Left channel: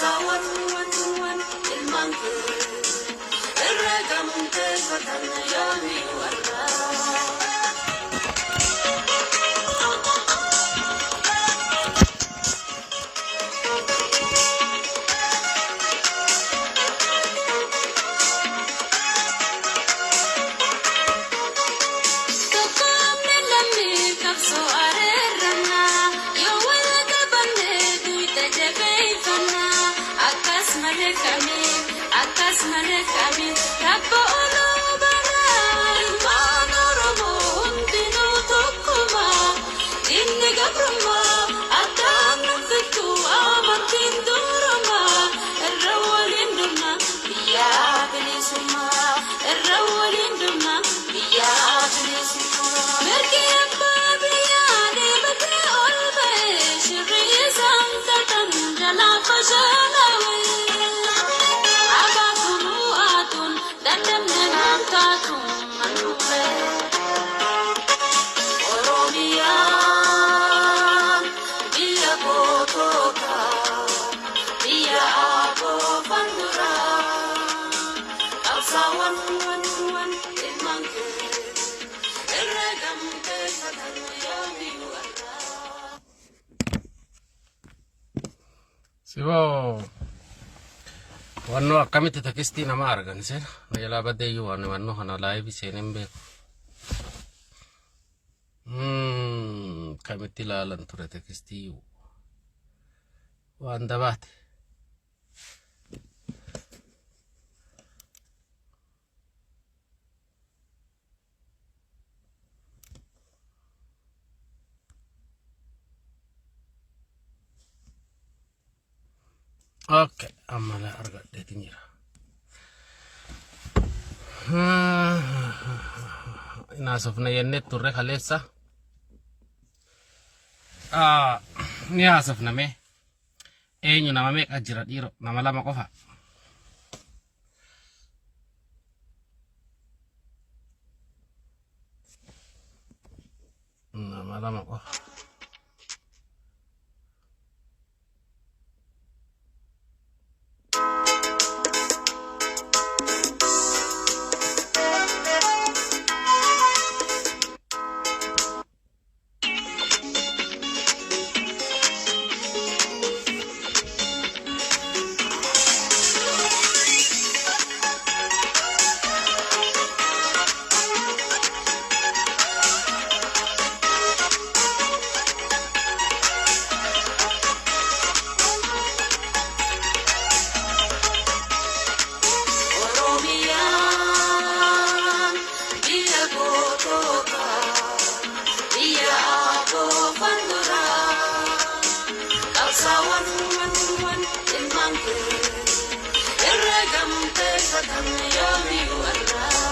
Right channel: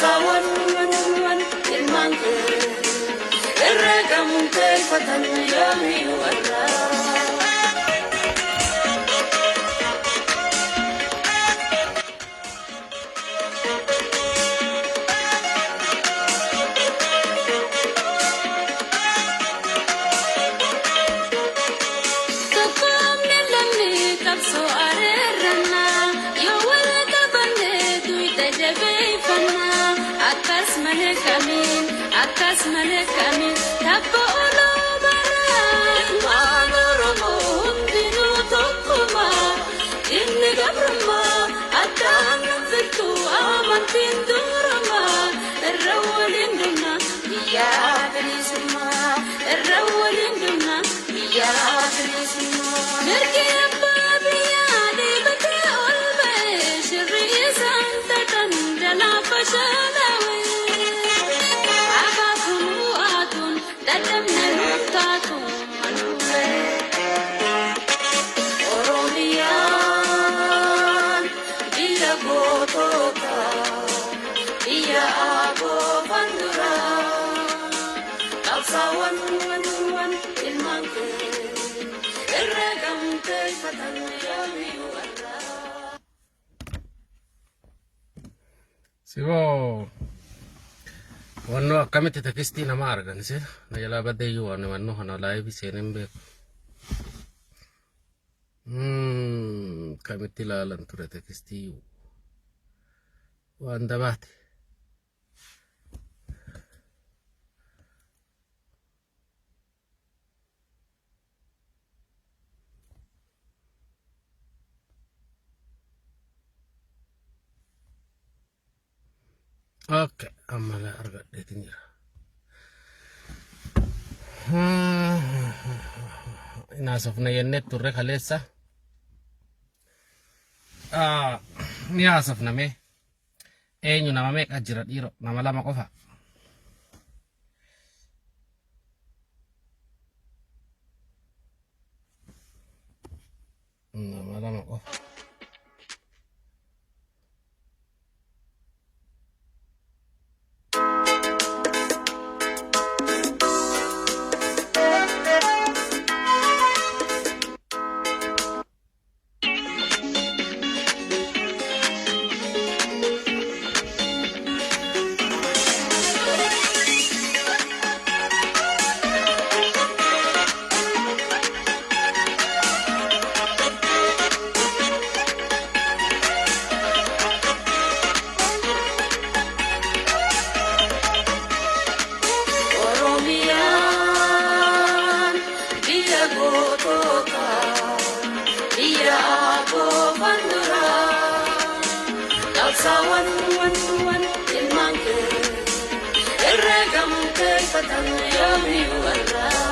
Sawan wan ilmangke Erregam tel patan yami warra Sibo wanno akkamiti takisti nama arganse nayala badeyu wanno hana live senembe kamiti lalan ture takisti wanda bate Oke, amana arga detingira. Inasofna yennet turre khalesa. Ni asofna me. Enyu nama me kajira diro nama lama kofa. Nama lama kofa. Sawan wan ilmangke Erregam tel patan yami warra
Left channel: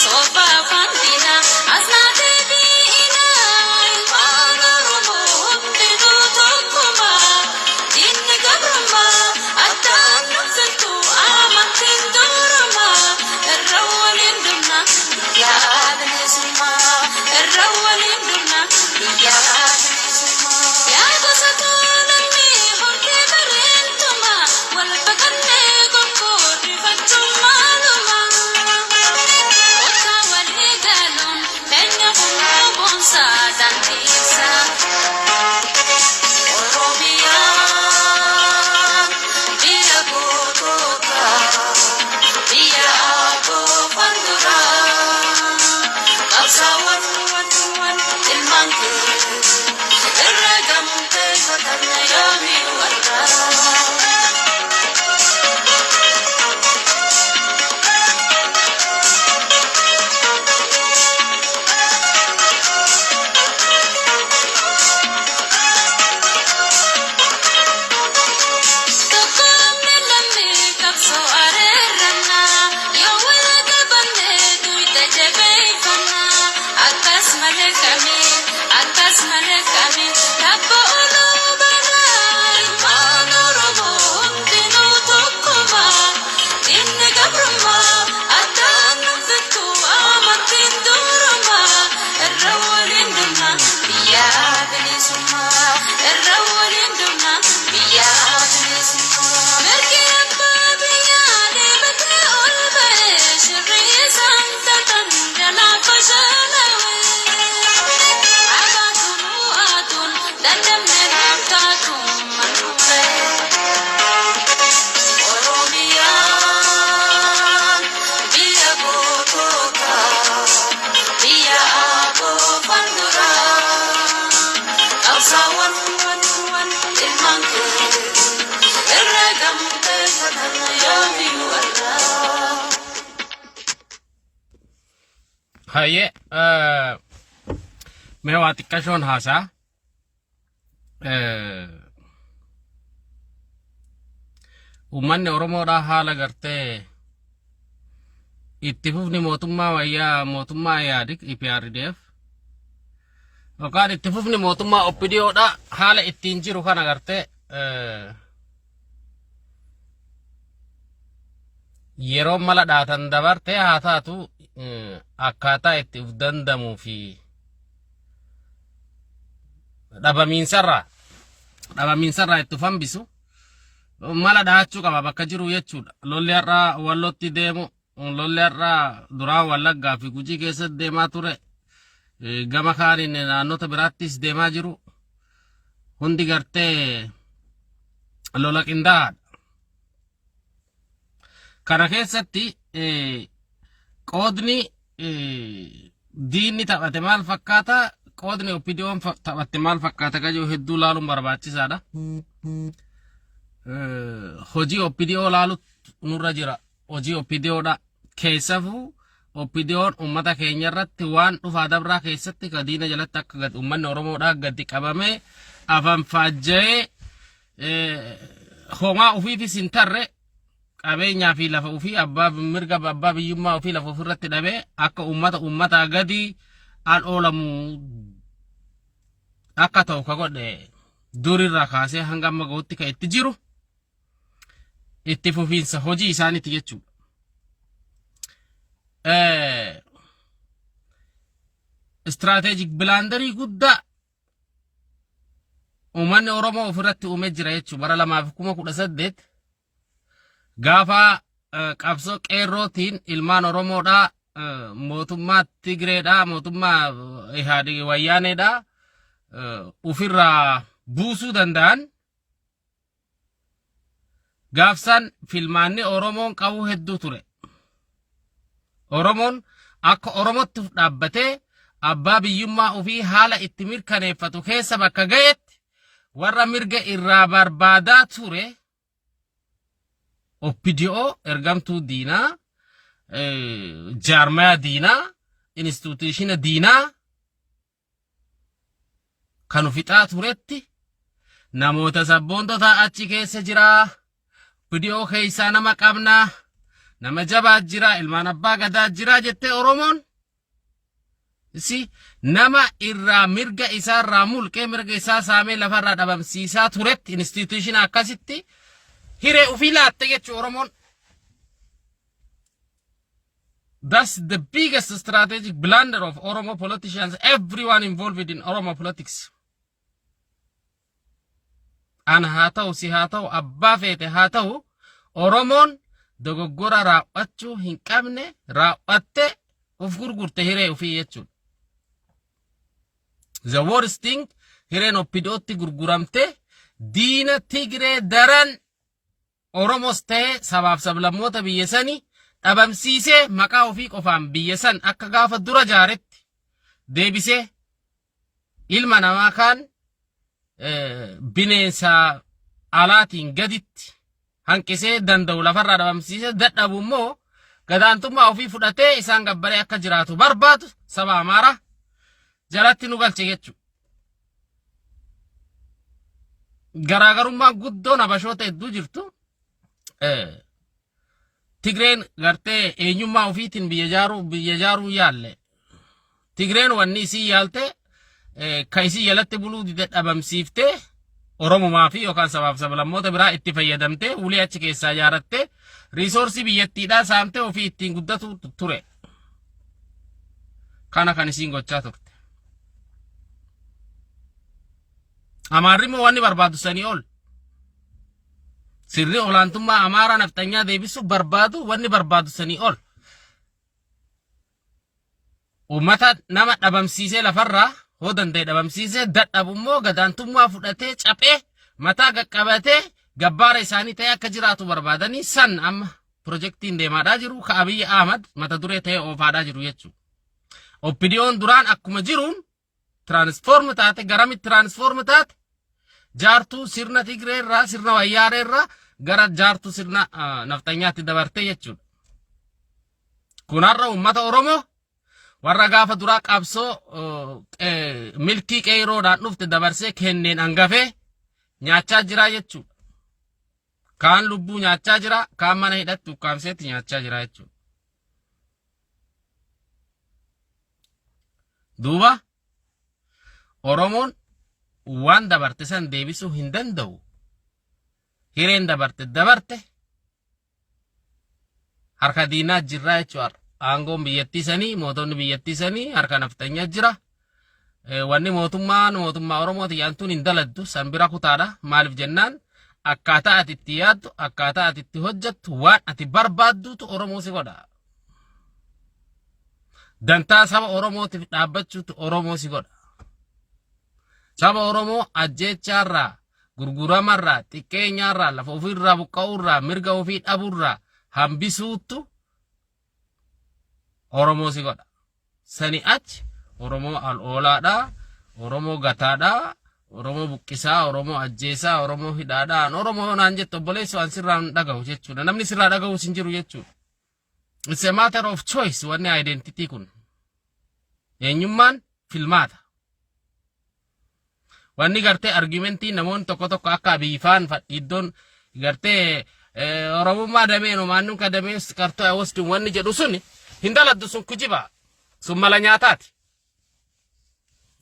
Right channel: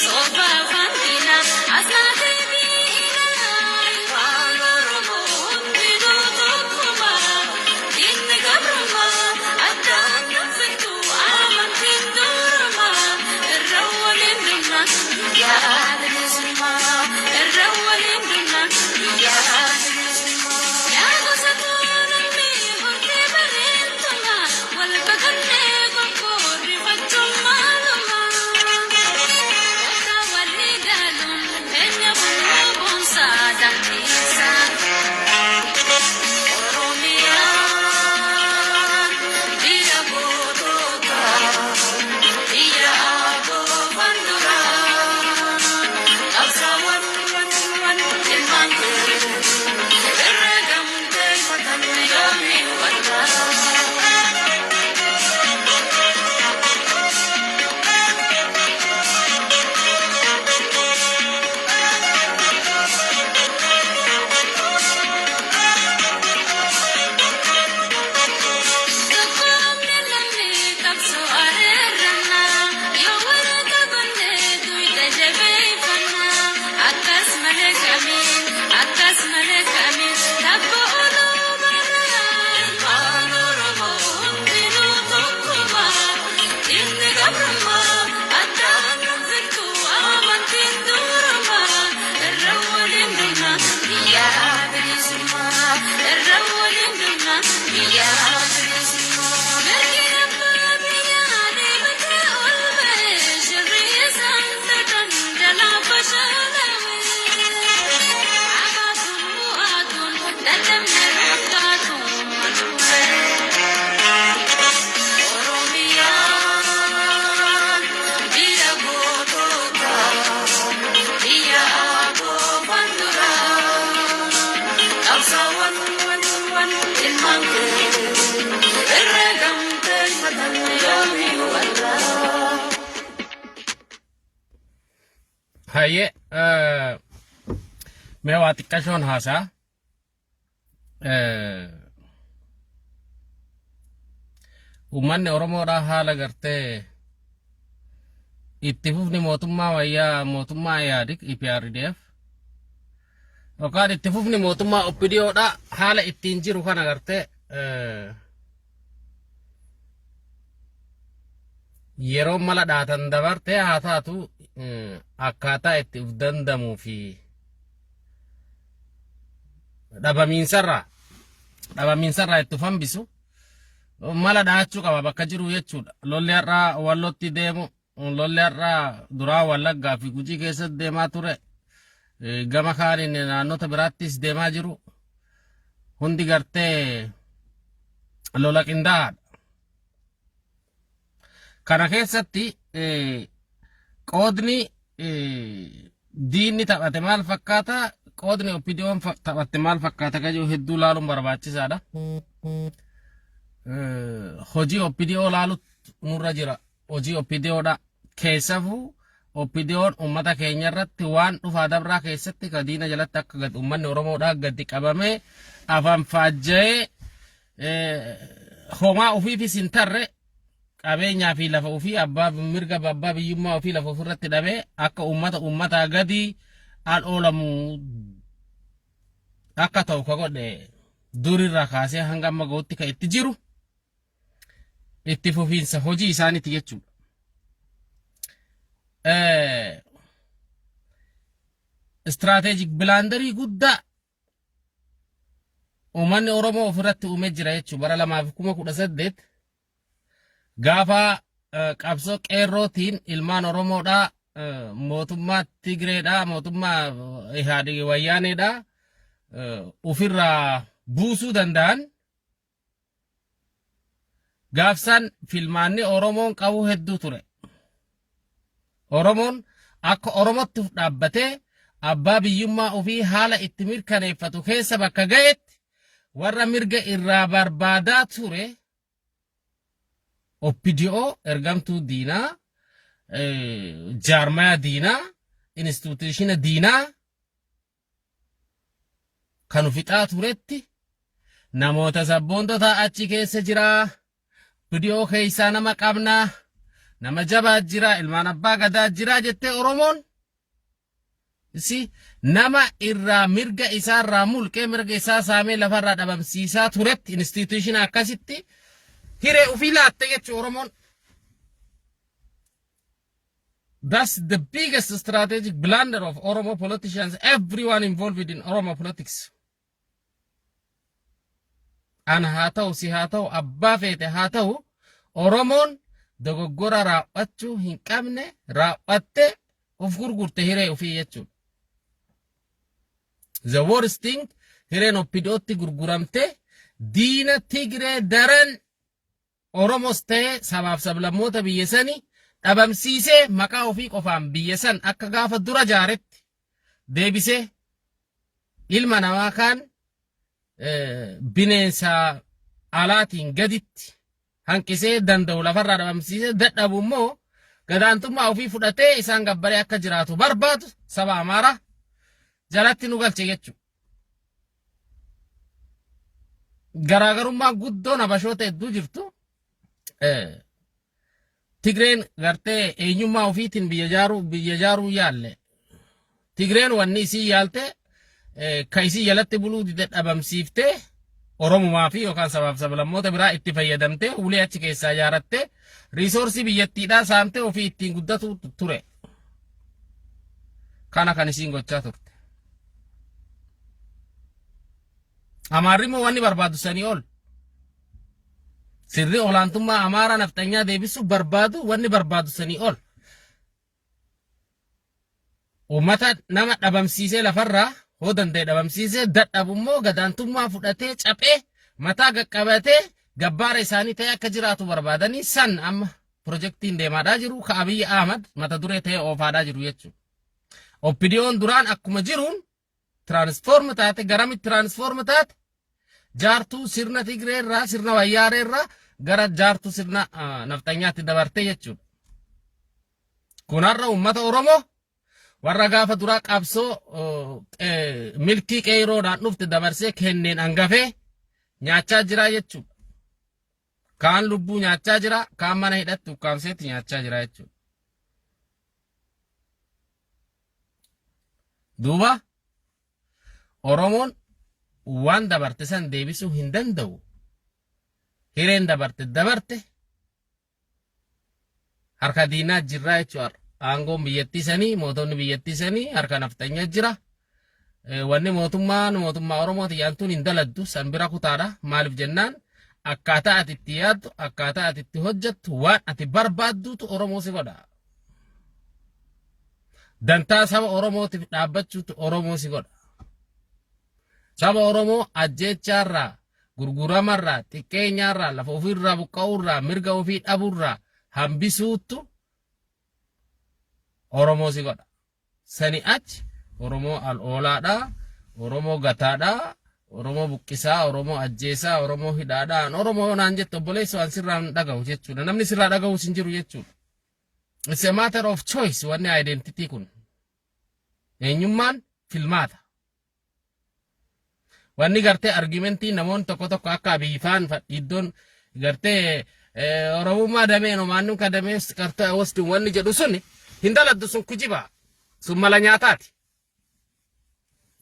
soba fandina asade bina ilmanoromo hundidu tokkuma dinni gabruma addan nafsattu amantin duruma irrawalin dunna ya adrisuma irrawalin dunna ya adrisuma ya gosatulani horke barentuma wal baganne gokko rifachuma luma wata waligalum enne kunubonsa dantisa oromia biya gotota biya go bandura absawan wan ilmanke erregam teifatan yomi warra haye me wati kashon hasa ummanni oromoodha haala gartee itti fufni mootummaa wayyaa mootummaa yaadik IPRDF yookaan itti fufni mootummaa OPDOdha haala ittiin jiru kana gartee yeroo mala dhaatan dabartee haa taatu akkaataa itti uf dandamuu fi dhabamiinsarraa itti uf hambisu mala dhaachuu qaba bakka jiru jechuudha. Lolli har'aa wallootti deemu lolli har'aa duraa Wallaggaa fi Gujii keessatti deemaa ture gama kaaniin naannota biraattis deemaa jiru hundi gartee lola qindaa'aadha. Kana keessatti qoodni diinni taphate maal fakkaata qoodni OPDO'n taphatte maal fakkaata kajoo hedduu laaluun barbaachisaadha. Hojii OPDO laalu nurra jira. Hojii OPDOdha keessafuu OPDO'n ummata keenya irratti waan dhufaa dabraa keessatti ka diina jalatti akka gad ummanni Oromoodha gadi qabamee afaan faajja'ee homaa ofiifis hin tarre qabeenyaa fi lafa ofii abbaa mirga abbaa biyyummaa ofii lafa ofirratti dhabee akka ummataa gadi al oolamu akka ta'u ka godhe durirraa kaasee hanga amma ga'utti ka itti jiru itti fufiinsa hojii isaaniiti jechuudha. Istiraatejik bilaandarii guddaa ummanni Oromoo ofirratti uumee jira jechuudha. Bara 2018 gaafa qabsoo qeerrootiin ilmaan Oromoodha mootummaa Tigreedha mootummaa Ihaadig Wayyaaneedha ofirraa buusuu danda'an gaafsan filmaanni Oromoon qabu hedduu ture. Oromoon akka Oromootti dhaabbatee abbaa biyyummaa ofii haala itti mirkaneeffatu keessa bakka ga'etti warra mirga irraa barbaadaa ture OPDO ergamtuu diinaa jaarmaya diinaa instituutiishina diinaa kan ufixaa turetti namoota sabboontota achi keessa jiraa OPDO keessaa nama qabnaa nama jabaa jira, ilmaan abbaa gadaa jira jettee Oromoon si nama irraa mirga isaa irraa mulqee mirga isaa saamee lafarraa dhabamsiisaa turetti institution akkasitti hiree ofii laatte jechuu Oromoon. That's the biggest strategic blunder of Oromo politicians, everyone involved in Oromo politics. An haa ta'u si haa ta'u abbaa feete haa ta'u Oromoon dogoggora raawwachuu hin qabne raawwatte of gurgurte hiree ofii jechuudha. The worst thing hireen oppidootti gurguramte diina Tigree daran Oromos ta'e sabaaf sablammoota biyya sanii dhabamsiisee maqaa ofii qofaan biyya san akka gaafa dura jaaretti deebisee ilma namaa kaan bineensa alaatiin gaditti hanqisee danda'u lafarraa dhabamsiisee dadhabu immoo gadaantummaa ofii fudhatee isaan gabbaree akka jiraatu barbaadu saba Amaaraa jalatti nu galche jechuudha. Garaagarummaa guddoon habashoota hedduu jirtu. Tigreen gartee eenyummaa ofiitiin biyya jaaruu yaalle. Tigreen wanni isii yaalte ka isii jalatti buluu dide dhabamsiiftee Oromumaa fi yookaan sabaaf sablammoota biraa itti fayyadamtee ulee achi keessaa ijaarattee riisoorsii biyyattiidhaa saamtee ofii ittiin guddatu ture. Kana kan isiin gochaa turte. Amaarri immoo wanni barbaadu sanii ol. Sirri olaantummaa Amaaraa naftanyaa deebisuuf barbaadu wanni barbaadu sanii ol. Uummata nama dhabamsiisee lafarraa hoo danda'e dhabamsiisee dadhabu immoo gadaantummaa fudhatee caphee mataa qaqqabatee gabbaara isaanii ta'e akka jiraatu barbaadanii san amma pirojektiin deemaadhaa jiru ka Abiyyi Ahmad mata duree ta'e oofaadhaa jiru jechuudha. Oppidiyoon duraan akkuma jiruun tiraansfoorm taate garamitti tiraansfoorm taate jaartuu sirna Tigree irraa sirna Wayyaaree irraa gara jaartuu sirna naftanyaatti dabartee jechuudha. Kunarra uummata Oromoo warra gaafa duraa qabsoo milkii qeeroodhaan dhufte dabarsee kenneen hangafee nyaachaa jira jechuudha. Kaan lubbuu nyaachaa jira, kaan mana hidhatti ukkaamseetti nyaachaa jira jechuudha. Duuba Oromoon waan dabarte san deebisuu hin danda'u. Hireen dabarte harka diinaa jirraa jechuudha. Aangoon biyyattii sanii mootonni biyyattii sanii harka naftanyaa jira. Wanni mootummaa Oromooti yaantuun hin daladdu san bira kutaadha. Maaliif jennaan akkaataa ati itti yaaddu akkaataa ati itti hojjettu waan ati barbaadduutu Oromoo si godha. Dantaa saba Oromootiif dhaabbachuutu Oromoo si godha. Saba Oromoo ajjeechaarraa gurguramarraa xiqqeenyaarraa lafa ofiirraa buqqa'uurraa mirga ofii dhabuurraa hambisuutu Oromoo si godha. Sani achi Oromoo al-oolaadhaa, Oromoo gataadhaa, Oromoo buqqisaa, Oromoo ajjeesaa, Oromoo hidhaadhaan, Oromoo naan jettu obboleessu waan sirraan dhagahu jechuudha. Namni sirraa dhagahu sin jiru jechuudha. It's a matter of choice wanni identity kun. Eenyummaan filmaata. Wanni gartee argumentii namoonni tokko akka biifaan iddoon gartee Oromummaa dameen omaannuun ka damees qartoo awwasduun wanni jedhu suni hin daladdu sun kujiba sun mala nyaataati.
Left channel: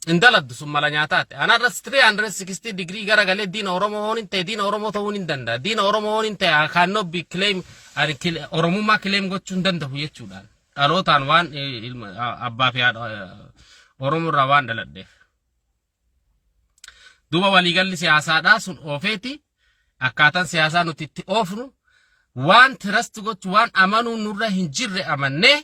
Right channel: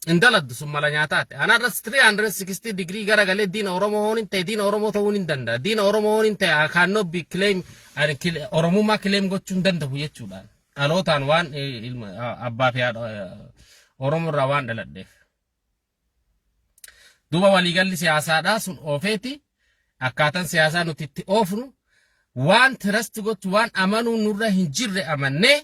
Hin daladdu sun mala nyaataati. Anarras 360 degree garagalee diina Oromoo hoon hin ta'e diina Oromoo ta'uu hin danda'a. Diina Oromoo hoon hin ta'e cannot be claim Oromummaa claim gochuu hin danda'u jechuudhaan. Dhalootaan waan abbaa fi Oromoo irraa waan dhaladheef. Duuba waliigalli siyaasaadhaa sun oofeeti akkaataan siyaasaa nuti itti oofnu waan trust gochuu waan amanuu nurra hin jirre amannee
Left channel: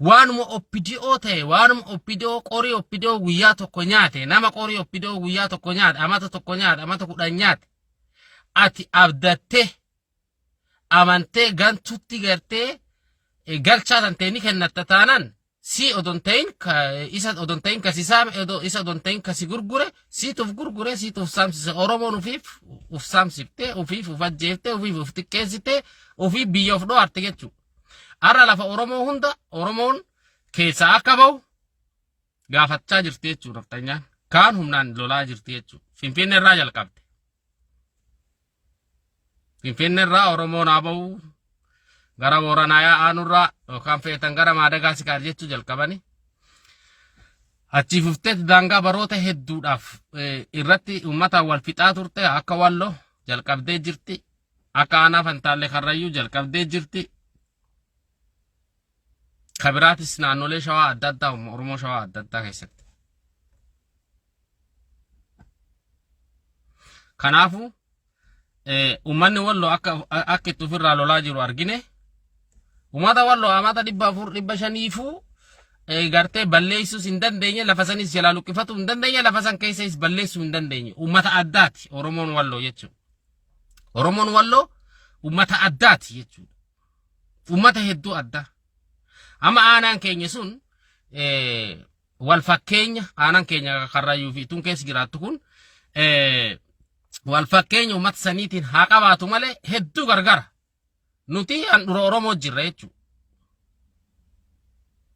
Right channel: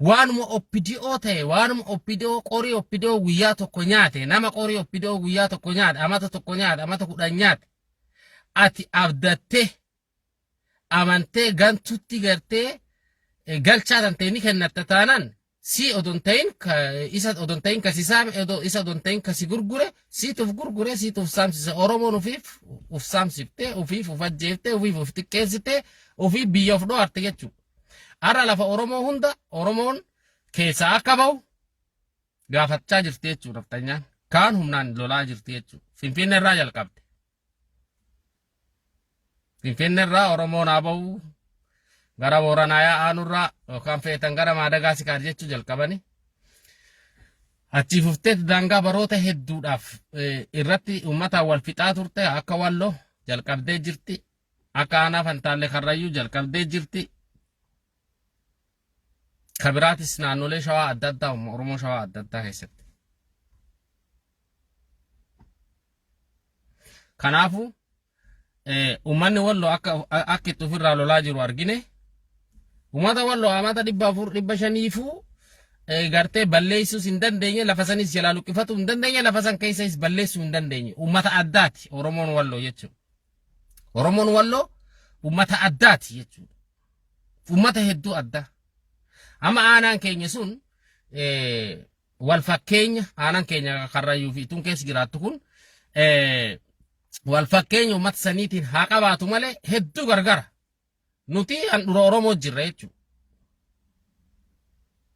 waanuma oppidiyoo ta'e waanuma oppidiyoo qorii oppidiyoo guyyaa tokko nyaate nama qorii oppidiyoo guyyaa tokko nyaate amata tokko nyaate amata 10 nyaate ati abdattee amantee gantutti gartee galchaa tanteeni kennatta taanaan si odon ta'in isa odon ta'in kasi saame isa odon ta'in kasi gurgure siituuf gurgure siituuf saamsise Oromoon ufiif uf saamsifte ufiif uf ajjeefte ufiif uf xiqqeessite ufiif biyya of dho'arte jechuudha. Arra lafa Oromoo hunda Oromoon keessaa akka bahu gaafachaa jirti jechuudha. Naftanyaan kaan humnaan lolaa jirti jechuudha. Finfinnee irraa jalqabde. Finfinneerraa Oromoon haa ba'u gara Booranaa aanurraa yookaan feetan gara Maadagaasikaar jechuu jalqabani. Achi fufteetti daangaa baroota hedduudhaaf irratti uummataan wal fixaa turte akka Walloo jalqabdee jirti. Akka Aanaa Fantaallee Karrayyuu jalqabdee jirti. Kabiraatis naannolee Shawaa adda addaa Oromoo Shawaa adda addaa keessatti. Kanaafuu uummanni Walloo akka itti ofirraa lolaa jiru argine. Uummata Walloo amata 400-500 gartee balleessuus hin dandeenye lafa sanis jalaa luqqifatu hin dandeenye lafa san keessas balleessuu hin dandeenye. Uummata addaati Oromoon Walloo jechuudha. Oromoon Walloo uummata addaati jechuudha. Uummata hedduu addaa. Amma aanaan keenya sun wal fakkeenya aanaan keenya Karrayyuu fi tun keessa jiraattu kun wal fakkeenya uummata saniitiin haa qabaatu malee hedduu gargara. Nuti handhuura Oromoo jirra jechuudha.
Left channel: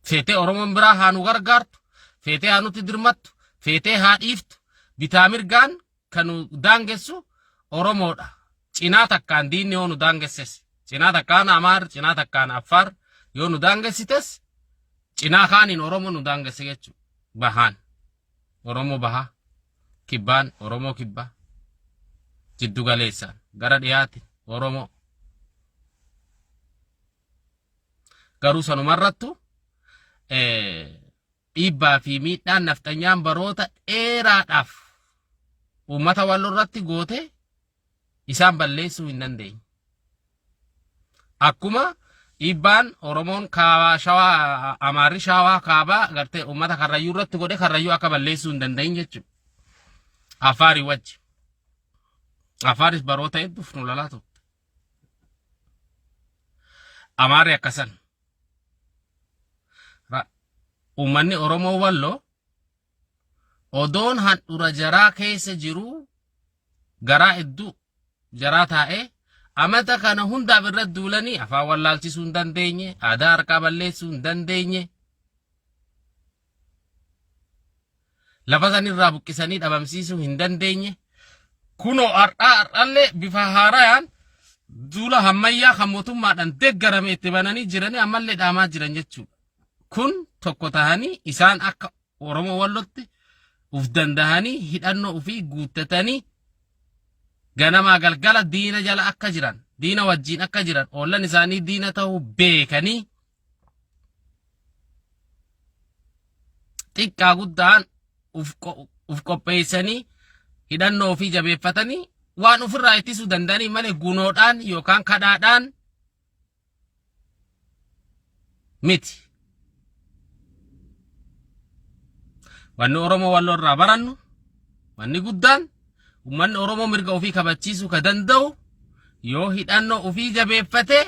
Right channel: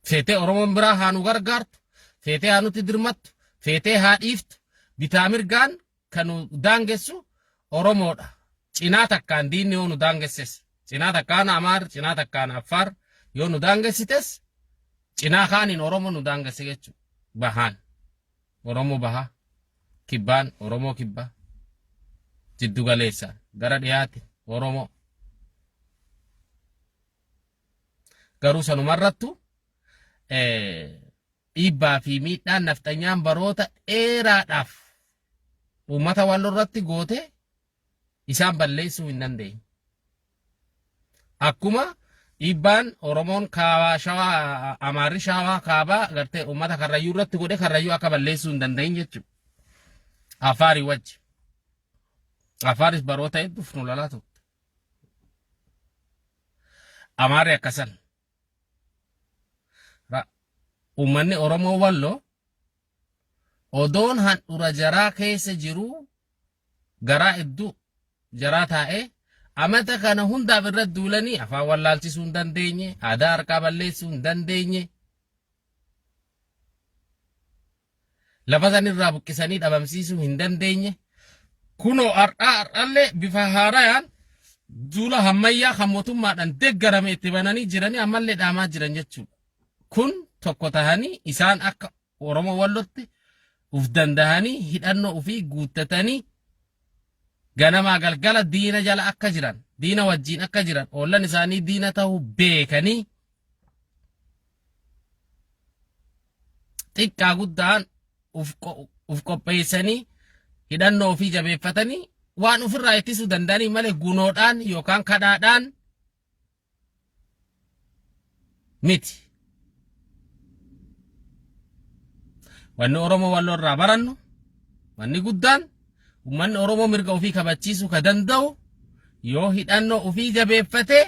Feetee Oromoon biraa haa nu gargaartu, feetee haa nuti dirmattu, feetee haa dhiiftu, bitaa mirgaan kan nu daangessu Oromoodha. Cinaa takkaan diinni yoo nu daangesses, cinaa takkaan Amaar, cinaa takkaan Affaar yoo nu daangessites, cinaa kaaniin Oromoo nu daangesse jechuudha. Bahaan Oromoo bahaa, kibbaan Oromoo kibbaa, jiddu galeessaan gara dhiyaati Oromoo. Garuu sanumarrattu dhiibbaa fi miidhaan nafxanyaan baroota dheeraadhaaf uummata Walloo irratti goote isaan balleessuu hin dandeenye. Akkuma dhiibbaan Oromoon kaabaa Shawaa Amaarri Shawaa kaabaa gartee uummata Karrayyuu irratti godhe Karrayyuu akka balleessuu hin dandeenye jechuudha. Afaarii wajji. Afaaris baroota hedduuf nu lolaa turte. Amaarri akkasan. Uummanni Oromoo Walloo odoon handhuura jaraa keessa jiru garaa hedduu jaraa taa'ee amata kana hundaaf irratti duulanii afaan wallaalchisuu hin dandeenye, aadaa harkaa balleessuu hin dandeenye, lafa sanirraa buqqisanii dhabamsiisuu hin dandeenye. Kunoo har'aallee bifa haarayaan duula hammayyaa kan mootummaadhaan deeggarame itti bananii jiranii ammallee dhaamaa jiran jechuudha. Kun tokko tahanii isaan akka Oromoo Wallootti uf dandahanii hidhannoo ofii guuttatanii ganamaa galgala diina jala akka jiran, diina wajjiin akka jiran, ollan isaanii diina ta'uu beekanii xiqqaa guddaan uf qopheessanii hidhannoo ofii jabeeffatanii waan ofirraa ittisuu danda'anii malee gunoodhaan yookaan kadhaadhaan miti. Wanni Oromoo Walloo irraa barannu wanni guddaan uummanni Oromoo mirga ofii kabachiisuu ka danda'u yoo hidhannoo ofii jabeeffatee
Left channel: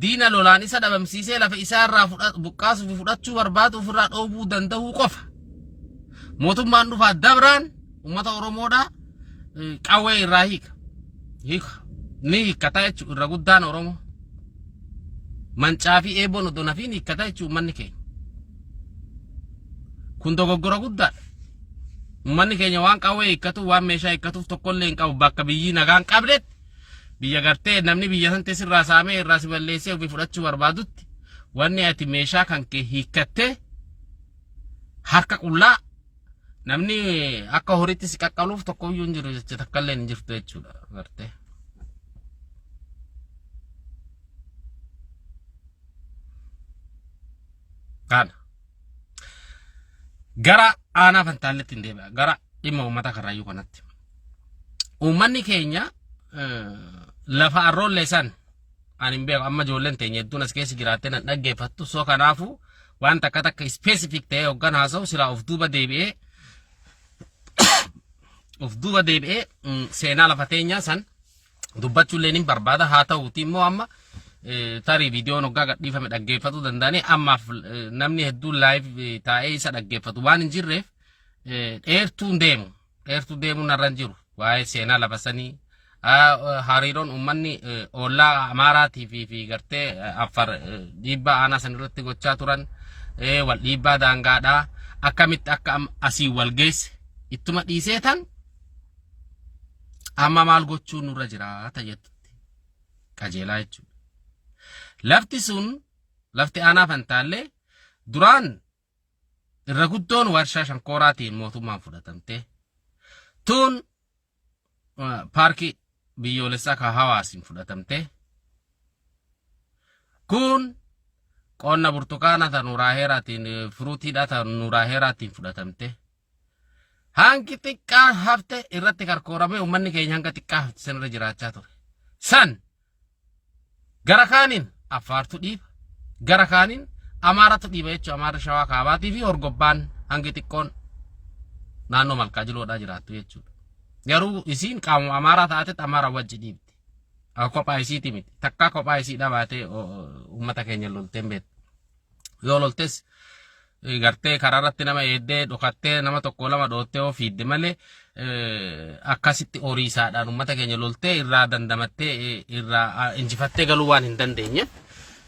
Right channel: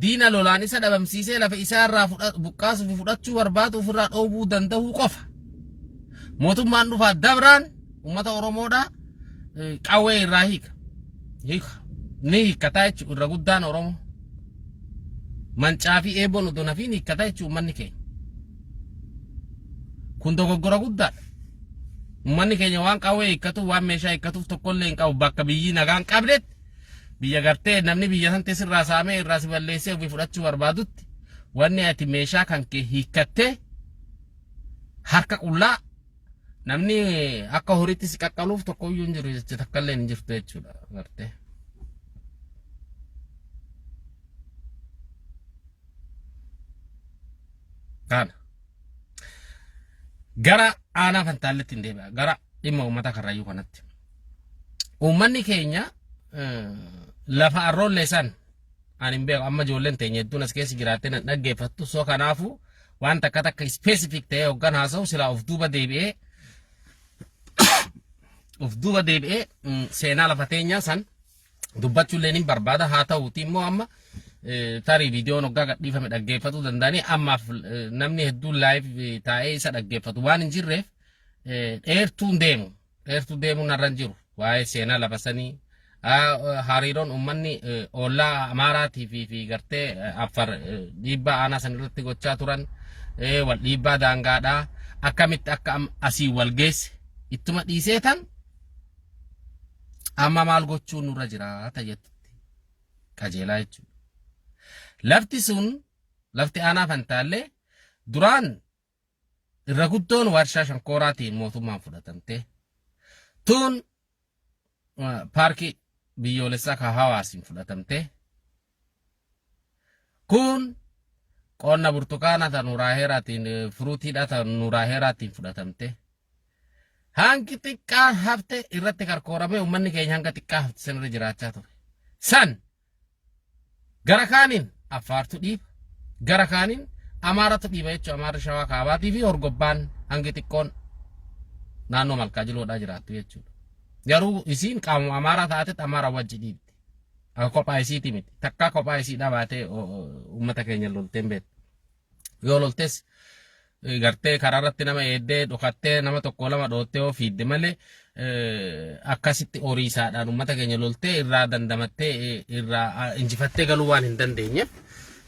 diina lolaan isa dhabamsiisee lafa isaa irraa buqqaasuu fi fudhachuu barbaadu ofirraa dhoobuu danda'uu qofa. Mootummaan dhufaa dabraan uummata Oromoodhaa qawwee irraa hiika. Ni hiikkataa jechuudha irra guddaan Oromoo. Mancaa fi eeboon odoo nafiin hiikkataa jechuudha uummanni keenya. Kun dogoggora guddaadha. Uummanni keenya waan qawwee hiikkatuuf waan meeshaa hiikkatuuf tokkollee hin qabu bakka biyyi nagaan qabdetti biyya gartee namni biyya san teessirraa saamee irraa si balleessee ofii fudhachuu barbaadutti wanni ati meeshaa kan kee hiikkattee harka qullaa namni akka horiitti si qaqqaluuf tokkoyyuu hin jiru jecha takkallee hin jirtu jechuudha gartee. Kana gara Aanaa Fantaalleetti hin deebi'a gara dhimma uummata Karrayyuu kanatti. Uummanni keenya lafa arroollee san ani hin beeku amma ijoolleen teenya hedduun as keessa jiraattee nan dhaggeeffattu soo kanaafuu waan takka takka specific ta'ee hoggan haasa'u silaa of duuba deebi'ee seenaa lafa teenyaa san dubbachuullee ni barbaada haa ta'uuti immoo amma tarii viidiyoon hoggaa gadhiifame dhaggeeffatu danda'anii ammaaf namni hedduun live taa'ee isa dhaggeeffatu waan hin jirreef dheertuun deemu narra hin jiru waa'ee seenaa lafa sanii hariiroon uummanni ollaa Amaaraatii fi gartee Affaar dhiibbaa aanaa san irratti gochaa turan wal dhiibbaa daangaadhaa akkamitti akka asii wal geesse ittuma dhiisee tan amma maal gochuun nurra jira jettutti qajeelaa jechuudha. Lafti sun lafti aanaa Fantaallee duraan irra guddoon warshaa shankooraatiin mootummaan fudhatamte. Tun paarkii biyyoolessaa ka Hawaasiin fudhatamte. Kun qonna burtukaana ta Nuuraa Heeraatiin furuutiidha ta Nuuraa Heeraatiin fudhatamte. Hangi xiqqaa hafte irratti karkooramee uummanni keenya hanga xiqqaa hafte sanirra jiraachaa ture. San gara kaaniin Affaartu dhiiba, gara kaaniin Amaaratu dhiiba jechuudha. Amaarri Shawaa Kaabaatii fi Horgobbaan hangi xiqqoon naannoo Malkaa Jiloodhaa jiraattu jechuudha. Garuu isiin qaamuma Amaaraa taatetti Amaara wajji dhiibdi. Kophaa isiiti miti. Takkaa kophaa isiidhaa baatee uummata keenya lolteen beektu. Yoo loltes gartee karaarratti nama eeddee dhokattee nama tokko lama dhoottee oo fiidde malee akkasitti horii isaadhaan uummata keenya loltee irraa dandamattee irraa injifattee galuu waan hin dandeenyeef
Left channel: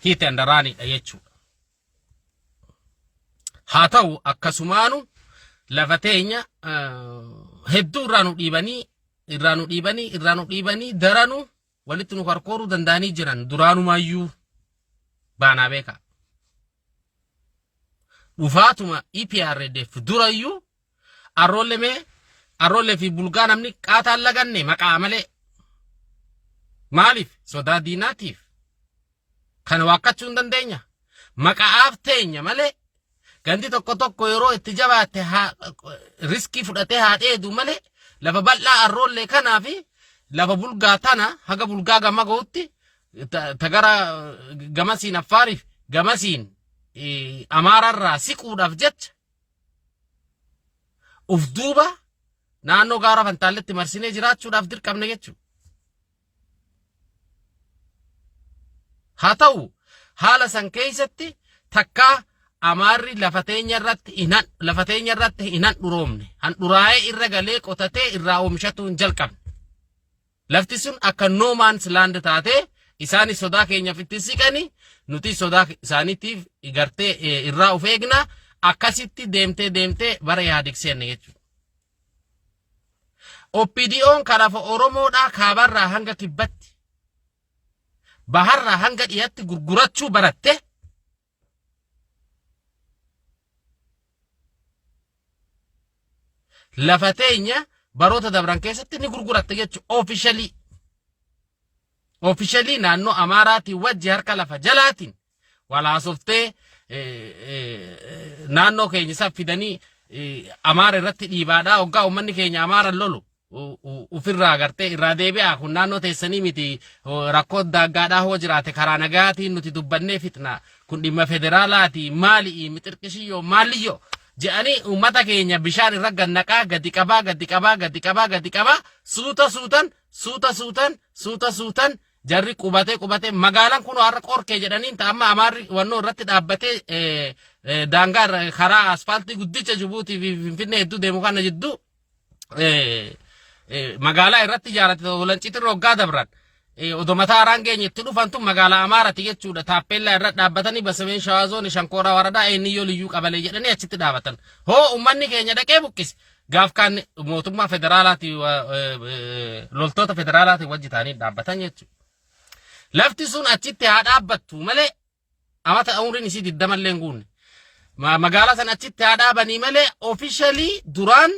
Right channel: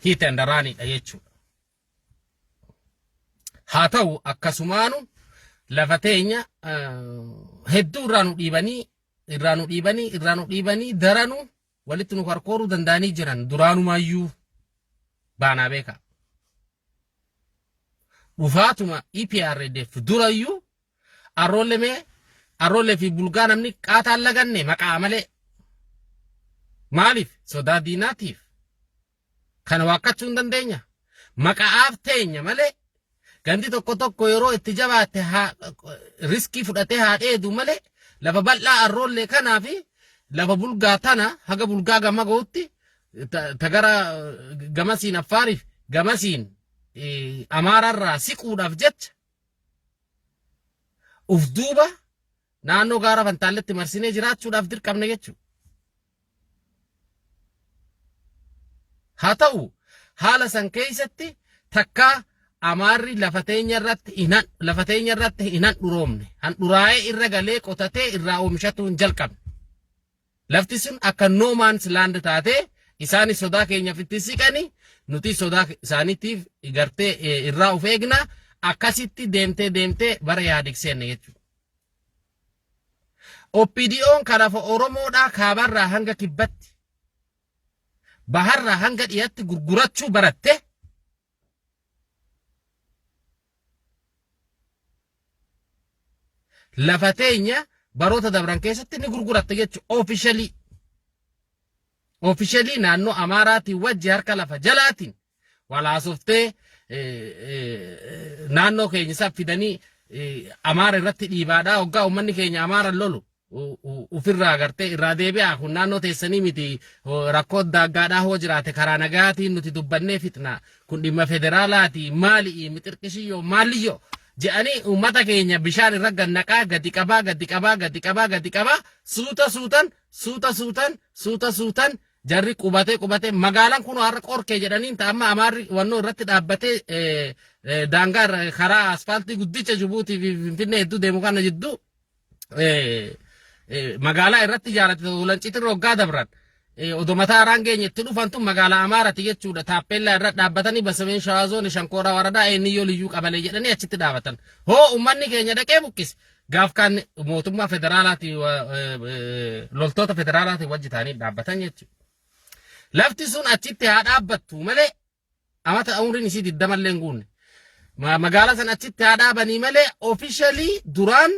hiite handaraanidha jechuudha. Haa ta'u akkasumaanu lafa teenya hedduu irraa nu dhiibanii daranu walitti nu karkooruu danda'anii jiran duraanumayyuu baanaa beekaa. Dhufaatuma EPRDF durayyuu arroollee fi bulgaa namni qaataan laganne maqaa malee. Maaliif? Sodaa diinaatiif. Kana waaqqachuu hin dandeenya. Maqaaf teenya malee gandi tokko yeroo itti jabaatte riskii fudhatee haa dheedu malee lafa bal'aa arroollee kanaa fi lafa bulgaa tana haga bulgaa gama ga'utti tagara gamasiin Affaariif gamasiin Amaararraa siquudhaaf jecha uf duuba naannoo gaara Fantaalletti marsinee jiraachuudhaaf dirqamne jechuudha. Haa ta'u haala san keessatti takkaa Amaarri lafa teenya irratti hin handhuroomne. Handhuraa'ee irra galee qotatee irraa oomishatu hin jalqabne. Lafti sun akka no man's land taatee isaanis sodaa keenyaaf itti siqanii nuti sodaa isaaniitiif gartee irraa of eegna akkasitti deemtee bara yaadiksenne jechuudha. OPDO'n kalafa Oromoodhaa kaabarraa hanga kibbatti baharraa hanga dhiyaatti gurgurachuu baratte. Lafa teenya baroota dabran keessatti ni gurguratte jechuudha. Officially naannoo Amaaraatiin wajji harka lafa jalaatiin walaasoftee naannoo keenya isaa fidanii Amaara irratti dhiibaadhaa hoggaa uummanni keenya Amaara lolu ufirraa gartee irraa deebi'aa kun naannoo teessanii miti rakkoo daaggaadhaa hoo jiraate karaa nagaatiin nuti dubbannee fitna kun dhimma federaalaati maali mixirqishiyyoo maaliyyoo jedhanii uummata keenya bishaan irra gannaqaa gadi qabaa suutan jarri qubatee magaalaan kun har'a qorkee jedhaniin amma Amaarri wannoo irratti dhaabbatee daangaa karaa asfaaltii guddicha Jibuutii fi Finfinnee hedduu deemu kana jidduu magaalaa irratti ijaarate Walanciitiin hoggaa dabran odoo mataa haraan geenyetti dhufantu magaalaa Amaaraati jechuudha. Taappellaa irra dhaabbatanii Basameen Shawaa Zoonii Shankooraa Waradaa Eenniyyoo Liyyuu Qabalee jedhanii achitti dhaabatan. Hoo uummanni keenya dhaqee buqqise gaaf kaan mootummaa federaalaati loltoota federaalaati wajji ta'anii dhaabbatan jechuudha. Lafti sun achitti haa dhaabbattu malee amata umriin isii 20 illee hin guunne. Magaalaa san achitti haa dhaabanii malee officially duraan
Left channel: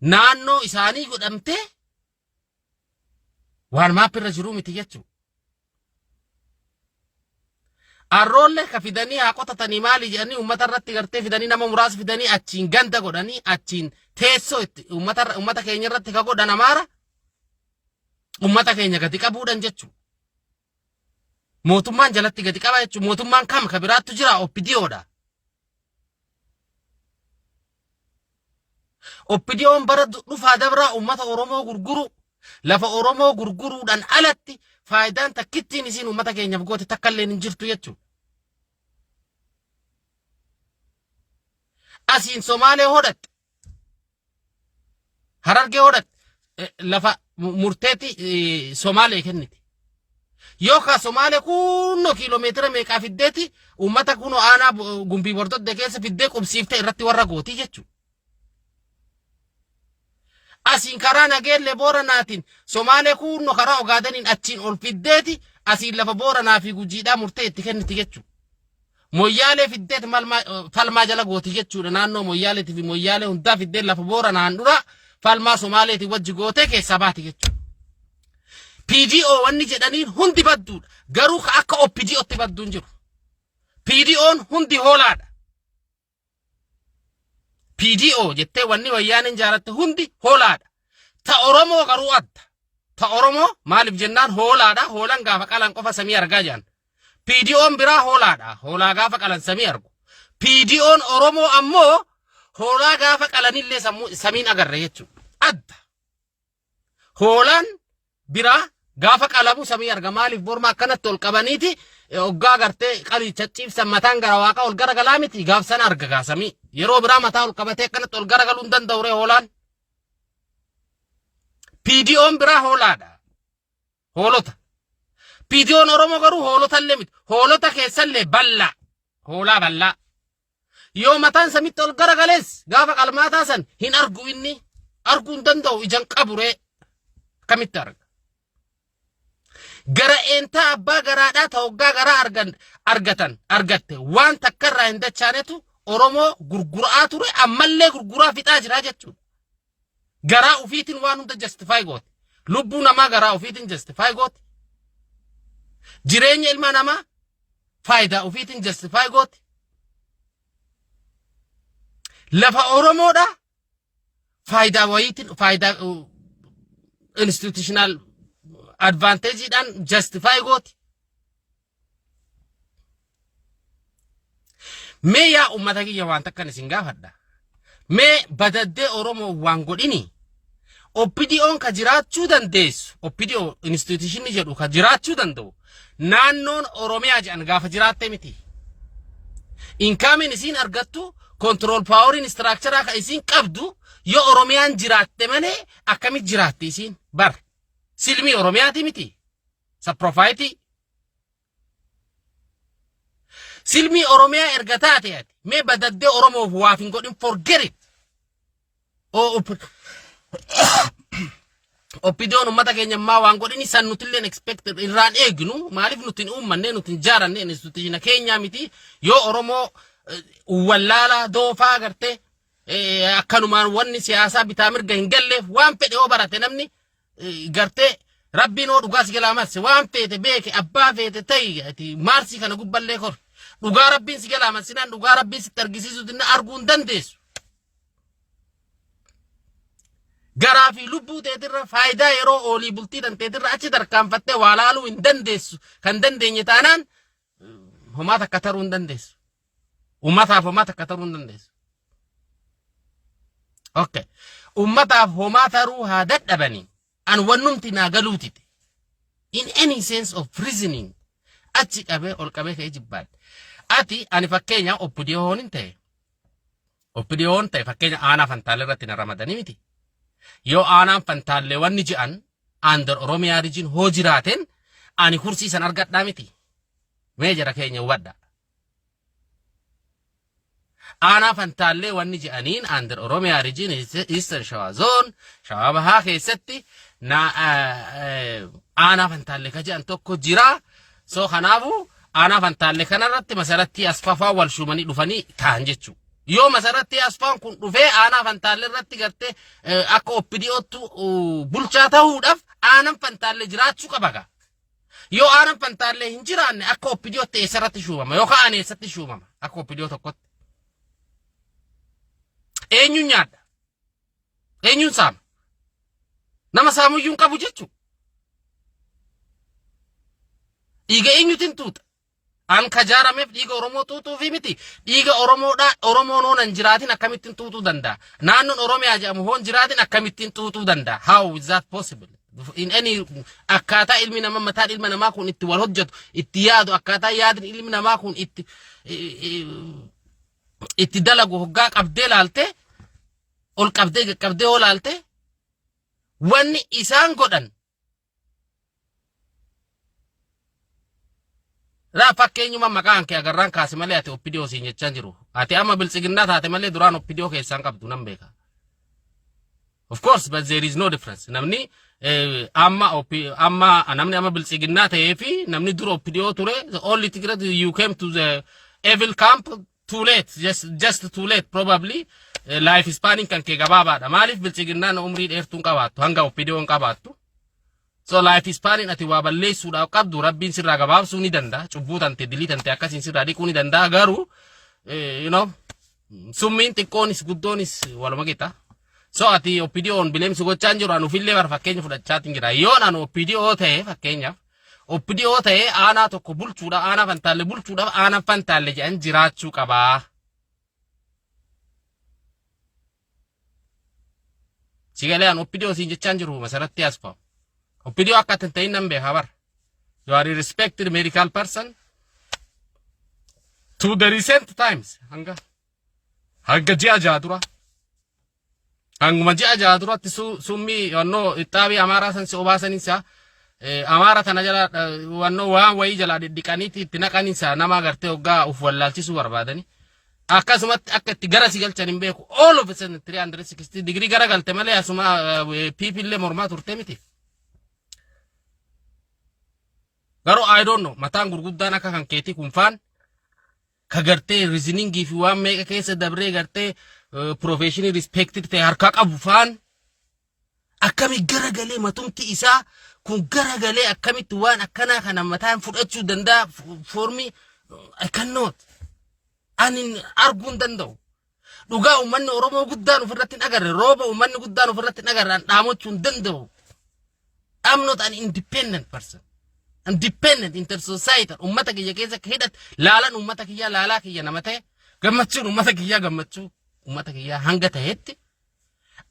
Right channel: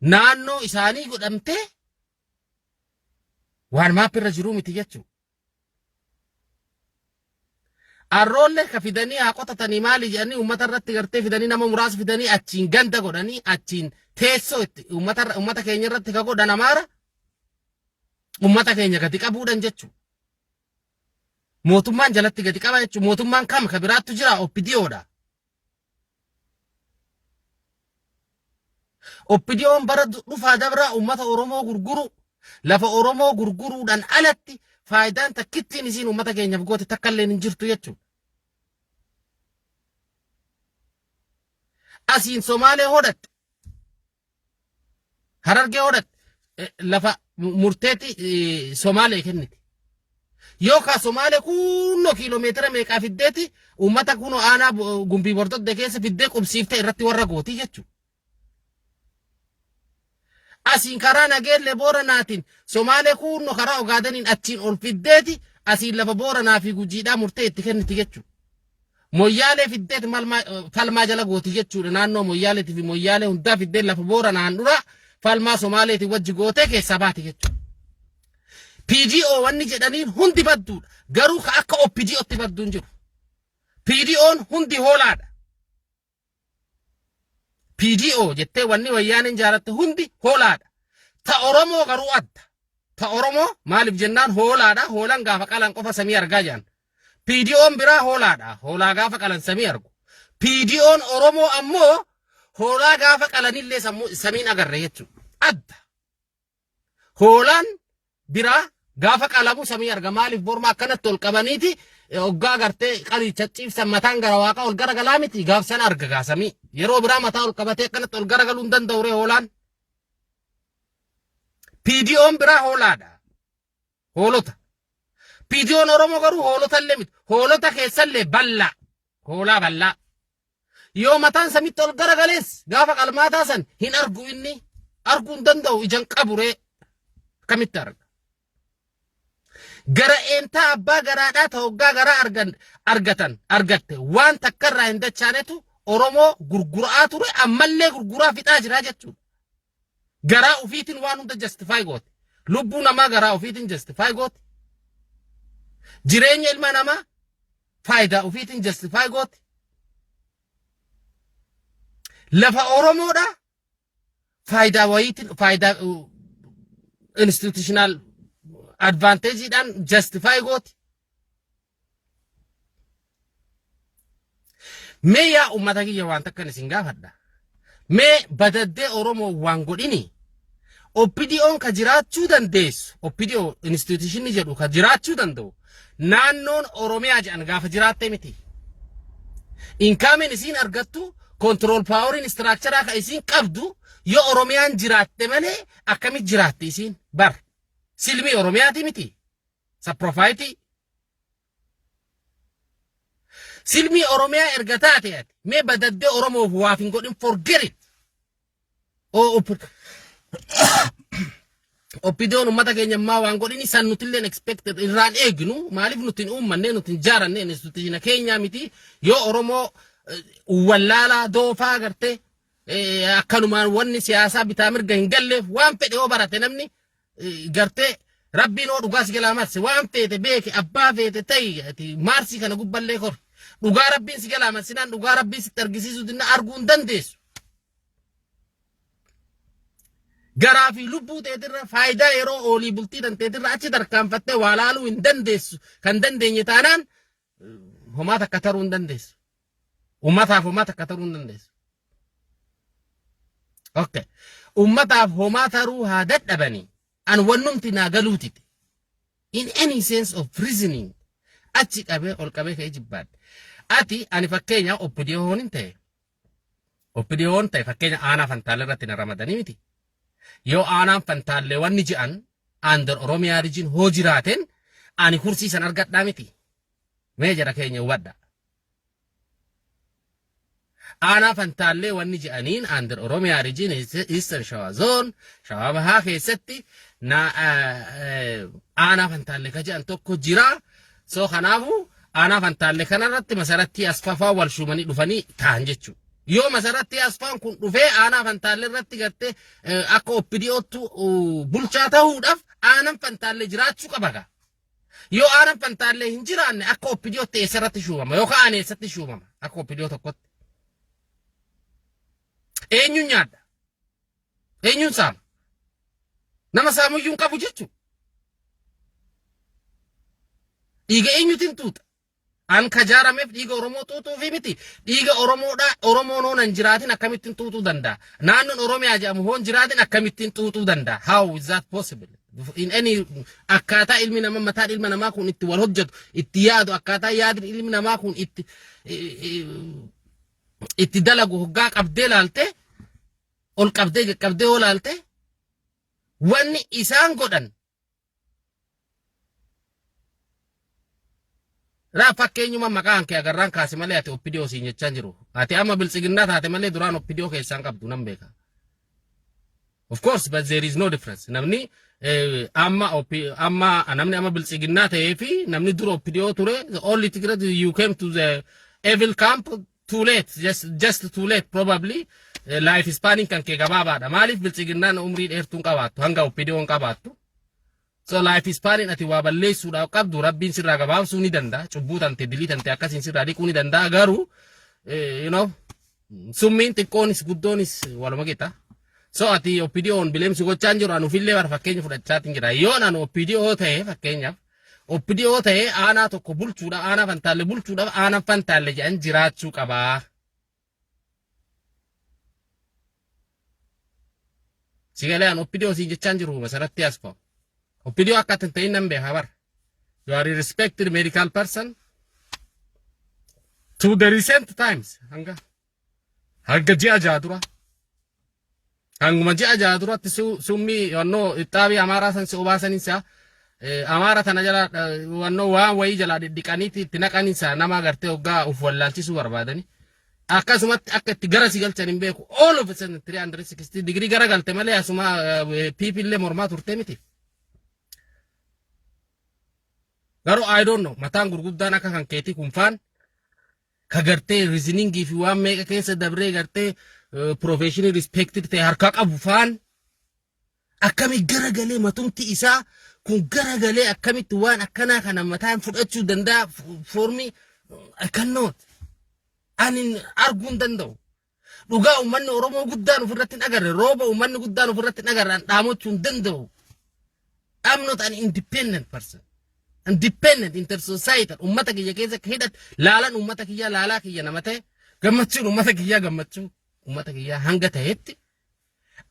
naannoo isaanii godhamtee waan maappirra jiruu miti jechuudha. Arroollee ka fidanii haa qotatanii maali jedhanii uummata irratti gartee fidanii nama muraasa fidanii achiin ganda godhanii achiin teessoo itti uummata keenya irratti ka godhan Amaara uummata keenya gadi qabuudhaan jechuudha. Mootummaan jalatti gadi qaba jechuudha. Mootummaan kam ka biraattu jira OPDO'dha. OPDO'n bara dhufaa dabraa uummata Oromoo gurguru lafa Oromoo gurguruudhaan alatti faayidaan takkittiin isiin uummata keenyaaf goote takka illee hin jirtu jechuudha. Asiin Somaalee hodhatte Harargee hodhatte lafa murteetti Somaalee kenniti. Yookaan Somaalee kunnoo kiiloomeetira meeqaa fiddeeti uummata kunoo aanaa gumbii bordodde keessa fiddee qubsiiftee irratti warra gootii jechuudha. Asiin karaa nageellee Booranaatiin Somaalee kuunno karaa Ogaadeniin achiin ol fiddeeti asiin lafa Booranaa fi Gujiidhaa murtee itti kenniti jechuudha. Moyyaalee fiddeeti falmaa jala gooti jechuudha. Naannoo Moyyaaleetii fi Moyyaalee hundaa fiddee lafa Booranaan dura falmaa Somaaleetii wajji gootee keessaa baati jechuudha. PDO wanni jedhaniin hundi badduudha. Garuu akka OPDOtti badduun jiru. PDO'n hundi hoolaadha. PDO jettee wanni wayyaaniin jaalatte hundi hoolaadha. Ta Oromoo garuu adda. Ta Oromoo maaliif jennaan hoolaadha. Hoolan gaafa qalan qofa samii argaa jiran. PDO'n biraa hoolaadha. Hoolaa gaafa qalan samii argu. PDO'n Oromoo ammoo hoolaa gaafa qalanillee samiin agarre jechuudha. Adda. Hoolaan biraa gaafa qalamu samii arga. Maaliif borma akkanatti ol qabaniiti oggaa gartee qalii cacciibsan mataan gara waaqa ol garagalaa miti gaafsan arga gaasamii. Yeroo biraa mataa ol qabatee akkanatti ol garagaluu hin danda'u ree hoolaan. PDO'n biraa hoolaadha. Hoolota. PDO'n Oromoo garuu hoolotallee miti. Hoolota keessallee bal'aa. Hoolaa bal'aa. Yoo mataan samitti ol garagalees gaafa qalmaataa san hin argu inni. Arguu hin danda'u ijaan qabu ree. Akkamitti arga? Gara eentaa abbaa garaadhaa ta hoggaa garaa argatte waan takkarraa hin dachaanetu Oromoo gurguraa ture ammallee gurguraa fixaa jira jechuudha. Garaa ufiitiin waan hunda justify goote. Lubbuu namaa garaa ufiitiin justify goote. Jireenya ilma namaa faayidaa ufiitiin justify goote. Lafa Oromoodha faayidaa wayiitiin faayidaa institutional advantage dhaan justify gooti. Mee yaa ummata kiyya waan takkan isin gaafadha. Mee badaddee Oromoo waan godhini. OPDO'n ka jiraachuu dandeessu. OPDO institution jedhu ka jiraachuu danda'u. Naannoon Oromiyaa jedhan gaafa jiraatte miti. Inkaamin isin argattu control powerin structure ka isin qabdu yoo Oromiyaan jiraatte malee akkamit jiraatti isin bar. Silmi Oromiyaati miti. Sa profaayiti. Silmi Oromiyaa erga taate ati. Mee badaddee Oromoof waaf hin godhin forget it. OPDO'n ummata keenya ammaa waan godhini san nutilleen expected irraan eegnu maaliif nutin uummanne nutin jaaranne institutiina keenya miti yoo Oromoo wallaalaa doofaa garte akkanumaan wanni siyaasaa bitaa mirga hin galleef waan fedhe yoo barate namni garte rabbiin oo dhugaas galaa marse waan feete beeke abbaa feete ta'i maarsi kana gubballee kor dhugaa rabbiin si galaa marsinaan dhugaa rabbiin sitti argisiisu dinna arguu hin dandeessu. Garaa fi lubbuu teetirra faayidaa yeroo oolii bultii danteetirra achi tarkaanfattee waa laaluu hin dandeessu. Kan dandeenye taanaan homaa takka taruu hin dandeessu. Ummataaf homaa takka taruu hin dandeessu. Okay. Ummataaf homaa taruu haa dadhabanii. An wannumti naa galuutite. In any sense of reasoning. Achi qabee ol qabee ka'ee jibbaadhe. Ati ani fakkeenya OPDO'n hin ta'e. OPDO'n ta'e fakkeenya aanaa fantaalee irratti na ramadanii miti. Yoo aanaan fantaalee wanni ji'an aandar Oromiyaa rijin hoo jiraaten ani kursiisan argadhaa miti. Mee jara keenya hubadha. Aanaa fantaalee wanni ji'aniin aandar Oromiyaa rijin Eastern Shawaa Zone Shawaa Bahaa keessatti aanaa fantaalee ka ji'an tokko jira. So kanaafu aanaa fantaalee kanarratti masaratti asfafaa wal shumanii dhufanii ta'an jechuudha. Yoo masaratti asfaan kun dhufee aanaa fantaalee irratti gartee akka OPDO'ttu bulchaa ta'uudhaaf aanaan fantaalee jiraachuu qaba. Yoo aanaan fantaalee hin jiraanne akka OPDO'tti eessarratti shuumama yookaan ani eessatti shuumama akka OPDO tokkotti. Eenyuun nyaadha? Eenyuun saama? Nama saamuyyuun qabu jechuudha. Dhiiga eenyuutiin tuuta? An kajaarameef dhiiga Oromoo tuutuu fi miti. Dhiiga Oromoon hoonan jiraatin akkamittiin tuutuu danda'a? Naannoon Oromiyaa jedhamu hoon jiraatin akkamittiin tuutuu danda'a? How is that possible? In any akkaataa ilmi namaa mataan ilma namaa kun itti wal hojjetu, itti yaadu, akkaataa yaadin ilmi namaa kun itti dalagu hoggaa qabdee laalte, ol qabdee hoo laalte, wanni isaan godhan raa fakkeenyuma maqaan kee agarraan kaase malee ati OPDO siin jechaa jiru. Ati amma biltsiginnaa taate malee duraan OPDO keessaan qabdu nan beeka. Of course, but there is no difference. Namni namni biltsiginna ta'ee fi namni dura OPDO ture, the only thing that you came to the evil camp too late, just too late probably. Life spanning kan kee gabaabaadha. Maaliif biltsiginnaan umrii dheertuun qabaattu hanga OPDO'n qabaattu. So life spanning ati waa balleessuudhaaf qabdu rabbiin sirraa gabaabsuu ni danda'a. Cubbuu tante dilii tante akkasiin sirraa dhiquu ni danda'a. Garuu summiin xiqqoonis guddoonis waluma qixa. So ati OPDO'n bileemsi gochaan jiru anu fillee bar fakkeenya fudhachaatiin jira. Yoon anu OPDO ta'e fakkeenyaaf OPDO ta'e aanaa tokko bulchuudhaaf aanaa fantaalle bulchuudhaaf aanaa fantaalle jedhan jiraachuu qabaa. Sigalee anu OPDO siin jechaan jiru masaratti asfa'u. OPDO akka ta'in nan beeka bar. You are a respected medical person. To the recent times hanga ji'a jaha dura. Hanguma ji'a jaha duratti summii wannoo ittaabii amaaraa san si obaasaninsa amaara tana jala wannoo waan wayii jala dhiqaniiti itti naqaninsa nama agartee hoggaa uf wallaalchisuu barbaadani. Akkasumatti akka itti gara si galchan hin beeku. All of a sudden 360 degree gara galte malee asuma piipillee mormaa turte miti. Garuu I don't know mataan gurguddaan akka kan keetii kun faan ka gartee reasoningii fi waan meeqa keessa dabree gartee professional respected ta'e harkaa qabu faan akkami garagalee matumti isaa kun garagalee akkamitti waan akkanaa kana mataan fudhachuu danda'a for me I cannot anin arguun danda'u dhugaa ummanni Oromoo guddaan ofirratti hin agarre rooba ummanni guddaan ofirratti hin agarre dhaamachuu hin danda'u. I'm not an independent person. Independent inter-societal ummata kiyya keessa hidhat laalan ummata kiyya laalaa kiyya nama ta'e gammachuun ummata kiyya gammachuu ummata kiyya hanga ta'etti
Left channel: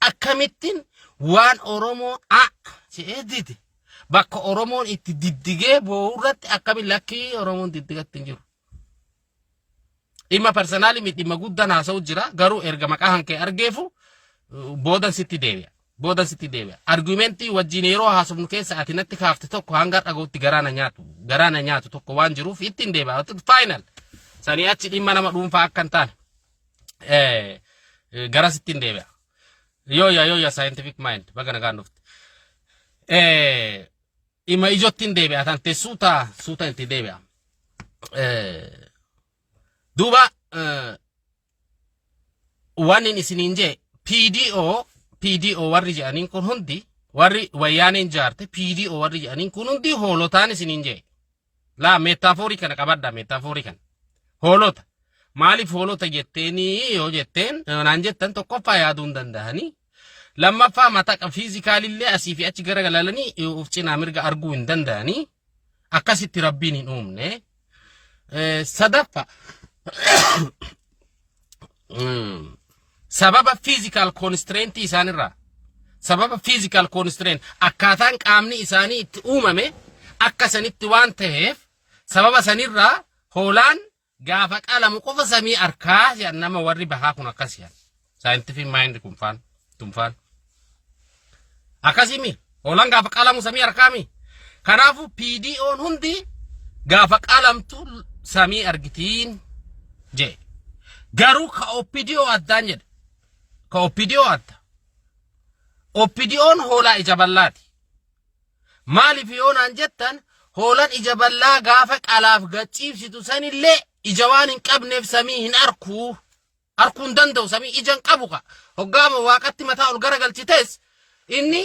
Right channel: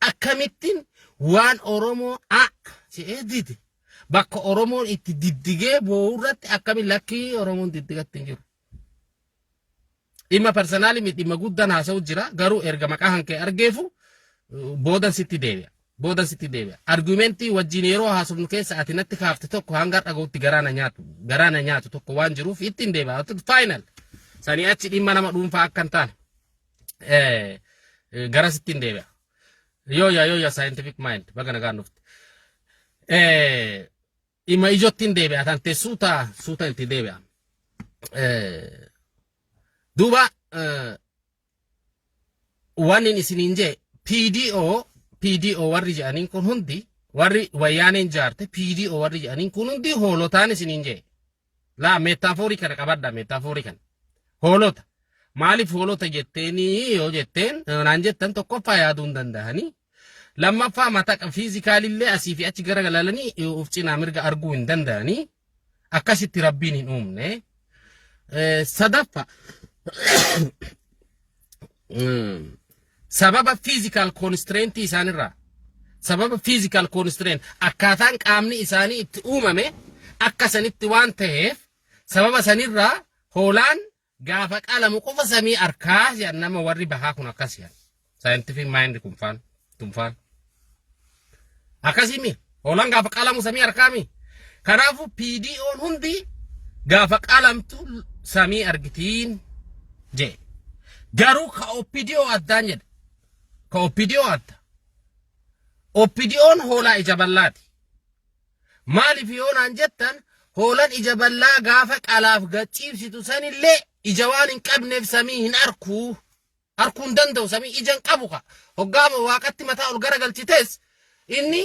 akkamittiin waan Oromoo je'ee didi bakka Oromoon itti diddigee boo'urratti akkamiin lakkii Oromoon diddigatti hin jiru. Dhimma personaali miti dhimma guddaan haasa'u jira garuu erga maqaa hankee argeefu boodan sitti deebi'a. Boodan sitti deebi'a. Argumentii wajjin yeroo haasofnu keessa ati natti kaafte tokko hanga dhagootti garaana nyaatu tokko waan jiruuf ittiin deebi'a. Final. Sanii achi dhimma nama dhuunfaa akka hin taane. Gara sittiin deebi'a. Yoo scientific mind baga nagaan dhufte. Dhimma ijoottiin deebi'a tante suuta itti deebi'a. Duuba waan inni isiniin jee PDO warri jedhaniin kun hundi warri wayyaaneen jaarte PDO warri jedhaniin kun hundi hoolotaan isiniin jee. Laa meetaaforii kana qabadda meetaaforii kana. Hoolota. Maaliif hoolota jetteeni yoo jetteen naan jettan tokkoffaa yaaduu hin danda'anii. Lammaffaa mataa fiizikaalillee asii fi achi garagalalanii of cinaa mirga arguu hin danda'anii. Akkasitti rabbiin hin uumne. Sadaffaa. Sababa physical constraint isaanirraa sababa physical constraint akkaataan qaamni isaanii itti uumame akka sanitti waan ta'eef sababa sanirraa hoolaan gaafa qalamu qofa samii arkaa jedhan nama warri bahaa kun akkas jedhan scientific mind kun faan akkasimi hoolaan gaafa qalamu samii arkaami kanaafu PDO'n hundi gaafa qalamtu samii argitiin jee garuu ka OPDO addaan jedhe ka OPDO adda OPDO'n hoolaa ija ballaati maaliif yoonaan jettan hoolaan ija ballaa gaafa qalaaf gachiibsitu sanillee ija waan hin qabneef samii hin arguu hin danda'u samii ija hin qabu ka hoggaama waaqatti mataa ol garagalchitees inni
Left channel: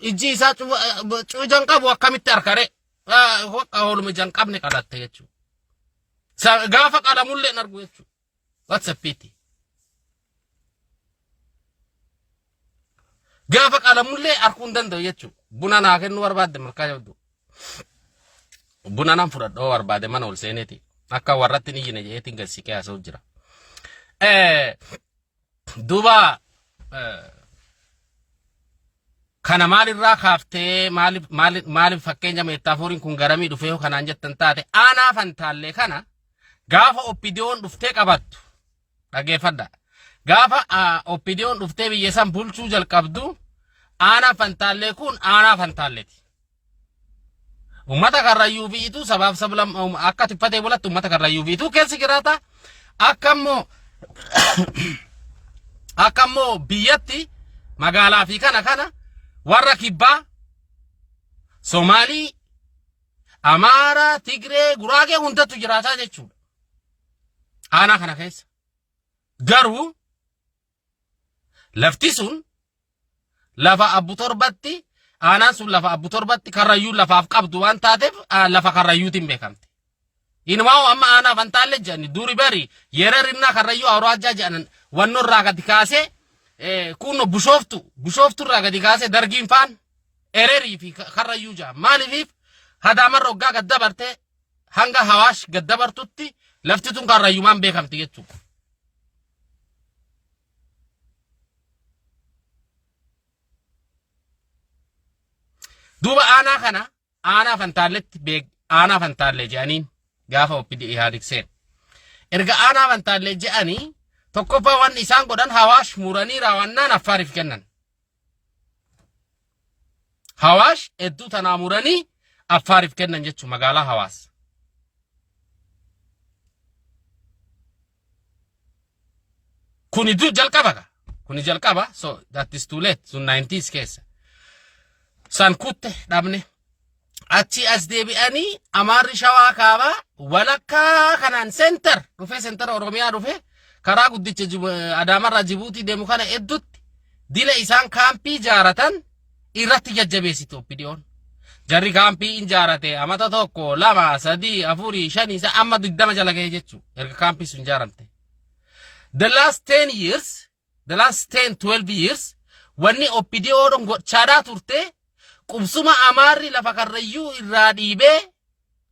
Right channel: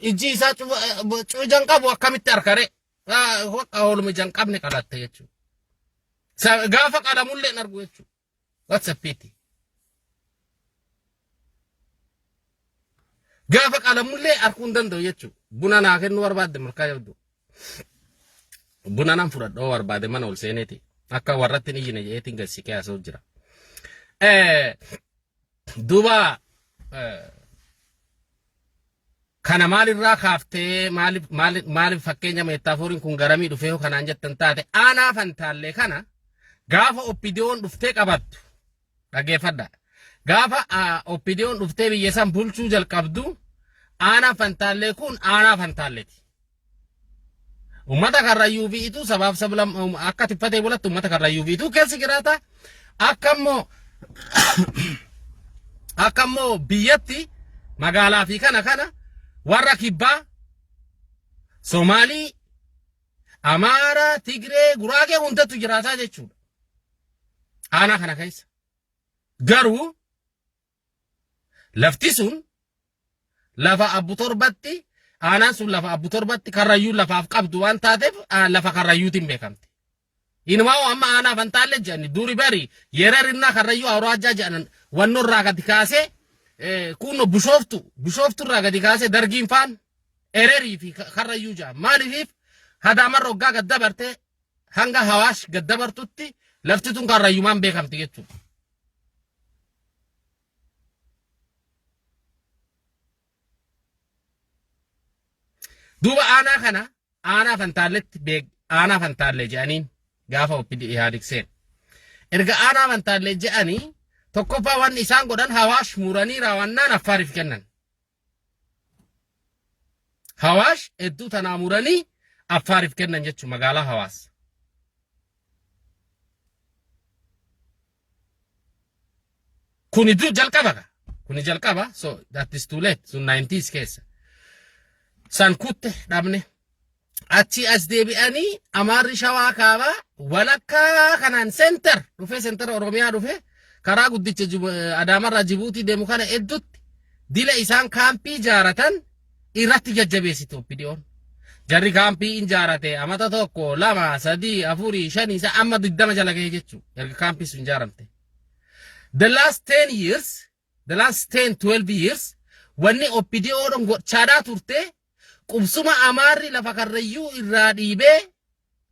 iji isaa ija hin qabu akkamitti arkare hooluma ija hin qabne qalatte jechuudha. Gaafa qalamullee hin argu jechuudha. What's a pity? Gaafa qalamullee arguu hin danda'u jechuudha. Buna naa kennuu barbaadde markaa jabdu. Buna nan fudhadhoo barbaade mana ol seeneeti. Akka warratti ni yine jeetiin gassiqee haasa'u jira. Duuba kana maalirraa kaaftee maaliif fakkeenya meetaaforiin kun garamii dhufee kanaan jettan taate aanaa fantaallee kana gaafa OPDO'n dhuftee qabattu dhageeffadha. Gaafa OPDO'n dhuftee biyya san bulchuu jalqabdu aanaa fantaallee kun aanaa fantaalleeti. Ummata karrayyuu biitu sabaaf sablam akka tiffatee bulatti ummata karrayyuu biitu keessa jiraata. Akkammoo biyyatti magaalaa fi kana warra kibbaa Somaalii Amaara Tigree Guraagee hundatu jiraataa jechuudha. Aanaa kana keessa garuu lafti sun lafa Abbu Torbatti aanaan sun lafa Abbu Torbatti Karrayyuu lafaaf qabdu waan taateef lafa Karrayyuutiin beekamti. Inumaa amma aanaa Fantaalle jedhani duri bari yererinna Karrayyuu Awraajaa jedhan wanno irraa gadi kaasee kun Bishooftu irraa gadi kaasee dargiin faan ererii fi Karrayyuu jedhan maaliif Hadaamarra hoggaa gad dabarte hanga Hawaash gad dabartutti lafti tun Karrayyumaan beekamti jechuudha. Duuba aanaa kana aanaa Fantaalletti aanaa Fantaalle jedhaniin gaafa oppidi dhiyaadikseen. Erga aanaa Fantaalle jedhanii tokkoffaa wanni isaan godhan Hawaash muranii raawwannaan Affaariif kennan. Hawaash hedduu tanaa muranii Affaariif kennan jechuun magaalaa Hawaas. Kuni jalqaba so that is too late sun 90s keessa. San kutte dhabne achi as deebi'anii Amaarri Shawaa kaabaa walakkaa kanaan center Oromiyaa dhufe karaa guddicha Adaamarraa Jibuutii deemu kana hedduutti dila isaan kaampii jaaratan irratti jajjabeessite oppidiyoon. Jarri kaampii injaarate amata tokko 2 3 4 5 isa amma 20 jala ga'e jechuudha. Erga kaampii sun ijaaramte. The last 12 years wanni oppidiyoon gochaadhaa turte qubsuma Amaarri lafa Karrayyuu irraa dhiibee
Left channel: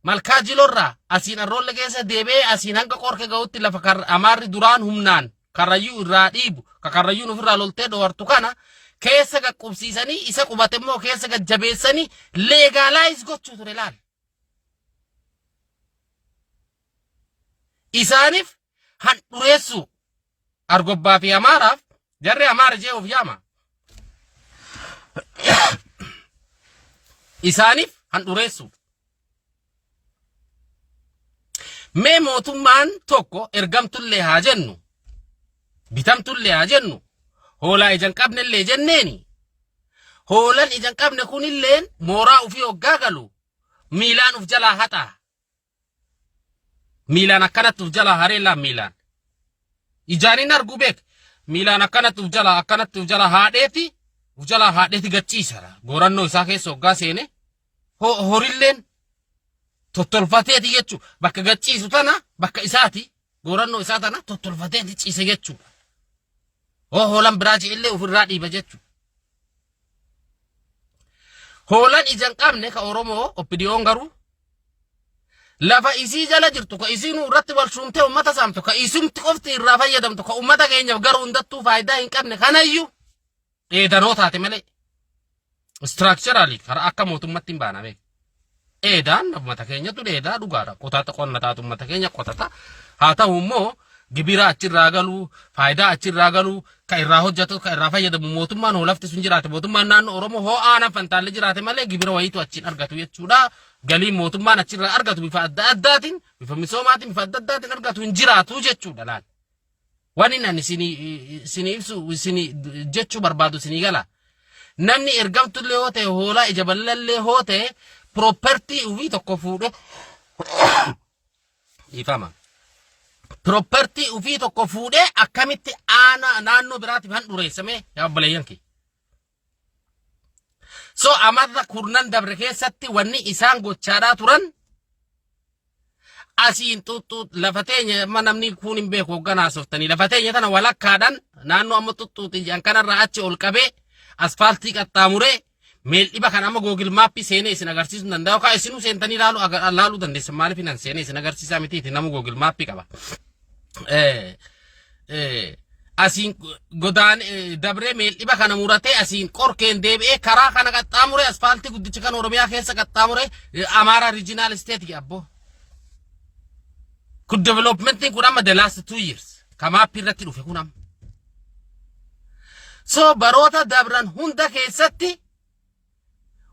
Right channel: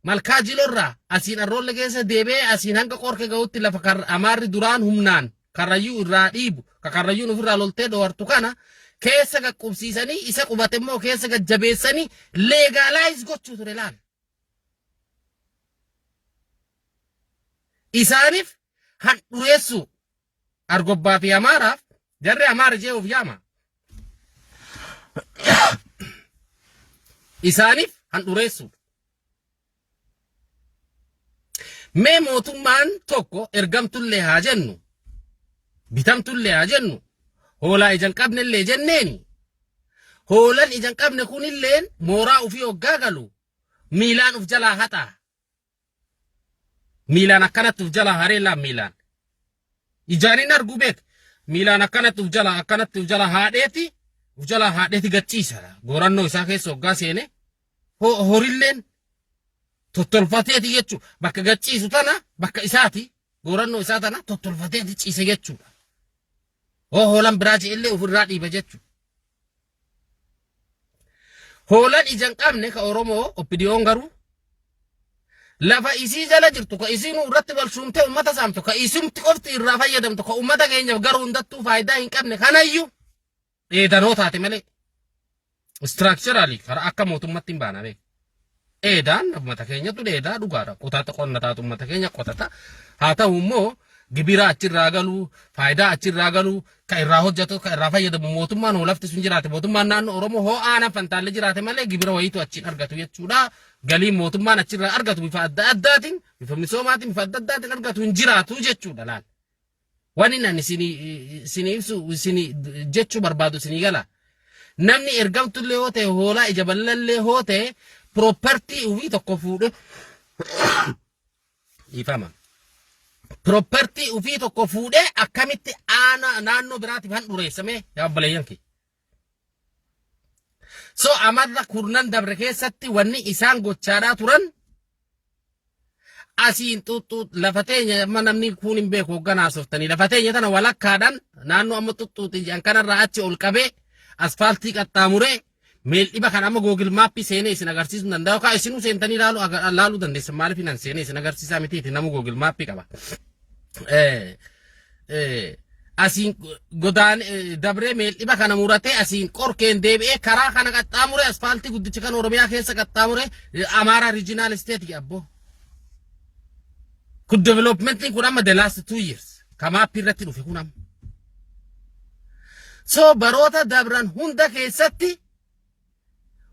malkaa Jilorraa asiin Arroolle keessa deebee asiin hanga Qorke ga'utti lafa Amaarri duraan humnaan Karrayyuu irraa dhiibu ka Karrayyuun ofirraa loltee dhoortu kana keessa qaqqubsiisanii isa qubate immoo keessa gajjabeessanii legalize gochuu ture laal. Isaaniif handhureessu Argobbaa fi Amaaraaf jarri Amaara jee of yaama. Isaaniif handhureessu. Mee mootummaan tokko ergamtullee haa jennu bitamtullee haa jennu hoolaa ijan qabnellee jenneeni. Hoolan ijan qabne kunilleen mooraa ufii hoggaa galu miilaan uf jalaa haxaa. Miilaan akkanatti uf jalaa hareellaan miilaan. Ijaanin argu beek miilaan akkanatti uf jalaa haadheeti gachiisa. Goorannoo isaa keessa hoggaa seene horilleen tottolfateeti jechuu bakka gachiisu tana bakka isaati goorannoo isaa tana tottolfateeti ciise jechuudha. Hoolan biraa illee ofirraa dhiiba jechuudha. Hoolan ijan qabne ka Oromoo oppidiyoon garuu lafa isii jala jirtu ka isiin irratti balshuumtee ummata saamtu ka isumti qofti irraa fayyadamtu ka ummata keenyaaf garuu hundattuu faayidaa hin qabne kanayyuu dheedanoo taate malee structurally karaa akka mootummatti hin baana beeku. Dheedaan ummata keenyatu dheedaa dhugaadha. Qotata qonna taatu ummata keenya qotata. Haa ta'u immoo gibira achirraa galuu faayidaa achirraa galuu ka irraa hojjetu ka irraa fayyadamu mootummaan hoolafti sun jiraate mootummaan naannoo Oromoo hoo aanaa Fantaalle jiraate malee gibira wayiitu achiin argatu jechuudha. Galii mootummaan achirraa argatu bifa adda addaatiin bifa misoomaatiin bifa adda addaatiin argatu hin jiraatu jechuudha laal. Waan inni isinii ibsu isinii jechuu barbaadu isinii gala. Namni ergamtullee hoo ta'e hoolaa ija bal'allee hoo ta'e property ufii tokko fuudhe ifama. Property ufii tokko fuudhe akkamitti naannoo biraatiif handhureessame yaa obboleeyyan kee. So Amarra kurnan dabre keessatti wanni isaan gochaadhaa turan asiin xuxxuut lafa teenya amma namni kun hin beeku hogganaa softanii lafa teenya tana walakkaadhaan naannoo amma xuxxuutiin jedhan kanarraa achi ol qabee asfaaltii qaxxaamuree meel dhiba kan amma Google Mappii seenee isin agarsiisuu danda'u kaa isinuu seentanii laaluu dandeessan maaliif hinan seenee isin agarsiisaa mitiiti nama Google Mappii qaba. Asiin godaan dabree meel dhiba kana muratee asiin qorkeen deebi'ee karaa kana qaxxaamuree asfaaltii guddicha kan Oromiyaa keessa qaxxaamuree Amaaraa Regional State abbo. Kun developmentiin kun amma the last 2 years kamaappii irratti dhufe kun amma. So baroota dabran hunda keessatti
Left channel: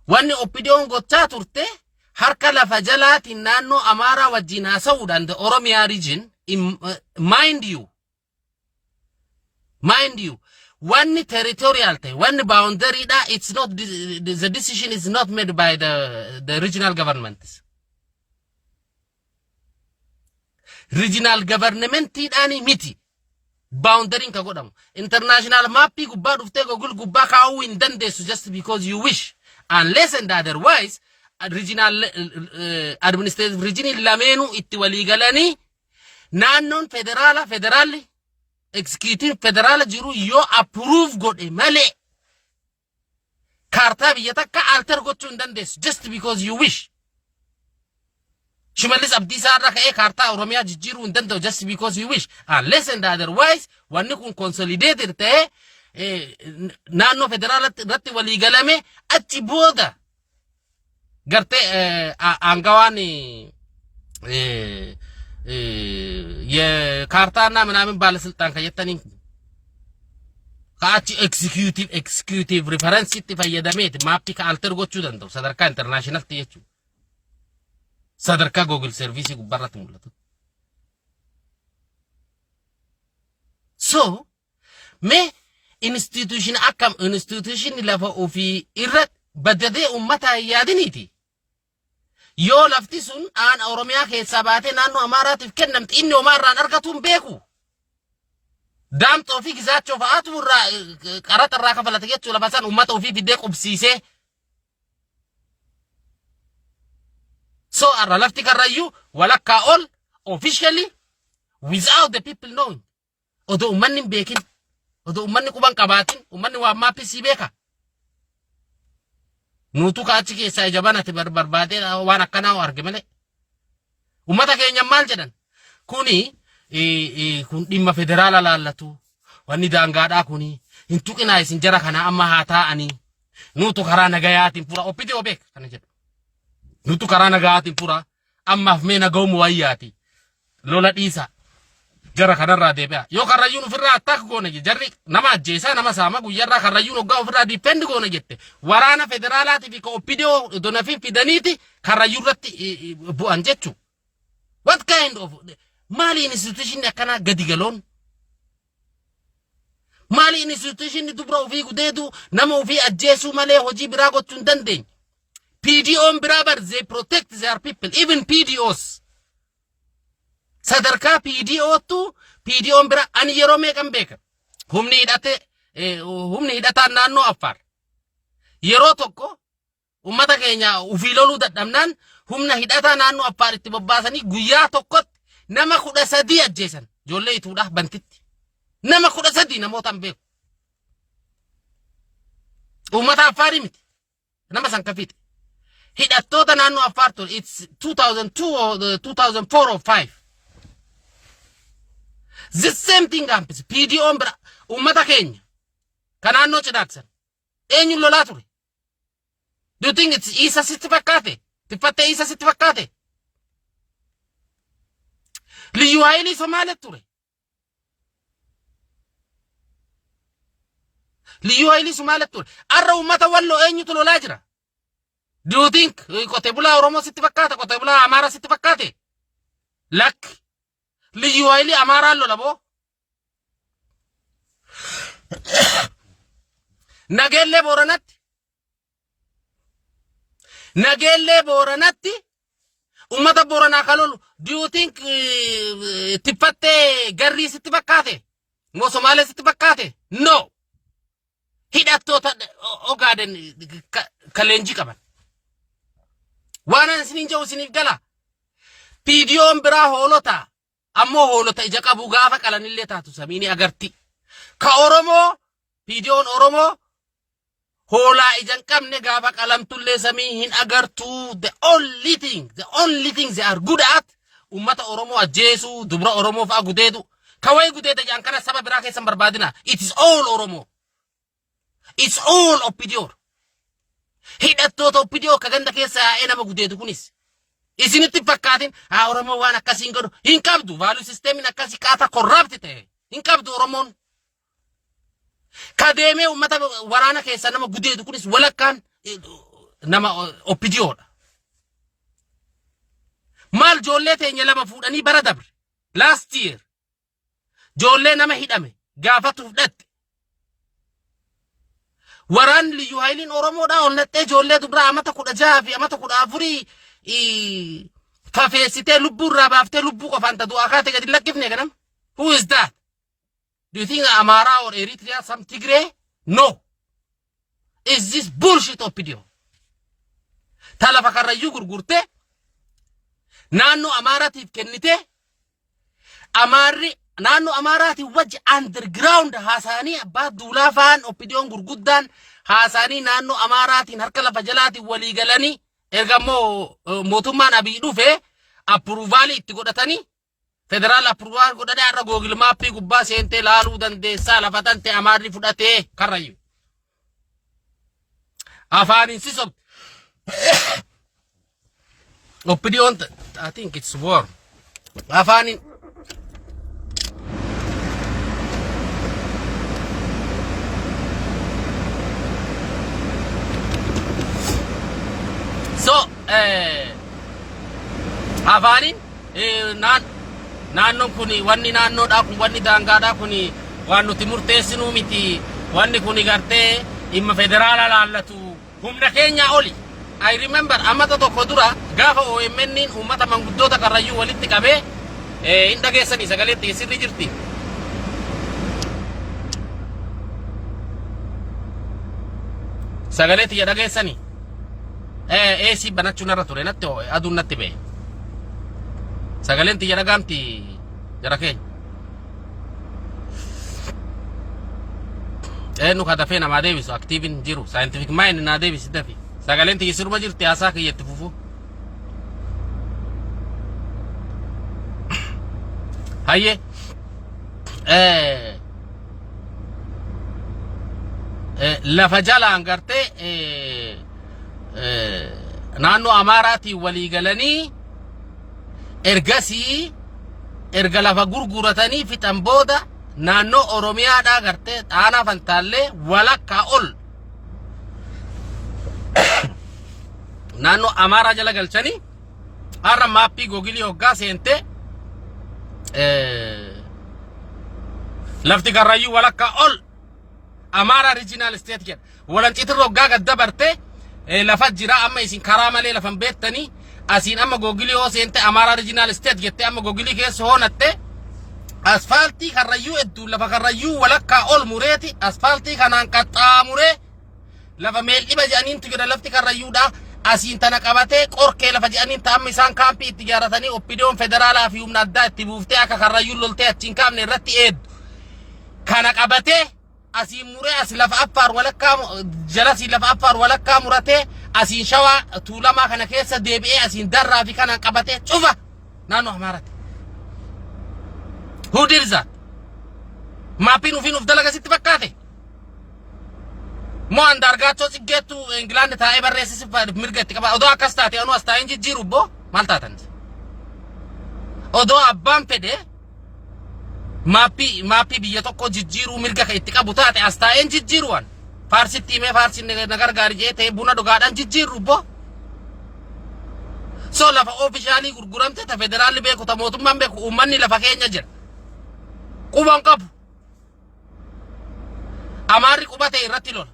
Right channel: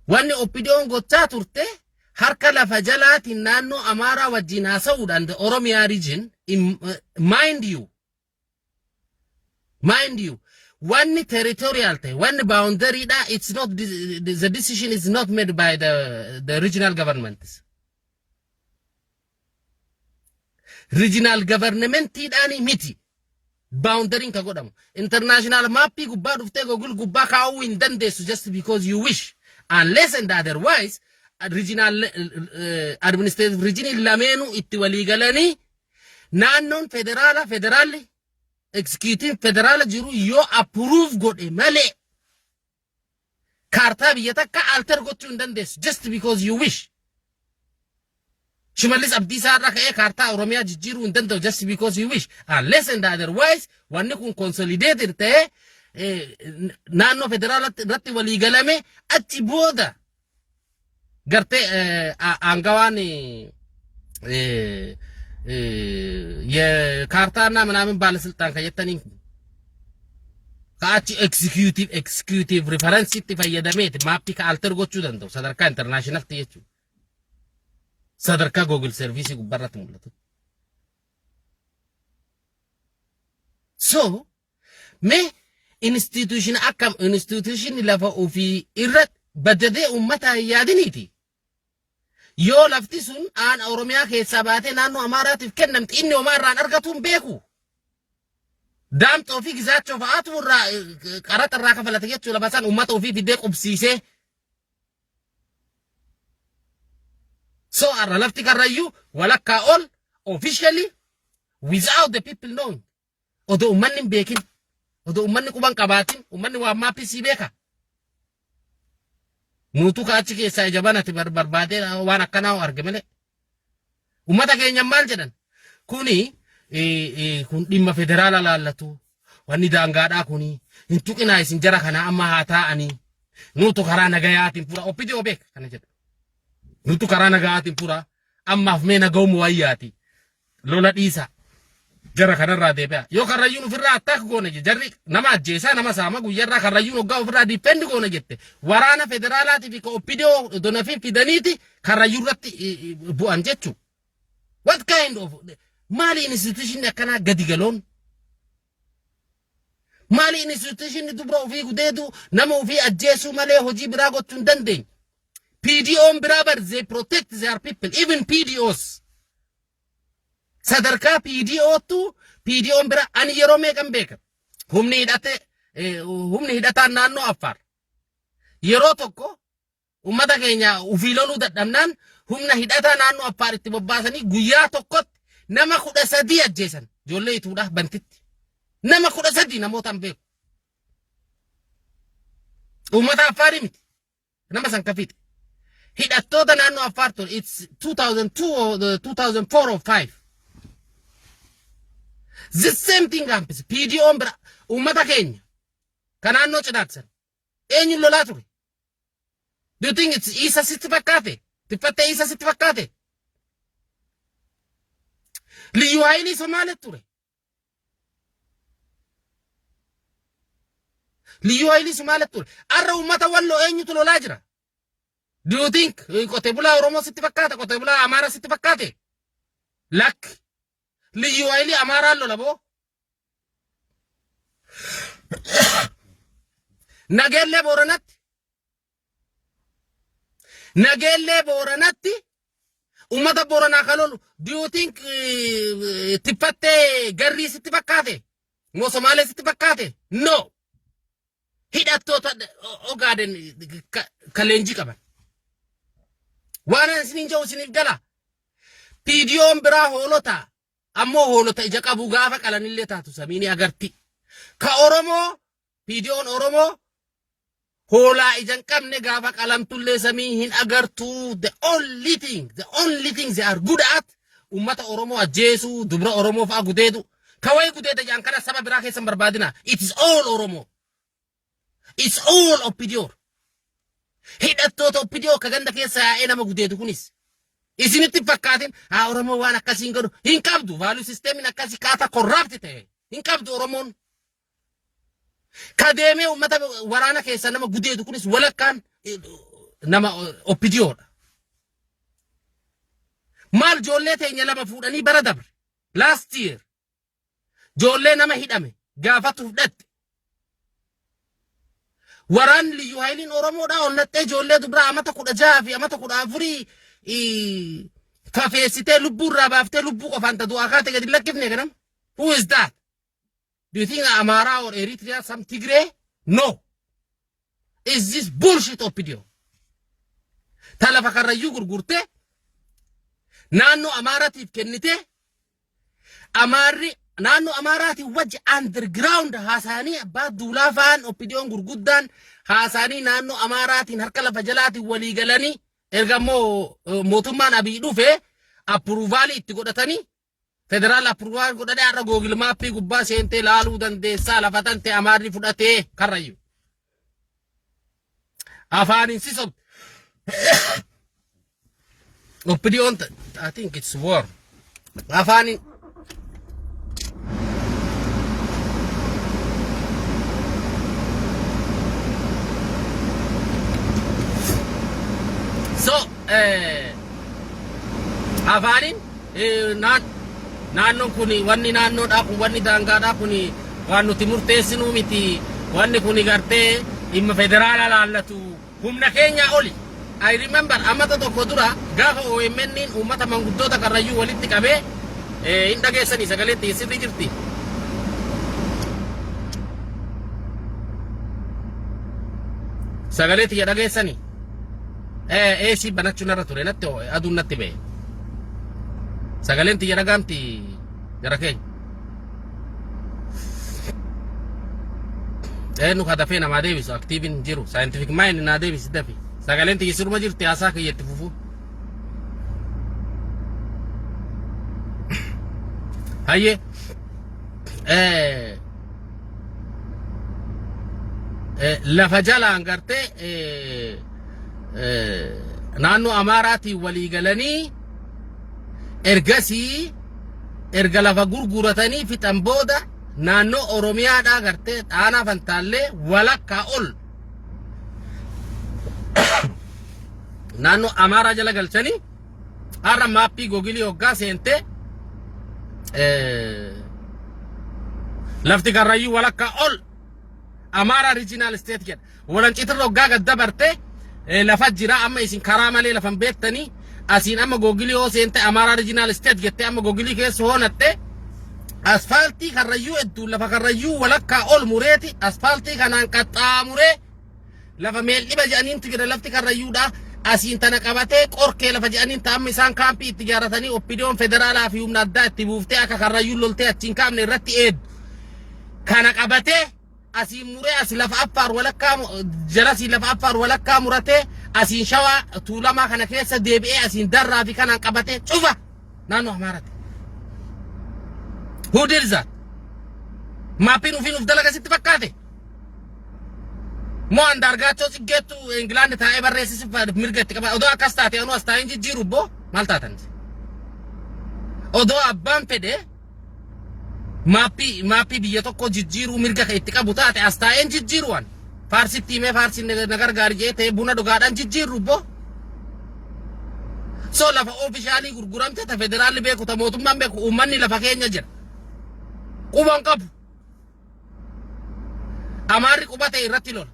wanni oppidiyoon gochaa turte harka lafa jalaatiin naannoo Amaaraa wajjin haasa'uudhaan the Oromiyaa region mind you one territorial te, one boundary da, it's not, the decision is not made by the regional governments. Regional government dani miti. Boundary ka godam. International mapi gubba dufte gogul gubba ka in dandesu just because you wish. Unless and otherwise, regional administrative region lamenu itti waligalani naannon federali executive federal jiru yo approve godhe male karta biyya takka alter gochuu hin dandeessu just because you wish. Shimallis Abdiisaa irraa ka'ee kaartaa Oromiyaa jijjiiruu hin danda'u just because you wish. Unless and otherwise, wanni kun consolidated ta'ee naannoo federaalatti irratti walii galame achi booda gartee angawaan የካርታና ምናምን ባለስልጣን ከየተኒን ካቺ ኤክሲኪዩቲቭ ሪፈረንስ ይፈየደሜት ማፕ ከአልተርጎቹ ደንተው ሰደርካ ኢንተርናሽናል ትየቹ ሰደርካ ጎግል ሰርቪስ ጉባራት ሙለቱ ሶ ሜ ኢንስቲትዩሽን አካም ኢንስቲትዩሽን ለፈ ኦፊ ኢረት በደደ ኡመታ ያድኒቲ yoo lafti sun aan Oromiyaa keessa baate naannoo Amaaraatiif kennamti inni Omaarraan argatuun beeku. Daamxoo fi gizaachoo fa'aatu irraa qaraxa irraa kafalate jechuudha basaan uummata ofii fidee qubsiisee. So arra lafti karrayyuu walakkaa ol officially without the people knowing. Odoo uummanni hin beekin, odoo uummanni quban qabaatin, uummanni waan maappisii beeka. Nutu kaachi keessa jabanati barbaade waan akkana arge male ummata keenya maal jedhan kuni kun dhimma federaala laallatu wanni daangaadhaa kuni hin tuqinaa isin jara kana amma haa taa'anii nutu karaa nagayaatiin pura opidee obeek kana jedhu nutu karaa nagayaatiin pura ammaaf mee nagawmu wayyaati lola dhiisa jara kanarraa deebi'a yoo karrayyuun ofirraa attaak goona jarri nama ajjeesaa nama saama guyyarraa karrayyuun hoggaa ofirraa difendi goona jette waraana federaalaatii fi opidoo donafiin fidaniiti karrayyuu irratti bu'an jechuu what kind of maali institution akkanaa gadi galoon maali institution dubra ofii gudeedu nama ofii ajjeesuu malee hojii biraa gochuu hin dandeenye PDO'n biraa bar they protect their people even PDO's sadarkaa PDO'n bira ani yeroo meeqan beeka humni hidhataan naannoo Affaar yeroo tokko ummata keenya ufii loluu dadhabnaan humna hidhataa naannoo Affaar itti bobbaasanii guyyaa tokkotti nama 13 ajjeesan ijoollee ituudhaaf bantitti nama 13 namootaan beeku ummata Affaarii miti nama san kafiite hidhattoota naannoo Affaar ture it's 2002 or 2004 or 5 the same thing happens. PDO'n bira ummata keenya kanaannoo cidhaaksan eenyuun lolaa ture do you think it's isa sitti fakkaate tiffattee isa sitti fakkaate liyyuu haayilii Somaalee ture liyyuu haayilii Somaalee ture arra ummata walloo eenyutu lolaa jira do you think qotee bulaa Oromoo sitti fakkaate qotee bulaa Amaaraa sitti fakkaate lakki liyyuu haayilii Amaaraan lola boo Nageellee Booranatti ummata Booranaa kalolu do you think tiffattee garrii sitti fakkaate moo Somaalee sitti fakkaate no hidhattoota Ogaaden kaleenjii qaban waan isiniin jedhu isiniif gala PDO'n biraa hoolota ammoo hoolota ija qabu gaafa qalanillee taatu samiini agarti ka Oromoo PDO'n Oromoo hoolaa ijan qabne gaafa qalamtullee samii hin agartu the only thing they are good at ummata Oromoo ajjeesuu dubra Oromoo fa'a gudeedu kawai gudeeda jaan kana saba biraa keessan barbaadina it is all Oromoo it's all opidoo hidhattoota opidoo ka ganda keessa yaa'ee nama gudeedu kunis isinitti fakkaatin haa Oromoo waan akkasiin godhu hin qabdu value systemin akkasii kaata corrupt ta'e hin qabdu Oromoon kadeemee ummata waraana keessa nama gudeedu kunis walakkaan nama oppidiyoodha maal joollee teenya lama fuudhanii bara dabre last year joollee nama hidhame gaafatuuf dhatte Waran liyu hailin Oromoodha onnattee ijoollee dubraa amata 16 fi amata 14 kafeessitee lubbuu irraa baaftee lubbuu qofaan ta'u akaate gadi lakkifne kanam. Who is that? Do you think Amara or Eritrea some Tigray? No. Is this bullshit opinion? Talafa karrayyuu gurgurte naannoo Amaaraatiif kennite Amaarri naannoo Amaaraatiif wajji underground haasanii abbaa duulaa faan opinion gurguddaan haasanii naannoo Amaaraatiin harka lafa jalaatiin walii galanii erga immoo mootummaan Abiy dhufe approval itti godhatanii federaal approval godhanii har'a Google Mappii gubbaa seentee laaluu dandeessaa lafa tante Amaarri fudhatee karrayyuu afaanin sisob opinion I think it's war afaanin so afaanin naannoon kuni wanni naannoodhaa kun wanni daangaadhaa kuni waan nuti murteessinuu miti wanni kuni gartee dhimma federaala laallatu humna keenya oli. I remember amata tokko dura gaafa OMN uummata manguddoota karrayyuu walitti qabee hin dhageessanii sagaleetti sirri jirti. Sagaleetti ya dhageessanii AC banachuun irra ture natti aduun natti ba'e. Sagaleetti ya dhagaamti jara keenya. Nu kadafee namaa deebisu aktiivin jiru scientific mind naa deebisi dafi. Sagaleetti siruma jirti haasaa kiyyetti fufu. Hayye lafa jalaan gartee naannoo Amaaraatiin walii galanii ergasii erga lafa gurguratanii fixan booda naannoo Oromiyaadhaa gartee dhaanaa Fantaallee walakkaa ol naannoo Amaaraa jala galchanii har'a maappii Googilii hoggaa seentee lafti karrayyuu walakkaa ol Amara regional state jedha. Walanciitirra hoggaa gad dabarte lafa jira amma isin karaa malee lafan beektanii asiin amma Googilii hoo seente Amara regional state jettee amma Googilii keessa hoonatte asfaaltii karrayyuu hedduu lafa karrayyuu walakkaa ol mureeti asfaaltii kanaan qaxxaamuree lafa meeldhiba jedhaniintu jira lafti karrayyuudha asiin tana qabatee qorkee lafa jedhaniin ta'amma isaan kaampii itti ijaaratanii oppidiyoon federaalaa fi humna addaa itti buuftee akka karrayyuun loltee achiin kaafne irratti eeddu kana qabatee asiin muree asi lafa affaar walakkaa jalasi lafa affaar walakkaa muratee asiin shawaa tuulamaa kana keessa deebi'ee asiin darraa fi kanaan qabatee cufa naannoo Amaaraatti. Who did that? Maappiin ufiin uf dalagasitti fakkaate. Moo andaargaachoo ciggeettu Ingilaandi taa'ee barreessisi mirga itti qaba. Odoo akkas taate anu as taa'een jijjiiru boo maal taatan? Odoo abbaan fedhe maappii biyya tokko jijjiiruu mirga itti qabu taate as taa'een jijjiiruwan. Faarsitti himee faarsiin na gargaari jee ta'ee buna dhugaadhaan jijjiirru boo. So lafa oofishaalii gurguramte ta federaalli beeku ta mootummaan beeku uummanni lafa keenya jira. Quban qabu. Amaarri qubate irratti lola.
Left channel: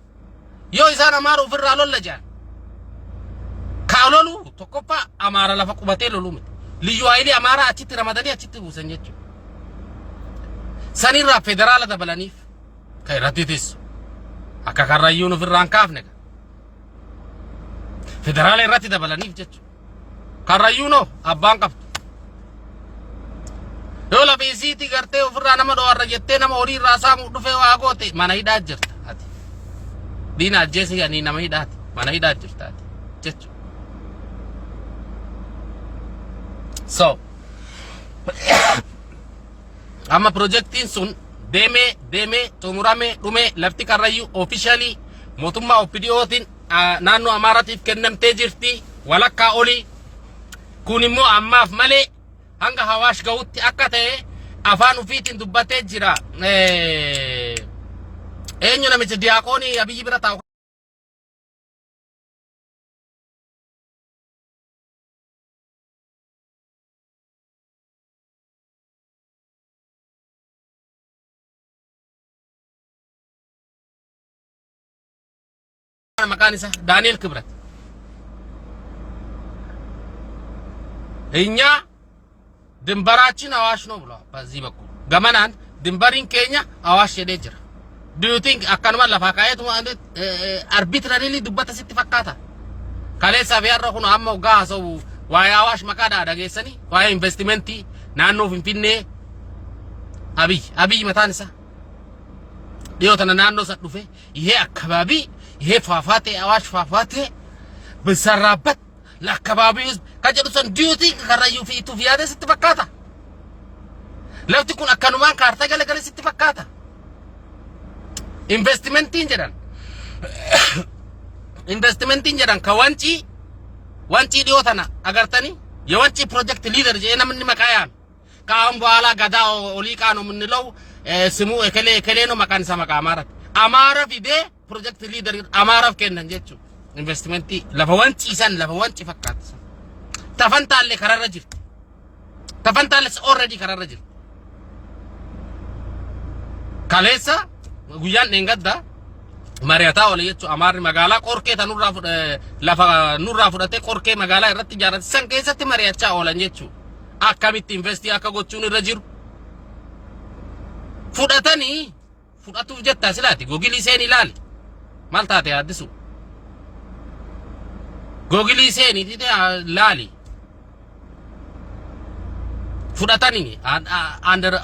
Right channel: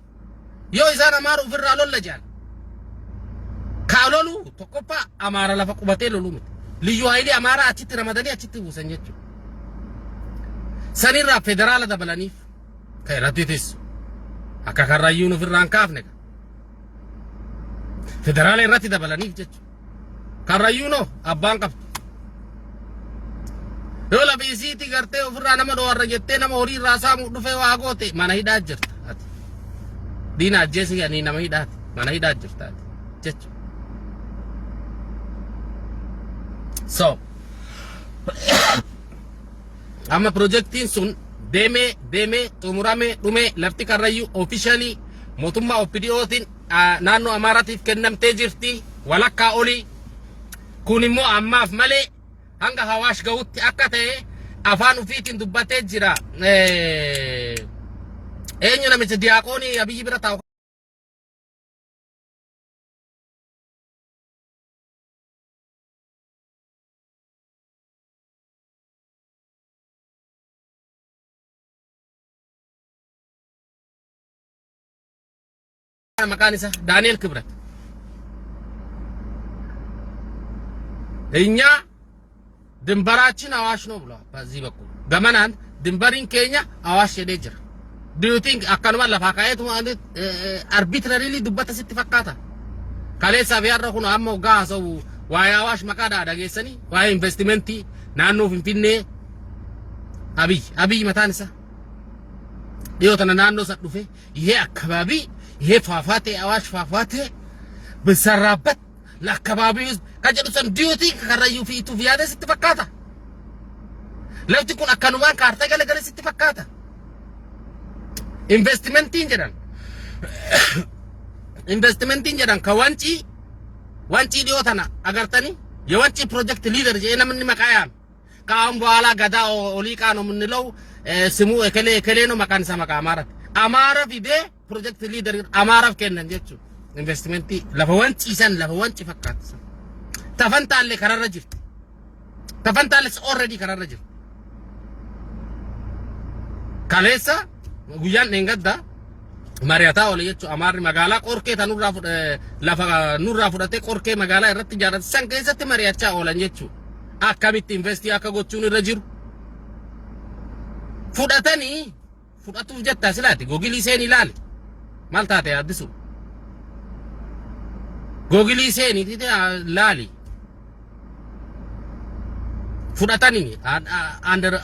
Yoo isaan Amaara ofirraa lolla jaan. Kaa lolu tokkoffaa Amaara lafa qubatee loluu miti. Liyyuu haayilii Amaara achitti ramadanii achitti buusan jechuudha. Sanirraa federaala dabalaniif kan irratti teessu. Akka karrayyuun ofirraan kaafne. Federaala irratti dabalaniif jechuudha. Karrayyuunoo abbaan qabdu. Yoo lafa isiitii gartee ofirraa nama dhowarra jettee nama horii irraa saamuu dhufee waa goote mana hidhaa jirta ati. Diina ajjeesi ganii nama hidhaati mana hidhaa jirta ati jechuudha. So amma projektiin sun deemee xumuramee dhumee lafti karrayyuu officially mootummaa OPDOtiin naannoo Amaaraatiif kennamtee jirti walakkaa olii. Kun immoo ammaaf malee hanga Hawaash gahutti akka ta'e afaan ufiitiin dubbatee jira. Eenyu namichi diyaaqoonii Abiyyi bira taa'u መካኒሳ ዳንኤል ክብረት እኛ ድንበራችን አዋሽ ነው ብሏል። በዚህ በኩል ገመናን ድንበሪን ኬኛ አዋሽ ሄደ ጅራ do you think akkanuma lafa kaayatu arbitrarily dubbata sitti fakkaata kaleessa biyarra kun amma gaa so waa'ee awaash maqaadha dhageessanii waa'ee investimentii naannoo Finfinnee አብይ mataan isaa dhiyoo tana naannoo san dhufe ይሄ አካባቢ ይሄ ፏፏቴ አዋሽ ፏፏቴ ብሰራበት ለአካባቢው ህዝብ ከጀዱ ሰን do you think ከራዩ ፊቱ ፊያደ sitti fakkaata lafti kun akkanumaan kaartaa galagale sitti fakkaata investmentiin jedhan ka wanci dhiyoo tana agartanii የወንጪ ፕሮጀክት ሊደር namni maqaa yaame ከአሁን በኋላ ገዳ ኦሊቃ ነው የምንለው ስሙ እከሌ ነው መካን ሰማ አማራ ፊዴ ፕሮጀክት ሊደር አማራ ከነን ጀቹ ኢንቨስትመንት ለፈ ወንጪ ፈካት ተፈንታለ ከረረ ጅርት ተፈንታለስ ኦሬዲ ከረረ ጅርት ካሌሳ ጉያን እንገዳ ማሪያታ ወለ ጀቹ አማሪ መጋላ ቆርኬ ተኑራ ለፈ ኑራ ፍደቴ ቆርኬ መጋላ ይረት ጃረት ሰንከሰት ማሪያቻ ኦለን ጀቹ akkamitti investi akka gochuun irra jiru fudhatuuf jetta silaati googilii seen ilaali maal taate addisu googilii seen ilaali fudhatanii under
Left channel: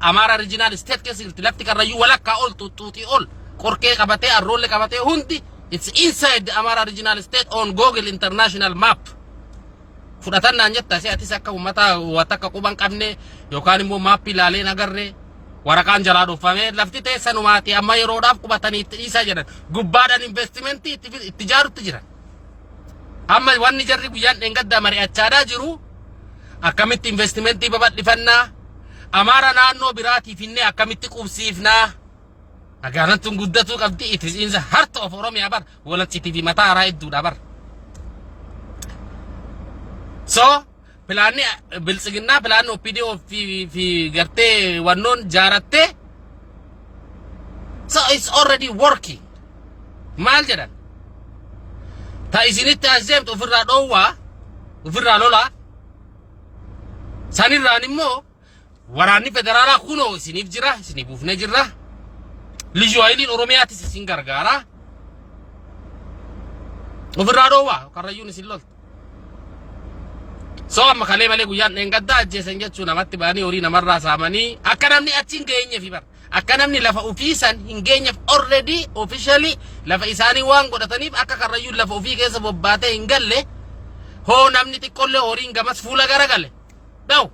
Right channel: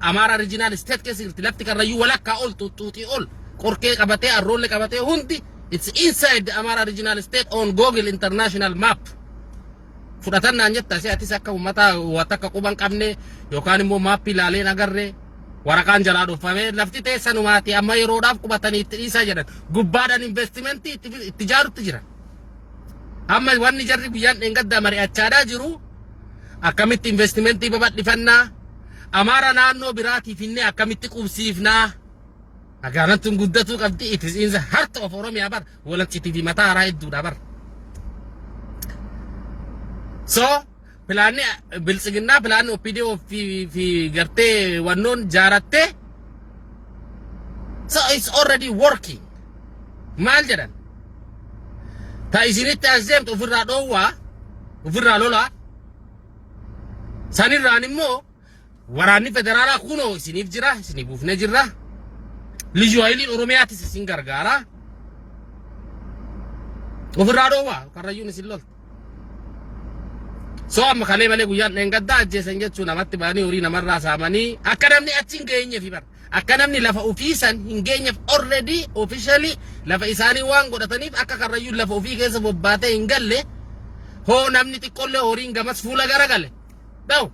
Amara regional state keessatti lafti karrayyuu walakkaa ol tuutii ol qorkee qabatee arroolle qabatee hundi it's inside the Amara regional state on Google international map fudhatan naan jetta si atis akka ummata watakka quban qabne yookaan immoo maappi ilaalee nagarre waraqaan jalaa dhufame lafti teessanumaati amma yeroodhaaf qubatanii itti dhiisaa jedhan gubbaadhaan investimentii itti jaarutti jiran amma wanni jarri guyyaan dhengaddaa mari'achaadhaa jiru akkamitti investimentii babadhifannaa Amaara naannoo biraatiif inni akkamitti qubsiifnaa magaalaan tun guddatuu qabdi it is in the heart of Oromiyaa bar walachiti fi mataa haaraa hedduudha bar so pilani bilsigina pilani OPDO fi garte wannon jaratte so it's already working mal jadan ta isinit azem ofirra dowa ofirra lola sanirra nimmo warani federala kuno isinif jira isinif ufne jira lijo aylin oromiyati isin gargara ofirra dowa karayun isilol so amma kale male guyan engadda ajjesan jechu namatti bani ori namarra samani akka namni achin geenye fi bar akka namni lafa ofiisan hingeenye already officially lafa isani waan godhataniif akka karrayyuu lafa ofii keessa bobbaate hingalle ho namni xiqqolle horiin gamas fuula garagale daw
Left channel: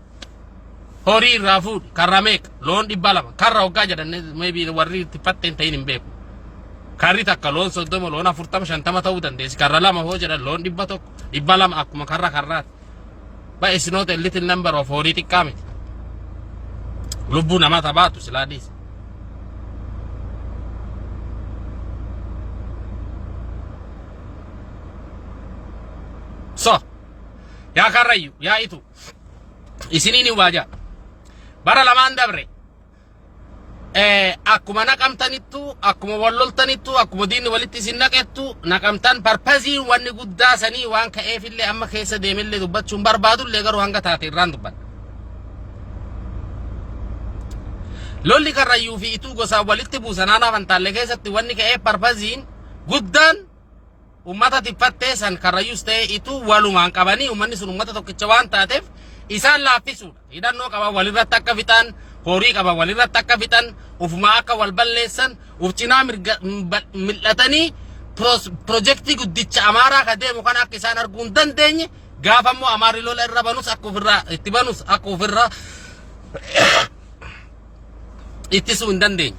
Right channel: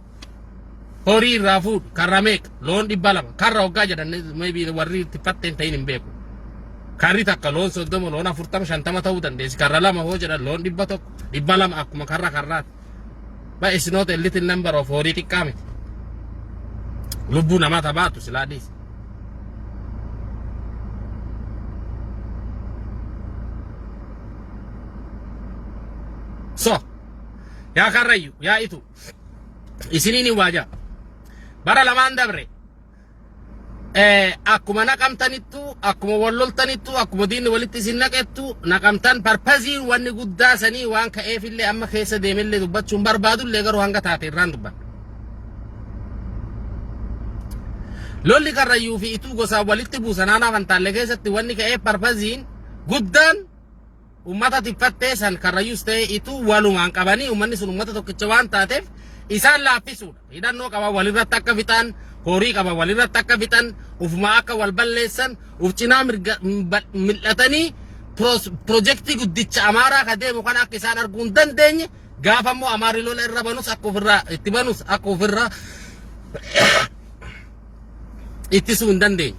horii rafuud karrameek loon dhibbalama karra hoggaa jedhan maybe warri tippatten tayin himbeeku karri takka loon 30 loon 40 50 ta'uu dandeessi karra lama hoo jedhan loon 100 dhibbalama akkuma karraat but it's not a little number of horiti kami lubbu nama tabatu siladis so ya karrayu ya itu isinini waja bara lamaan dabre akkuma naqamtanittu akkuma walloltanittu akkuma diinni walitti isin naqettu naqamtan parpazii wanni guddaa sanii waan ka'eefillee amma keessa deemellee dubbachuun barbaadullee garuu hanga taate irraan dubban lolli karrayyuu fi ituu gosaa walitti buusanaanaa fantaalle keessatti wanni ka'ee parpaziin guddaan ummata tiffattee san karrayyuus ta'e ituu walumaan qabanii ummanni sun ummata tokkicha waan taateef isaan laaffisuudha hidhannoo qaba walirratti akka fixaan horii qaba walirratti akka fixan ufuma akka wal balleessan uf cinaa mil'atanii projektii guddicha Amaaraa ka deemu kana akka isaan arguun dandeenye gaafa immoo Amaarri lola irra banus akka ofirraa itti banus akka ofirraa ittisuu hin dandeenye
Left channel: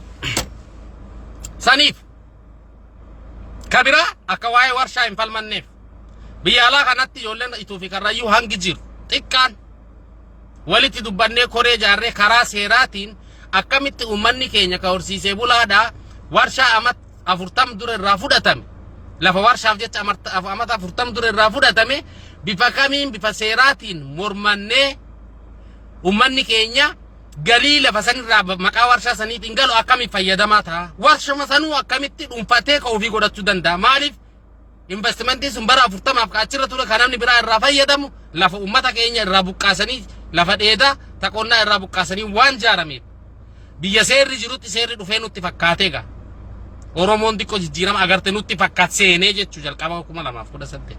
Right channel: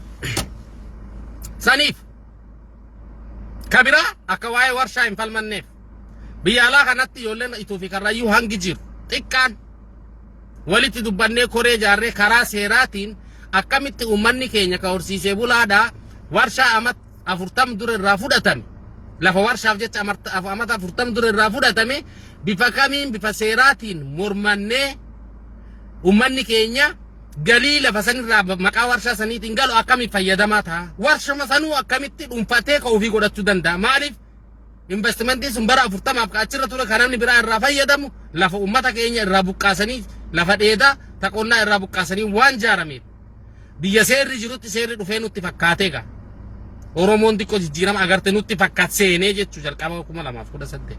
saniif kabira akka waa'ee warshaa hin falmanneef biyya alaa kanatti ijoolleen ituu fi karrayyuu hangi jiru xiqqaan walitti dubbannee koree jaarree karaa seeraatiin akkamitti ummanni keenya ka horsiisee bulaadha warshaa amat 40 dura irraa fudhatame lafa warshaaf jecha amat 40 dura irraa fudhatame bifa kamiin bifa seeraatiin mormannee ummanni keenya galii lafa sanirraa maqaa warshaa saniitiin galu akkamitti fayyadamaa ta'a warshuma sanuu akkamitti dhuunfatee ka ofii godhachuu danda'a maaliif investmentii sun bara 40 ka achirra ture kanamni biraa irraa fayyadamu lafa ummata keenya irraa buqqaasanii lafa dheedaa taqonnaa irraa buqqaasanii waan jaarameef biyya seerri jirutti seerri dhufee nutti fakkaatee gaa Oromoon xiqqoo jijjiirama agarte nutti fakkaat seenee jechuu jalqaba 2018.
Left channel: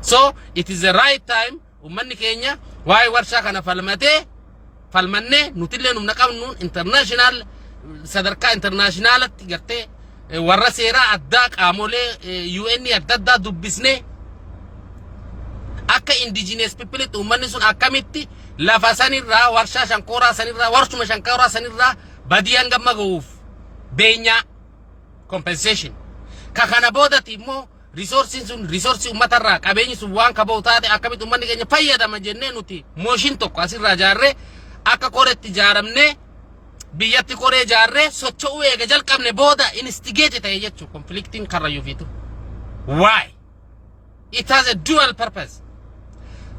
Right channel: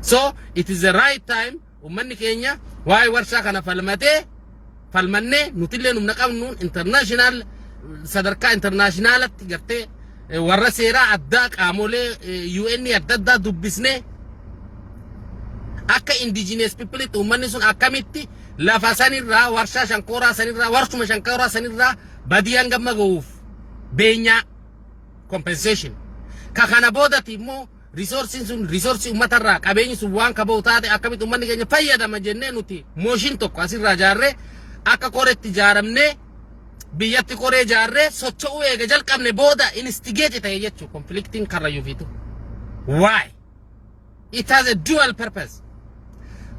So it is the right time ummanni keenya waa'ee warshaa kana falmannee nutillee numna qabnuun international sadarkaa internationalatti gartee warra seeraa addaa qaamolee UN adda addaa dubbisnee akka indigenous people ummanni sun akkamitti lafa sanirraa warshaa shankooraa sanirraa warshuma shankooraa sanirraa badiyaan gamma ga'uuf beenyaa compensation ka kana boodati immoo resources sun resource ummatarraa qabeenyi sun waan kaboo taate akkamitti ummanni keenya fayyadama jennee nuti mooshin tokko asirraa jaarree akka koreetti jaaramnee biyyatti koree jaarree socho'uu eega jalqabne booda instigate ta'e jechuu conflicting karrayyuu fiitu. Why? It has a dual purpose.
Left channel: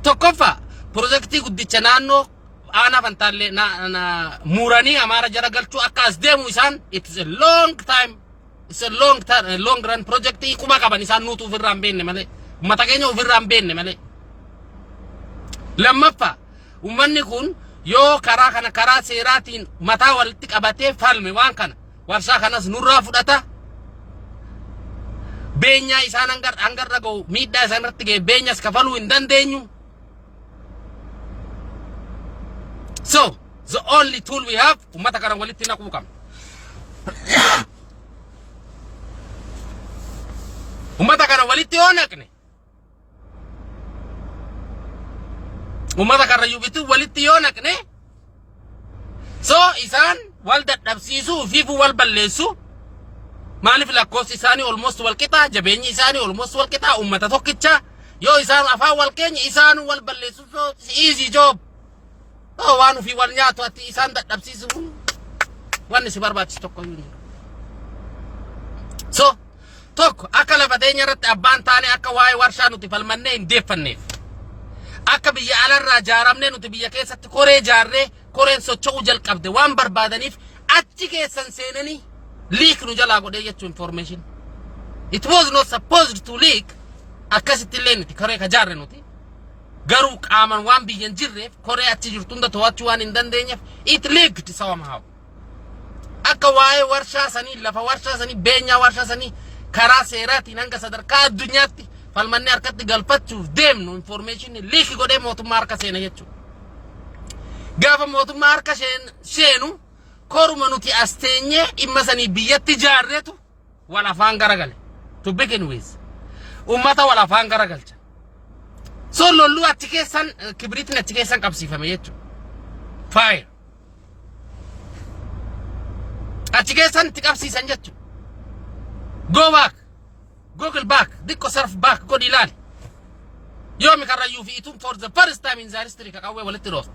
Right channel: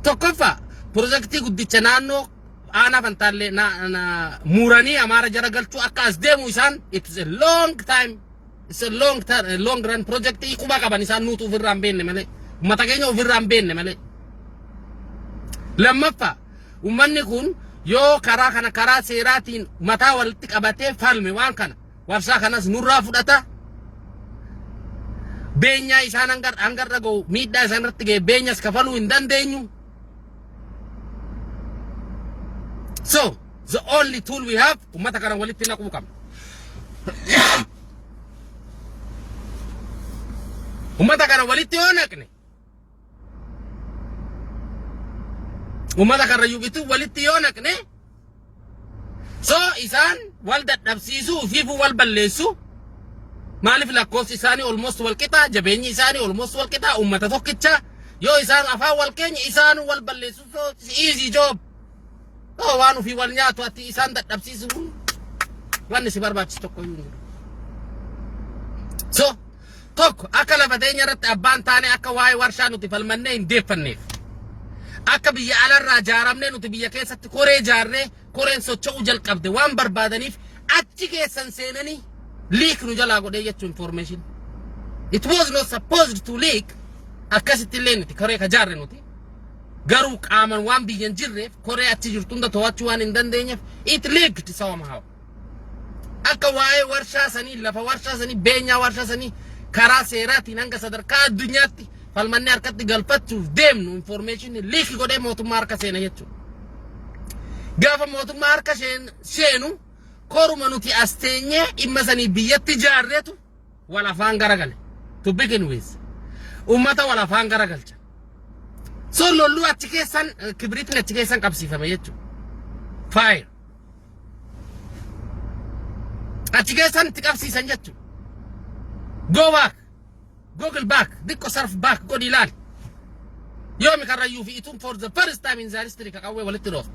Tokkoffaa projektii guddicha naannoo aanaa fantaallee muuranii amaara jara galchuu akka as deemu isaan it is a long time. It's a long run project. Ikuma qaban isaan nuutu ofirraa hin beenne malee ummata keenya ofirraa hin beenne malee. Lammaffaa ummanni kun yoo karaa kana karaa seeraatiin mataa walitti qabatee falme waan kana warshaa kanas nurraa fudhata beenyaa isaan hangarra ga'u miidhaa isaan irratti ga'e beenyas kafaluu hin dandeenyu. So the only tool we have ummata kana walitti naquu qabna. Ummata kana walitti yoo naqne ummata karrayyuu bituu walitti yoo naqne so isaan wal dadhabsiisuu fi wal balleessu maaliif lakkoofsi isaanii almost wal qixaa jabeenyi isaanii almost wal qixaa ummata tokkicha yoo isaan afaan wal keenya isaan wal balleessu so easy job waan fi wal nyaatu ati isaan dadhabsiisu wanni si barbaachisu tokko hin jiru. So tokko akka lafa teenya irratti abbaan taane akka waa'ee warshaa nuti falmannee hin deeffanneef akka biyya alarraa jaaramnee nuti biyya keessatti koree jaarree koreen socho'uu jalqabde waan barbaadaniif achi keessan seenanii leak nu jalaa godhee jechuu information. It was not supposed to leak akkasitti illee nuti koree ka jaarre nuti garuu qaaman waan biyyan jirreef koree achi jirtu hunda to'achuu waan hin dandeenyeef it leaked somehow. Akka waa'ee warshaa sanii lafa warshaa sanii beenyaa warshaa sanii karaa seeraatiin hanga sadarkaa addunyaatti falmannee harkatti galfachuuf deemnu information leak godhee mootummaa harka seena jechuudha. Gaafa mootummaa harka seenu koruma nuti as teenyee dhimma sanii biyyatti jaarreetu wal afaan garagale. To begin with ummata wal afaan garagalcha. So lollu achi keessan kibriitiin achi keessan qabsiifame jechuudha. Fire. Achi keessan itti qabsiisan jechuudha. Go back. Google back. Dikko surf back. Go dilal. Yomi karrayyuu fi itun for the first time in the history kakawwe walitti rost.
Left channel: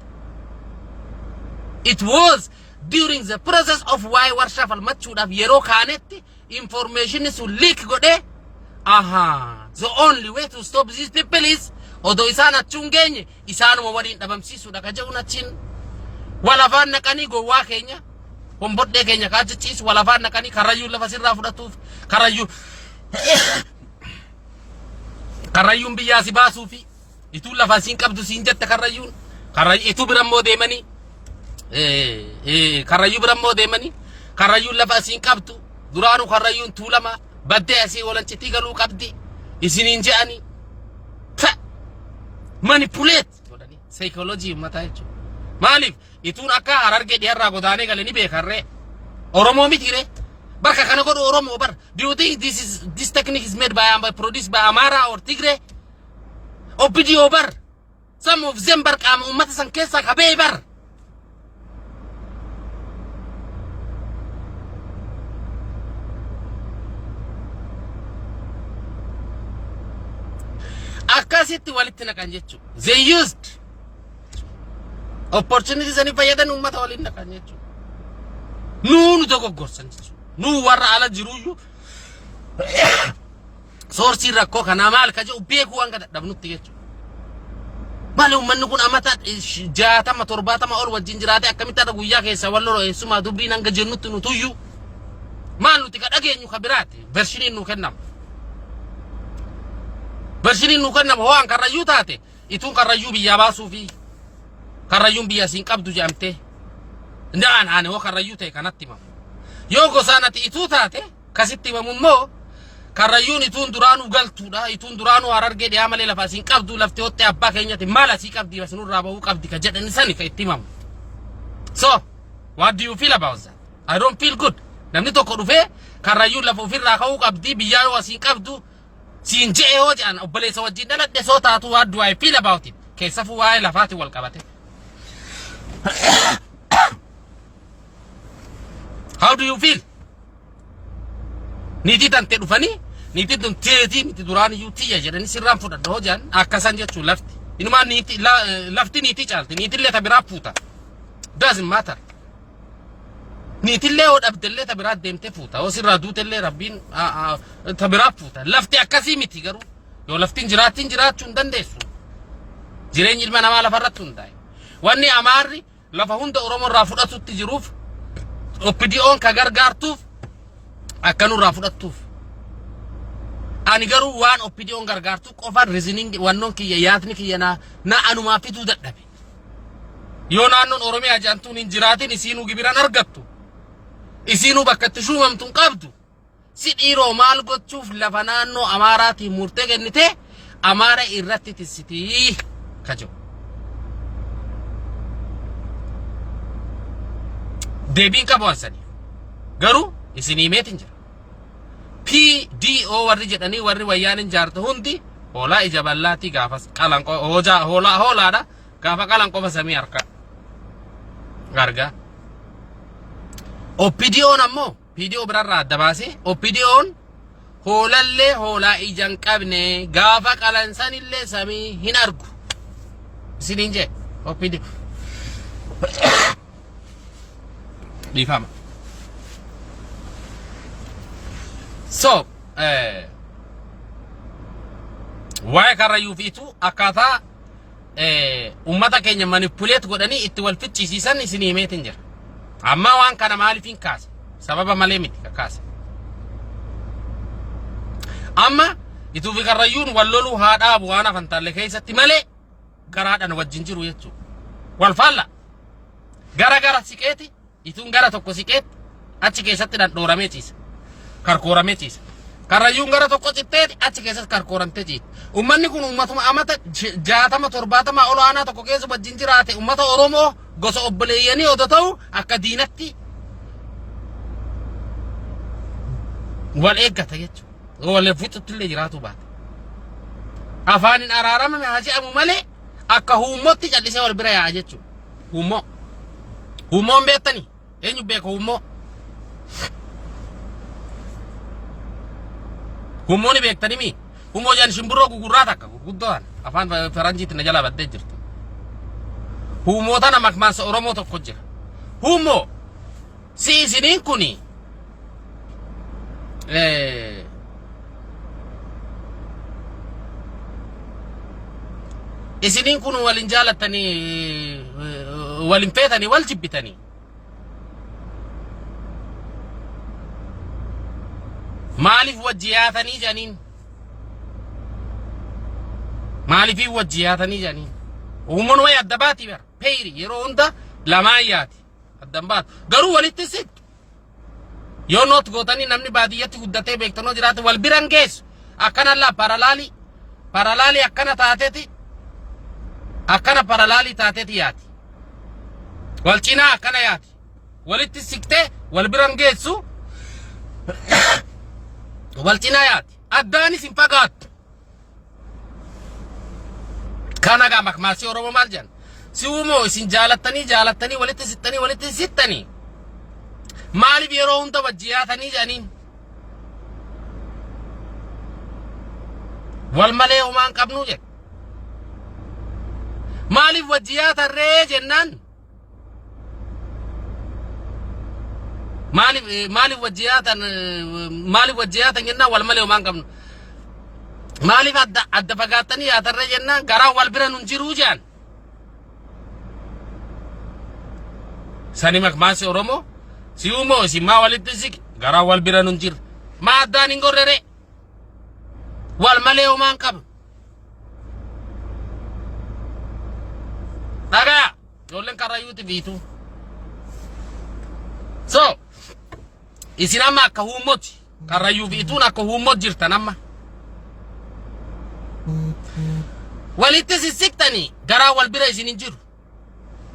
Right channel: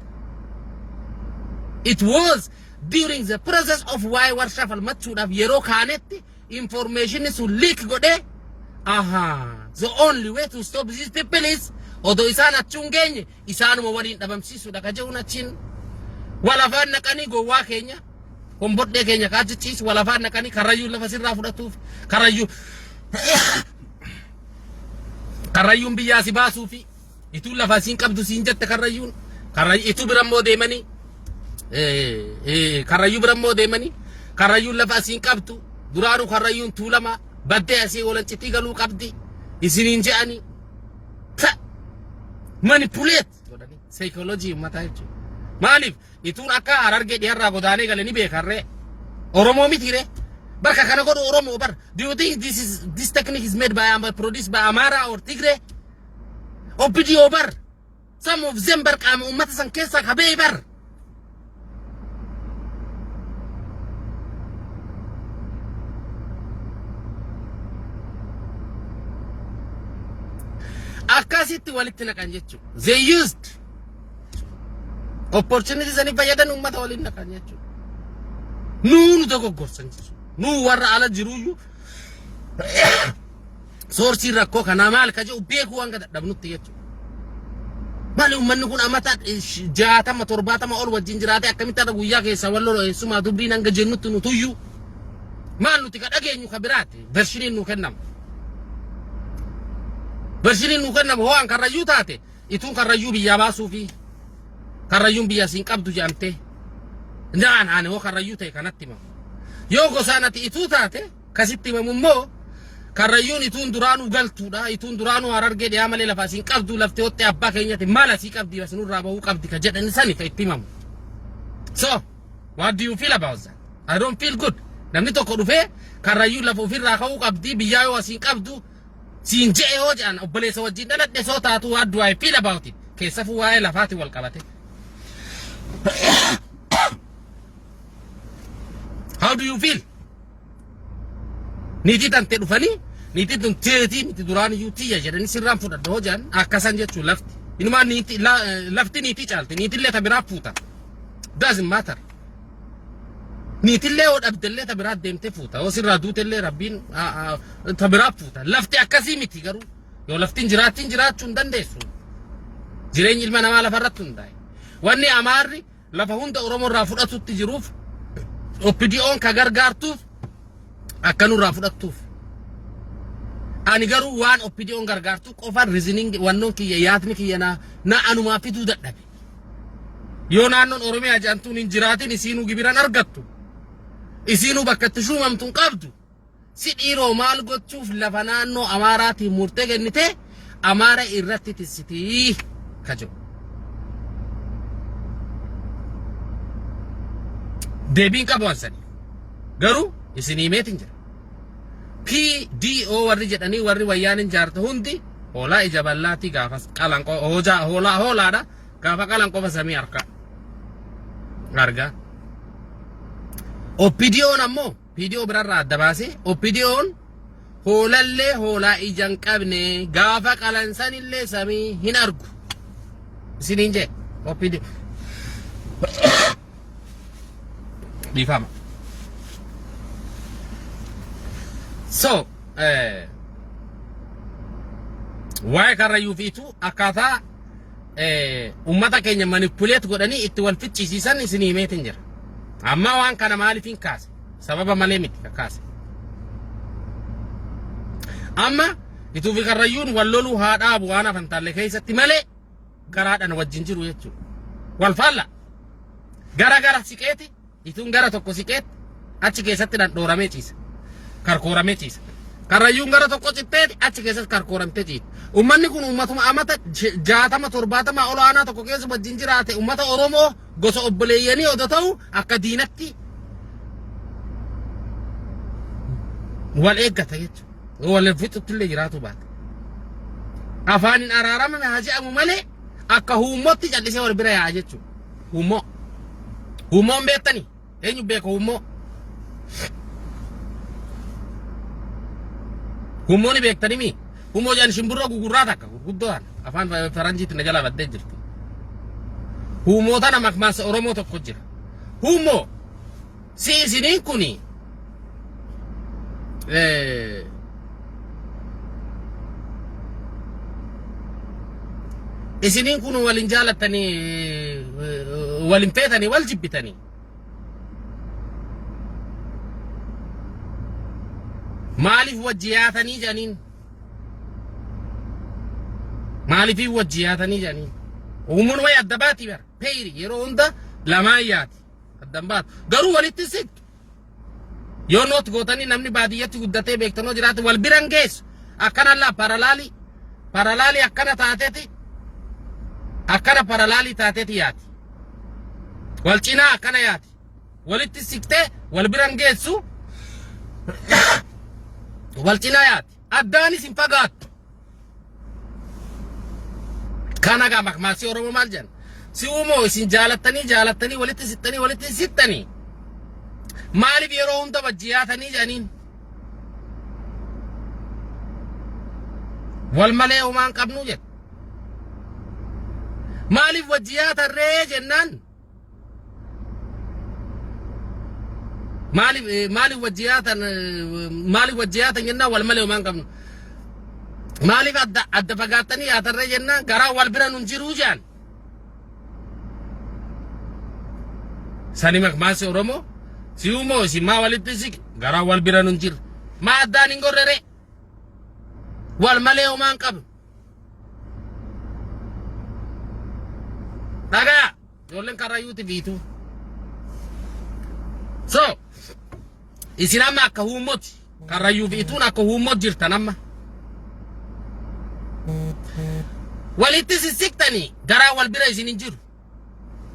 It was during the process of why warshaa falmachuudhaaf yeroo kaanetti information sun leak godhe. Aha. The only way to stop these people is odo isaan achuun geenye isaanuma waliin dhabamsiisuudha ka jechuun achiin walafaan naqanii gowwaa keenya hombodhee keenya kaachichiisu walafaan naqanii karrayyuu lafa sirraa fudhatuuf karrayyuun biyyaa si baasuu fi ituu lafa siin qabdu siin jette karrayyuun ituu birammoo deemanii karrayyuu birammoo deemanii karrayyuun lafa siin qabdu duraanuu karrayyuun tuulama baddee asii walancitii galuu qabdi isiniin je'anii manipulate godhanii psychology ummata jechuudha. Maaliif ituun akka Harargee dhiharraa godaanee gale ni beekarree Oromoo mitire bakka kana godhu Oromoo bar. Do you think this technique is made by produced by Amara or Tigray? OPDO bar. Some of them bar qaama ummata san keessa qabee bar. Akkasitti walitti naqan jechuudha. They used opportunities ani fayyadan ummata waliin naqan jechuudha. Nuunu dogoggorsan jechuudha. Nuu warra ala jiruyyuu soorsiin rakkoo kanaa maal ka jedhu beekuu hanga dadhabnutti jechuudha. Maali ummanni kun amata 60 70 ol wajjin jiraate akkamitti ada guyyaa keessa walloo eessumaa dubbiin hanga jennutti nutuyyuu maal nuti ka dhageenyu ka biraate vershiniin nu kennamu. برشيني نوكنا هو عن كرايو تاتي يتون كرايو بيا باسو في كرايو بيا سين قبضو جامته نعم أنا هو كرايو تي كانت تمام يوكو سانة يتو تاتي كسيت تمام مو كرايو يتون درانو قلتو دا يتون درانو هررجع يعمل لفاسين قبضو لفتو تي أبا كينيا مالا سي قبضي بس نور رابو قبضي كجد إنساني في تمام so what do you feel about that I don't feel good namni tokko dhufe karayu lafu firra ka'u qabdi biyya wasiin qabdu siin je'e hoo jedhan obboleessa wajjin dhaladhe soo taatu what do I feel about it keessafu waa'ee lafaati wal qabate how do you feel niitii tante dhufanii niitii tun teetii miti duraan iyyuu tiyya jedhanii sirraan fudhadha hoo jedhan akkasan jechuun lafti inumaan lafti niitii caalti niitillee ta biraa fuuta doesn't matter niitillee od abdellee tabiraa deemte fuuta oo sirraa duutellee rabbiin tabiraa fuuta lafti akkasii miti garuu yoo laftiin jiraachuu hin dandeessu jireenyi ilma namaa lafarratti hundaa'e wanni amaarri lafa hunda oromoo irraa fudhatutti jiruuf oppidiyoon ka gargaartuuf akkanurraa fudhattuuf ani garuu waan oppidiyoon gargaartu qofa reasoning wannoon kiyya yaadni kiyya na anumaa fituu dadhabe yoo naannoon oromiyaa jaantuun hin jiraatin isiinuu gibiran argattu isiinuu bakka itti shuumamtuun qabdu si dhiiroo maal gochuuf lafa naannoo amaaraatiin murtee kennite amaara irratti tissitii kajo deebiin qabu ansani garuu isinii meetin jira PDO warri jedhanii warri wayyaanin jaarta hundi hoolaa ija bal'aatii gaafas qalanqoo hoolaadha gaafa qalanqoo basamii harka garga oppidiyoon ammoo PDO birarraa adda baase oppidiyoon hoolallee hoolaa ijaan qabne gaafa qalansanillee samii hin argu isiniin jee oppidiyo dhiifama so waa'ee karrayyuu fiitu akkaataa ummata keenya manipuleet godhanii itti wal ficcisiisan isinii himeetin jira amma waan kana maaliifin kaase sababa malee miti kaase amma ituu fi karrayyuun wal loluu haa dhaabu waan afantaalle keessatti malee garaadhaan wajjin jiru jechuudha wal faalla gara siqeeti ituun gara tokko siqeeti achi keessatti dhandhooramee ciisa karkooramee ciisa karrayyuun gara tokko citteeti achi keessatti karkooramtee ciisa ummanni kun ummatuma amata 60-70 ol aanaa tokko keessa wajjin jiraate ummata oromoo gosa obboleeyyanii odoo ta'u akka diinatti wal eeggata jechuudha wal fuuxuttillee jiraatu baate afaanin araaramame haa jedhamu malee akka huummootti callisee wal bira yaa'a jechuudha huummoon beektanii eenyu beeka huummooni beektanii mi huummoo jaan shimbirroo gugurraa takka gurguddoodhaan afaan faranjiitti na jala baddee jirti huummoota nama makmaansa oromoo tokko jira huummoo si isiniin kuni isiniin kun walin jaalattanii walin feetanii wal jibbitanii maaliif wajjiyaatanii janiin maaliif wajjiyaatanii janiin uummanni way adda baati bar peyri yeroo hunda lamaayyaati addan baatu garuu walitti siqtu yoo noot gootanii namni baadiyyatti guddatee beektanoo jiraate wal biran geessu akkana laa paralaali akkana taateeti akkana paralaali taateeti yaati wal cinaa akkana yaati walitti siqtee wal biran geessu wal cinaa yaati addaanis hin fagaattu kana gaa makmaasii oromoo maal jedhan si uumoo isin jaalattanii walitti sittanii maaliif yeroo hunda wajjiyaatanii jedhaniin wal malee homaan qabnuu jedhe maaliif wajjiyaatarree jennaan maaliif wajjiyaatan jennaan wal malee homaan qabnu maaliif adda fagaattanii yaatarree jennaan garaa wal bira nun jiruu jedhan sani makmaasii oromoo si uumoo si maa walitti siqe garaa wal bira nun jirre maa addaan hin gorrere wal malee homaan qabnu Daga ijoolleen karrayyuuti biitu. So isin amma akka huummoti karrayyuu biituun akka huummot jirtan amma. Walitti sissiqtanii garaa wal bira isin hin jiru.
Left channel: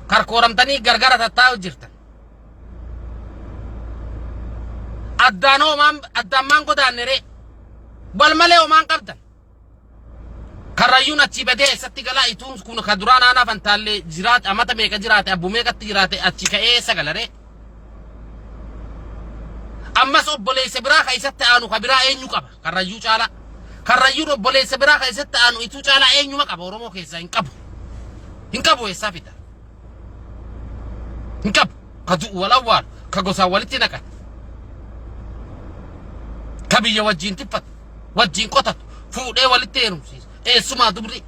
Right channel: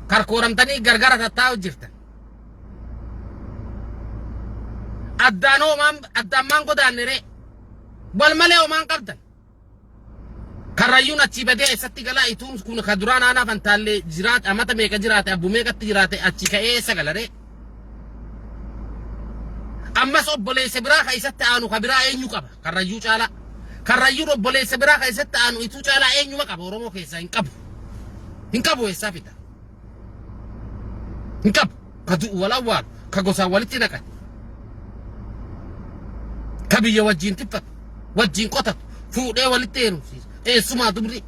Karkooramtanii gargara tattaa'u jirtan. Addaan maan godaannere wal malee homaan qabdan. Karrayyuun achi badee eessatti galaa ituun kun ka duraan aanaa fantaallee jiraate amata meeqa jiraate abbu meeqatti jiraate achi ka'ee eessa galaree. Ammas obboleessa biraa ka isatti aanu ka biraa eenyu qaba karrayyuu caalaa. Karrayyuun obboleessa biraa ka isatti aanu ituu caalaa eenyuma qaba Oromoo keessaa hin qabu. Hin qabu eessaa fida. Hin qabu ka du'u wal awwaalu ka gosaan walitti naqan. Ka biyya wajjin tiffatu wajjin qotatu fuudhee walitti heerumsiisa. Eessumaa dubri.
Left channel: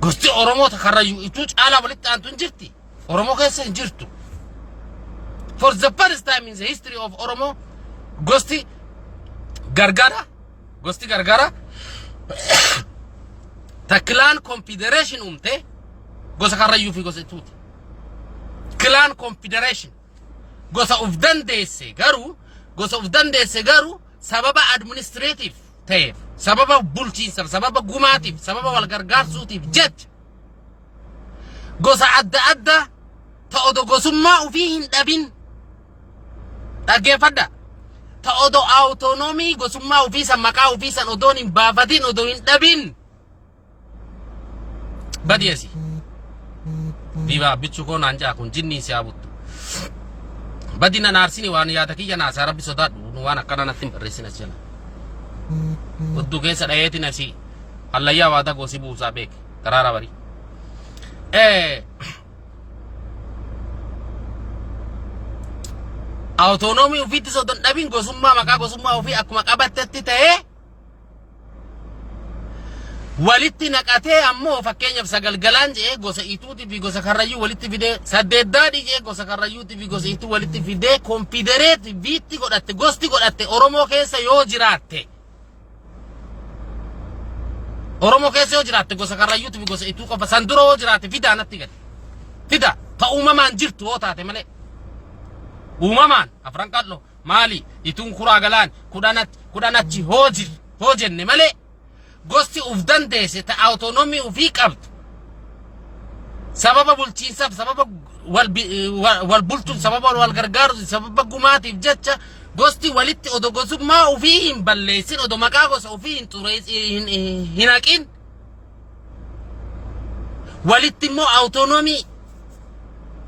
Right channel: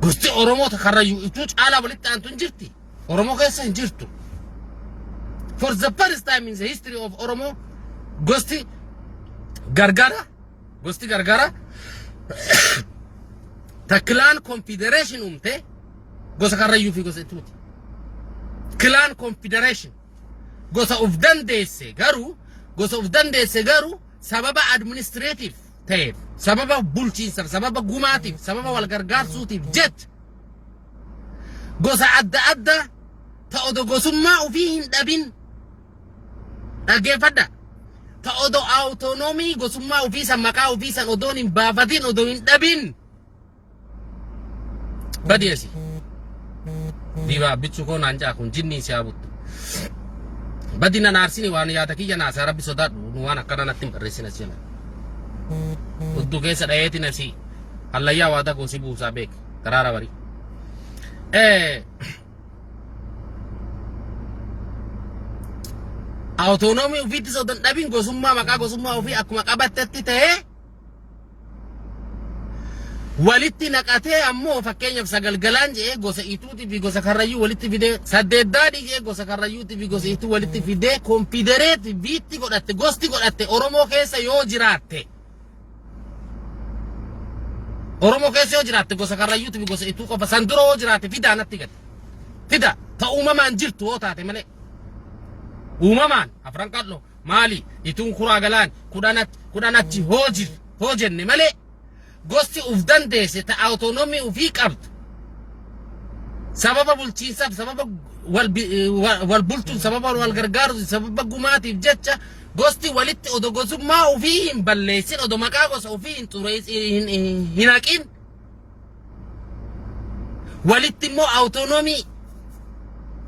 Gosti Oromoota karrayyuu ituu caalaa walitti aantu hin jirti. Oromoo keessa hin jirtu. For the first time in the history of Oromo, gosti gargara, the clan confederation gosa karrayyuu fi gosa ituuti. Clan confederation gosa of dandeesse garuu sababa administrative ta'eef, sababa bulchiinsaaf, sababa gumaatiif, sababa wal gargaarsuutiif jecha gosa adda ta'odo gosummaa ofii hin dhabin. Dhaggeeffadha. Ta'odo autonomii gosummaa ofii san maqaa ofii san odoon hin baafatin odoo hin dhabin. Badiyeesi. Diba bichu ko nanja kun jinni si abuttu. Badina narsini waan yaada kiyya naasa rabbi sodaadhu nu waan akkana natti barreessina jala. Uddu keessa dhayeeti nasi hallayyaa waada gosi buusaa beek karaara bari. Autonomii ofiitti sodan dhabin gosummaa maqaa gosummaa ofii akkuma qabattetti ta'ee walitti naqatee ammoo fakkeenyaaf sagalgalaan jedhee gosa ituutii fi gosa karrayyuu walitti fidee saddeeddaadhii jedhee gosa karrayyuutii fi gosa ituu walitti fidee konfidereeti biitti godhatte gosti godhatte Oromoo keessa yoo jiraatte. Oromoo keessa yoo jiraatte gosa karrayyuutii fi gosa ituu qofa san dura yoo jiraatte fidaa natti gadi. Fida ta uumamaan jirtu yoo taate malee. Uumamaan afran qal'oo maali ituun kuraa galaan kudhanachi hoojenne malee. Gosti uf dandeesse ta autonomii ufii qabdu. Sababa bulchiinsaaf, sababa wal bulchuun, sababa wal gargaaruuf, sababa gumaatiif jecha gosti walitti odo gosummaa ufii hin balleessin, odo maqaa gosa ufii hin haqin. Walitti immoo autonomii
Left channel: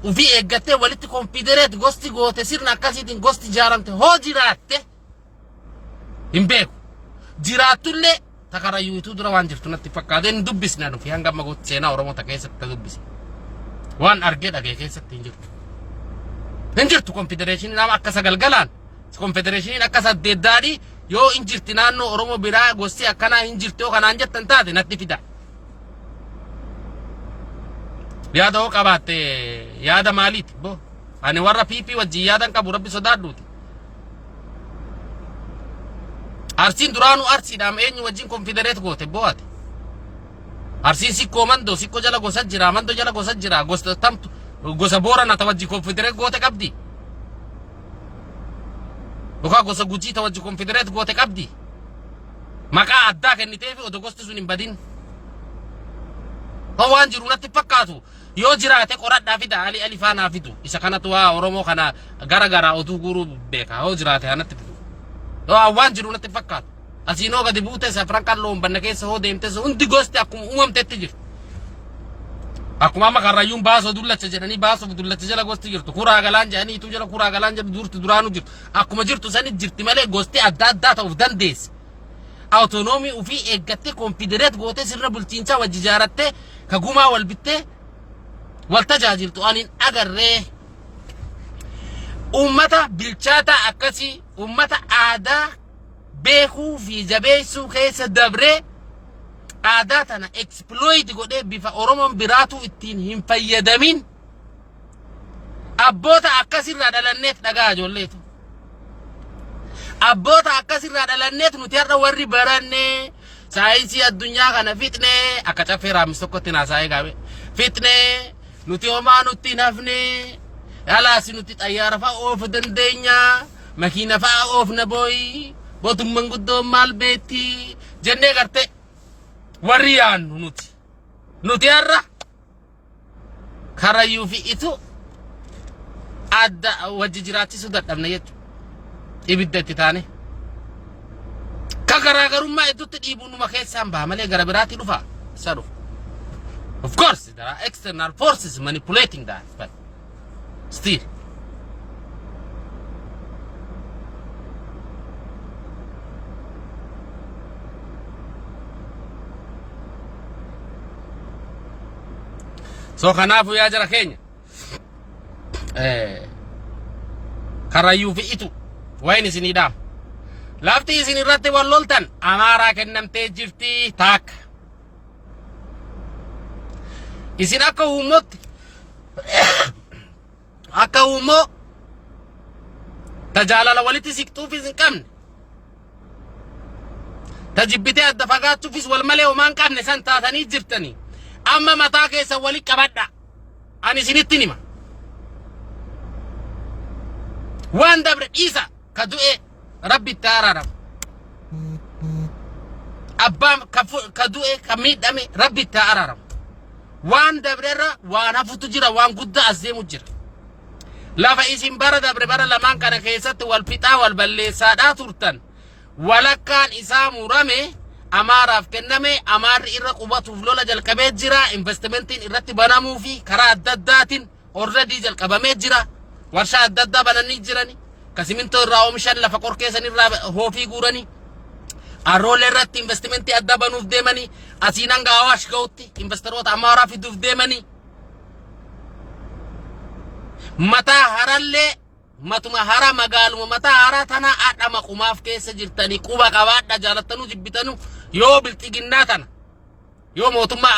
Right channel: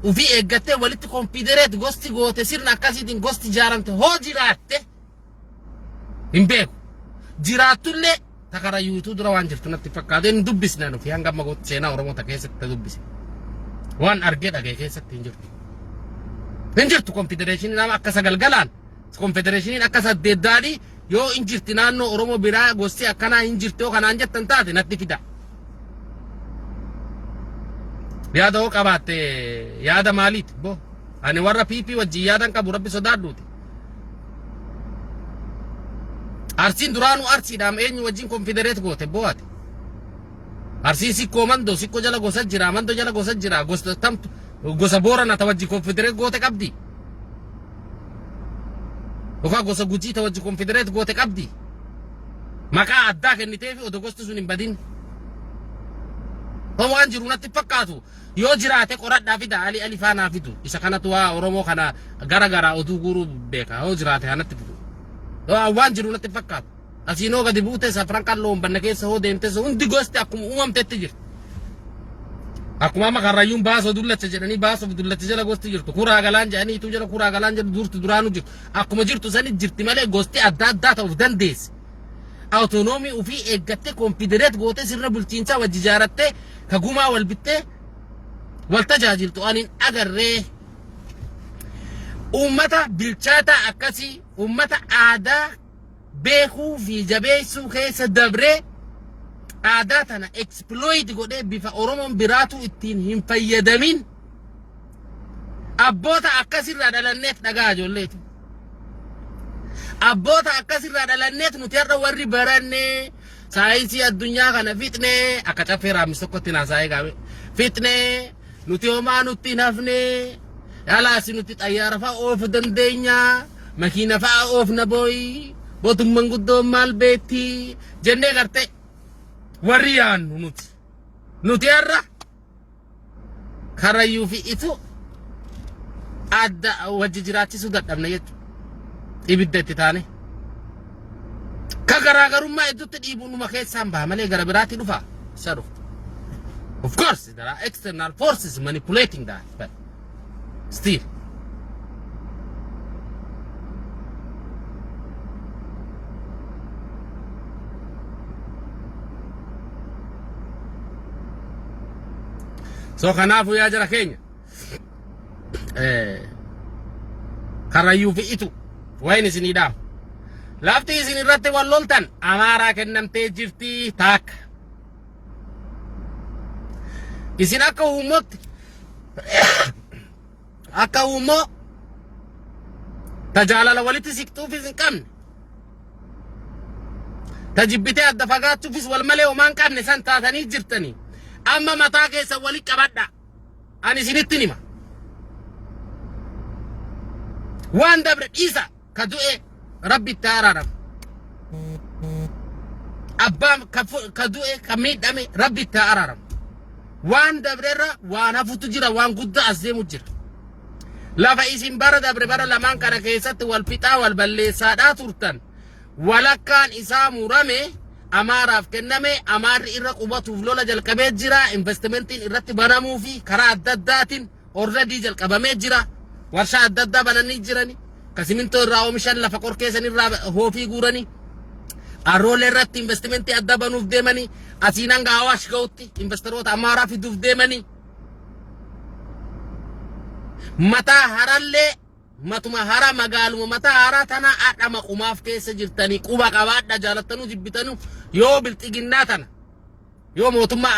ufii eeggattee walitti konfidereet gosti goote sirna akkasiitiin gosti ijaaramte hoo jiraatte hin beeku. Jiraattullee takarayyuutu dura waan jirtu natti fakkaate hin dubbisne nufi hanga amma gootti seenaa Oromoota keessatti dubbise. Waan argee dhagee keessatti hin jirtu. Hin jirtu konfedereeshiniin nama akka sagalgalaan konfedereeshiniin akka saddeeddaadhii yoo hin jirti naannoo Oromoo biraa gosti akkanaa hin jirti yoo kanaan jettan taate natti fida. Yaada hoo qabaatte yaada maaliiti bo? Ani warra PP wajjin yaadan qabu rabbi sodaadhuuti. Arsiin duraanuu arsiidhaam eenyu wajjin konfidereet goote bo'aate. Arsiin sikkoo mandoo sikkoo jala gosa jira mandoo jala gosa jira gosa tamtu gosa boorana ta wajjin konfidereet goote qabdi. Yookaan gosa gujii ta wajjin konfidereet goote qabdi. Maqaa addaa kenniteefi odoo gosti sun hin badin. Waan jiru natti fakkaatu yoo jiraate qoradhaa fida ali faanaa fidu isa kanatu waa Oromoo kana gara oduu guruu beeka yoo jiraate kanatti fidu. Waan jiru natti fakkaatu. Asiinoo gadi buute safran qal'oon banna keessa hoo deemte hundi gosti akkuma uumamtetti jirti. Akkuma amma karrayyuun baasoo dullacha jedhanii baasoo dullacha jala gosti jirtu. Kuraa galaan jedhanii ituu jala kuraa galaan jedhu durti duraanuu jirtu. Akkuma jirtu sani jirti malee gosti adda ta'uuf dandeessi. Autonomii ufii eeggattee konfidereet gootee sirna bulchiinsaa wajji ijaarattee ka gumaa wal bittee wal tajaajiltu anin agarree. Ummata bilchaata akkasii ummata aadaa beekuu fi jabeessuu keessa dabree aadaa tana exploit godhee bifa Oromoon biraatu ittiin hin fayyadamin abboota akkasirraa dhalanneet dhagaa ijoolleetu. Abboota akkasirraa dhalanneet nuti har'a warri barannee saayinsii addunyaa kana fitne akka caffee raamis tokkotti naasaa'ee gaabe fitne nuti homaa nutti hin hafne yalaasi nuti xayyaara fa'a oofu dandeenya makiina fa'a oofna booyi mootummaan guddoon maal beetti jennee gartee warri yaannu nuti har'a Karrayyuu fi itu adda wajji jiraachisuu dadhabna jechuudha. Ibidda itti taane. Ka garaagarummaa hedduutti dhiibuun numa keessaan baha malee gara biraatti dhufa. Isa dhufa. Of course, there are external forces manipulating that, but still. So kanaafuu yaa jara keenya Karrayyuu fi itu wayin isinii dhaam lafti isin irratti wal loltan Amaaraa kennamtee jirti taakka isin akka uummootti akka uummoo tajaalala walitti siqtuufis hin qabne tajibbitee adda fagaachuufis wal malee homaan qabne san taatanii jirtanii amma mataa keessa wali qabadha ani isinitti nima waan dabre dhiisa ka du'e rabbi itti araarama abbaan ka du'e ka miidhame rabbi itti araarama waan dabrerra waan hafutu jira waan guddaa as deemu jira lafa isin bara dabre bara lamaan kana keessatti wal fixaa wal balleessaadhaa turtan walakkaan isaa murame Amaaraaf kenname Amaarri irra qubatuuf lola jalqabee jira investmentiin irratti banamuu fi karaa adda addaatiin already jalqabamee jira warshaa adda addaa bananii jirani kasimintoo irraa oomishan lafa qorkeessan irraa hoofii guuranii arroolee irratti investmentii adda banuuf deemanii asiin hanga Awaash ga'utti investoroota Amaaraa fiduuf deemanii mataa harallee matuma hara magaaluma mataa hara tana adhama qumaaf keessa jirtanii quba qabaadha jaalattanuu jibbitanu yoo bilxiginnaa tana yoo mootummaa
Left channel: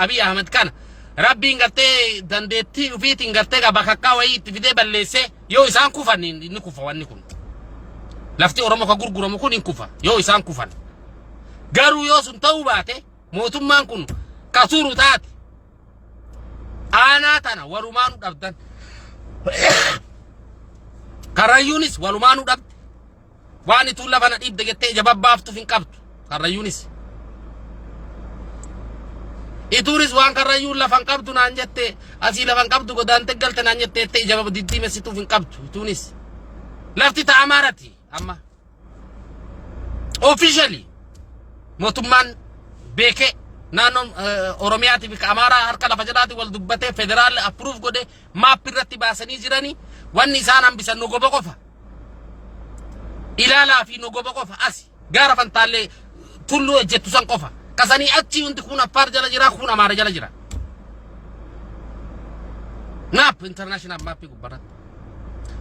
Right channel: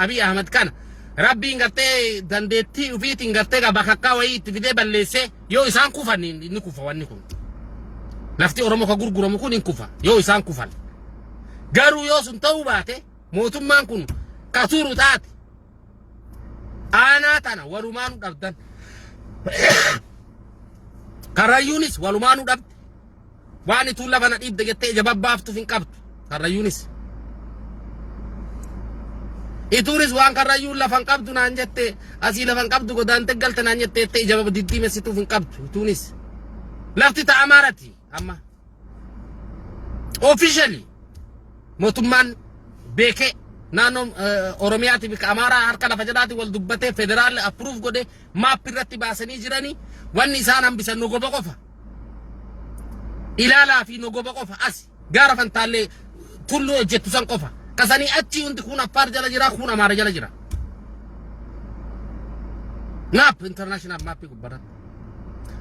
Abiy Ahmed kana rabbiin gartee dandeettii ufiitiin gartee bakakkaa wayii itti fidee balleessee yoo isaan kufan inni kufa wanni kun lafti Oromoo ka gurguramu kun hin kufa yoo isaan kufan garuu yoo sun ta'uu baate mootummaan kun kasuru taate aanaa tana walumaanu dhabdan Karrayyuunis walumaanu dhabde waan itu lafana dhiibde jettee jababbaaftuuf hin qabdu Karrayyuunis ituunis waan Karrayyuun lafan qabdu naan jette asii lafan qabdu godaante galte naan jette ijaba diddiimessituuf hin qabdu ituunis lafti ta Amaarati amma officially mootummaan beekee naannoo Oromiyaati bika Amaaraa harka lafa jalaati wal dubbatee federaal approve godhe maap irratti baasanii jiranii wanni isaan hambisan nogoba qofa ilaalaa fi nogoba qofa as gaara fantaallee tulluu ejjettu san qofa kasanii achi hundi kun Affaar jala jira kun Amaara jala jira naap international maappii gubbarratti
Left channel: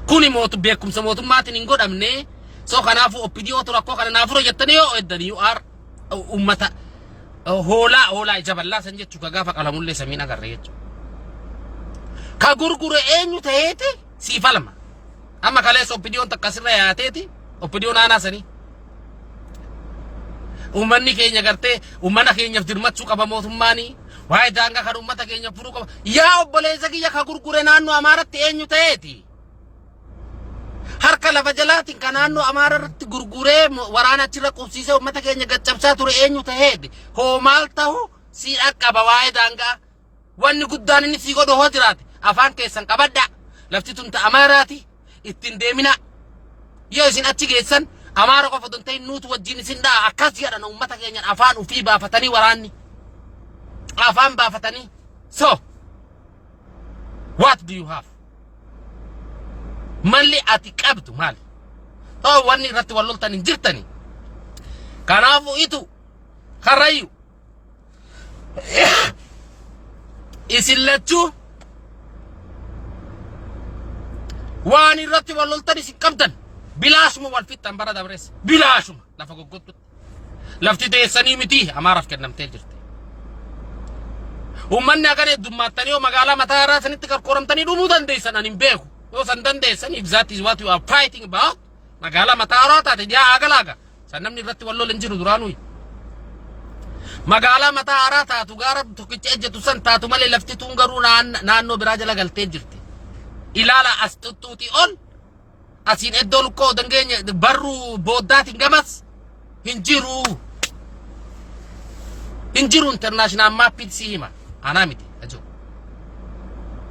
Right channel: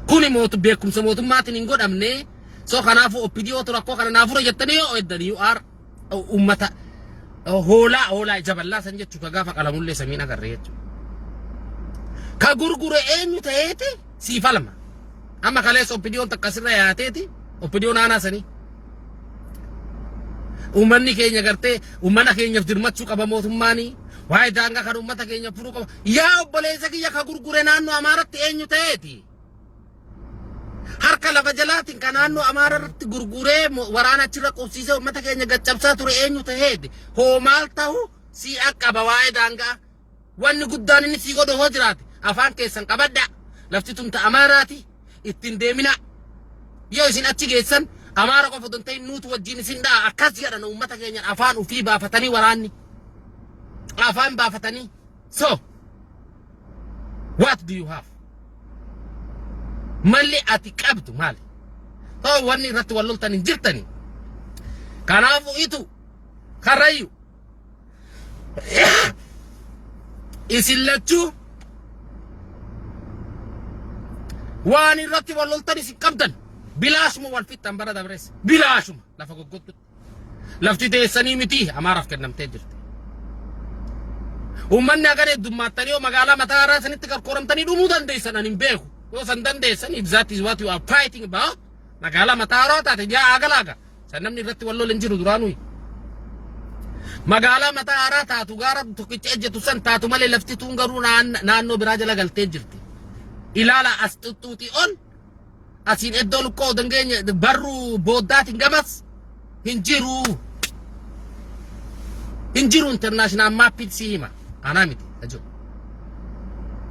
kuni beekumsa mootummaatiin hin godhamne so kanaafu opidiyootu rakkoo kana naafura jettanii yoo eddanii yoo aar ummata hoolaa jaballaa san jechuu ka gaafa qalamullee samiin agarre jechuu ka gurgure eenyu ta'eeti siifalma amma kaleessa opidiyoon takkasirra yaateeti opidiyoon aanaa sanii ummanni keenya gartee ummana keenyaaf dirmachuu qaba mootummaanii waa'ee daangaa kan ummata keenya furuu qaba yaa obboleessa kiyya ka gurgure naannoo Amaaratti eenyu ta'eeti harka lafa jalaatiin kan naannoo Amaarratti gurguree waraana achirra qubsiisee ummata keenya gaccabsaa ture eenyu ta'eeti hoo maal ta'u si akkaba waa'ee daangaa wanni guddaan inni si godhu hoo jiraate afaan keessan qabadda lafti tun ta Amaaraati ittiin deemina yoo isin achi geessan Amaara qofa don ta'in nuutu wajjin isin dhaa akkas jedhan ummata keenyan afaan ufii baafatanii waraanni afaan baafatanii so what do you have malli ati qabdu maali oo wanni irratti wal loltan hin jirtani kanaafu itu Karrayyuu isin lachuu waan irratti wal loltan isin qabdan bilaashuma wal fixxan bara dabreessa bilaashuma lafa goggottutti lafti teessanii miti Amaaraaf kennamtee jirti ummanni agar heddummaattanii yoo magaalaa mataa haaraa sanitti qarqooramtanii dhumuu dandeessan ani hin beeku yoo san dandeessan if that is what you are fighting about magaalaa mataa haaraa taate jaa agalaaga san namni irratti wal lolan jiru duraanuu magaalaa mataa haaraa taatu gaara tokkicha ejjetu san taatu malee lafti tuun garuu naannoo biraa jala galtee jirti. Ilaala as tuttuuti ol asiin iddoo lukkoo dangeenya barruu booddaatiin gamas hin jiru international mappit si hima anaa miti ajo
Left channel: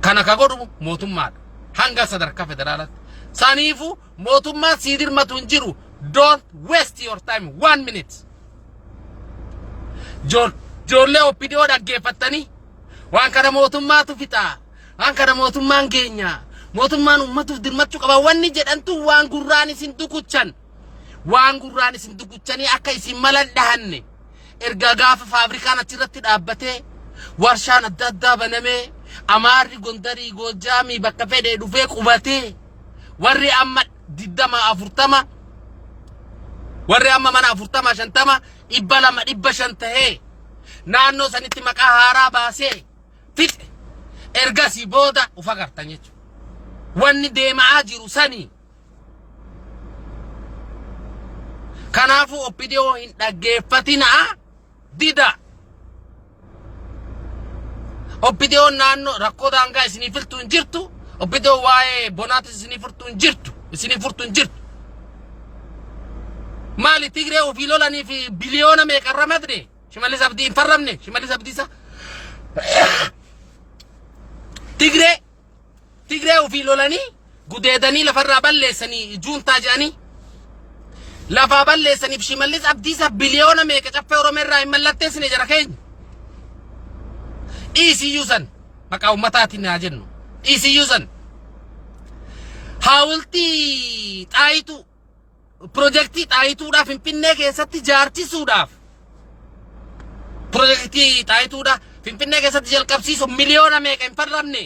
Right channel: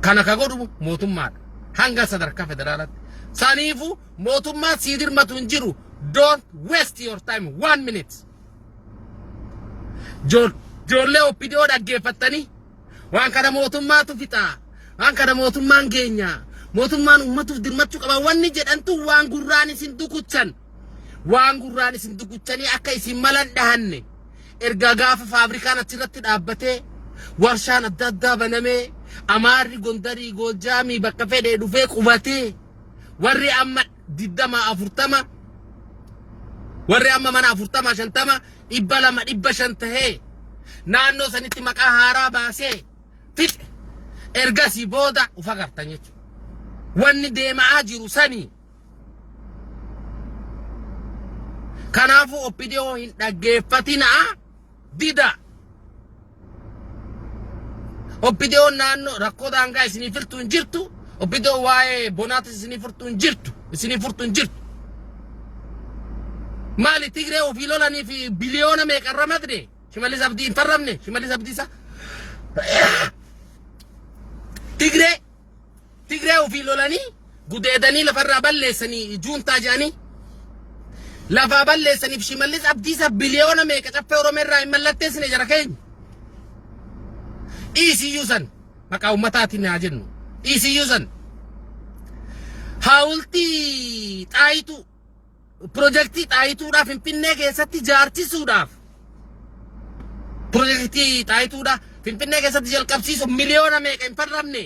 kana ka godhu mootummaadha hanga sadarkaa federaalatti saniifu mootummaa sii dirmatu hin jiru. Don't waste your time 1 minute. Jolle oppidio dhaggeeffattanii waan kana mootummaatu fixaa waan kana mootummaan keenya mootummaan ummatuuf dirmachuu qaba wanni jedhantu waan gurraan isin dukuchanii akka isin malan dhahanne erga gaafa faabrikaan achirratti dhaabbatee warshaan adda addaa banamee Amaarri Gondarii Goojaamii bakka fedhee dhufee qubatee warri amma 40 warri amma mana 40 50 200 tahee naannoo sanitti maqaa haaraa baasee fixe ergasii booda ufa gartan jechuudha. Wanni deemaa jiru sanii. Kanaafuu oppidio hin dhaggeeffatinaa dida. Oppidio naannoo rakkoo daangaa isinii furtu hin jirtu. Oppidio waa'ee bonaata isinii furtu hin jirtu. Maali Tigree ofii lolanii fi biliyoona meeqarra madre Shimallis Abdii hin farramne Shimallis Abdiisa Tigree ofii lolanii gudeedanii lafarraa balleessanii juuntaa jedhanii lafaa balleessaniif Shimallis Abdiisa biliyoona meeqa caffee Oromeerraa hin mallatteessine jara keenya dhiisiyyuu san maqaa ummataatiin haa jennu dhiisiyyuu san haawultii xaayituu Projektii xaayituudhaaf Finfinnee keessatti jaarchisuudhaaf projektii xaayituudhaaf Finfinnee keessatti jalqabsiisu miliyoona meeqa hin farramne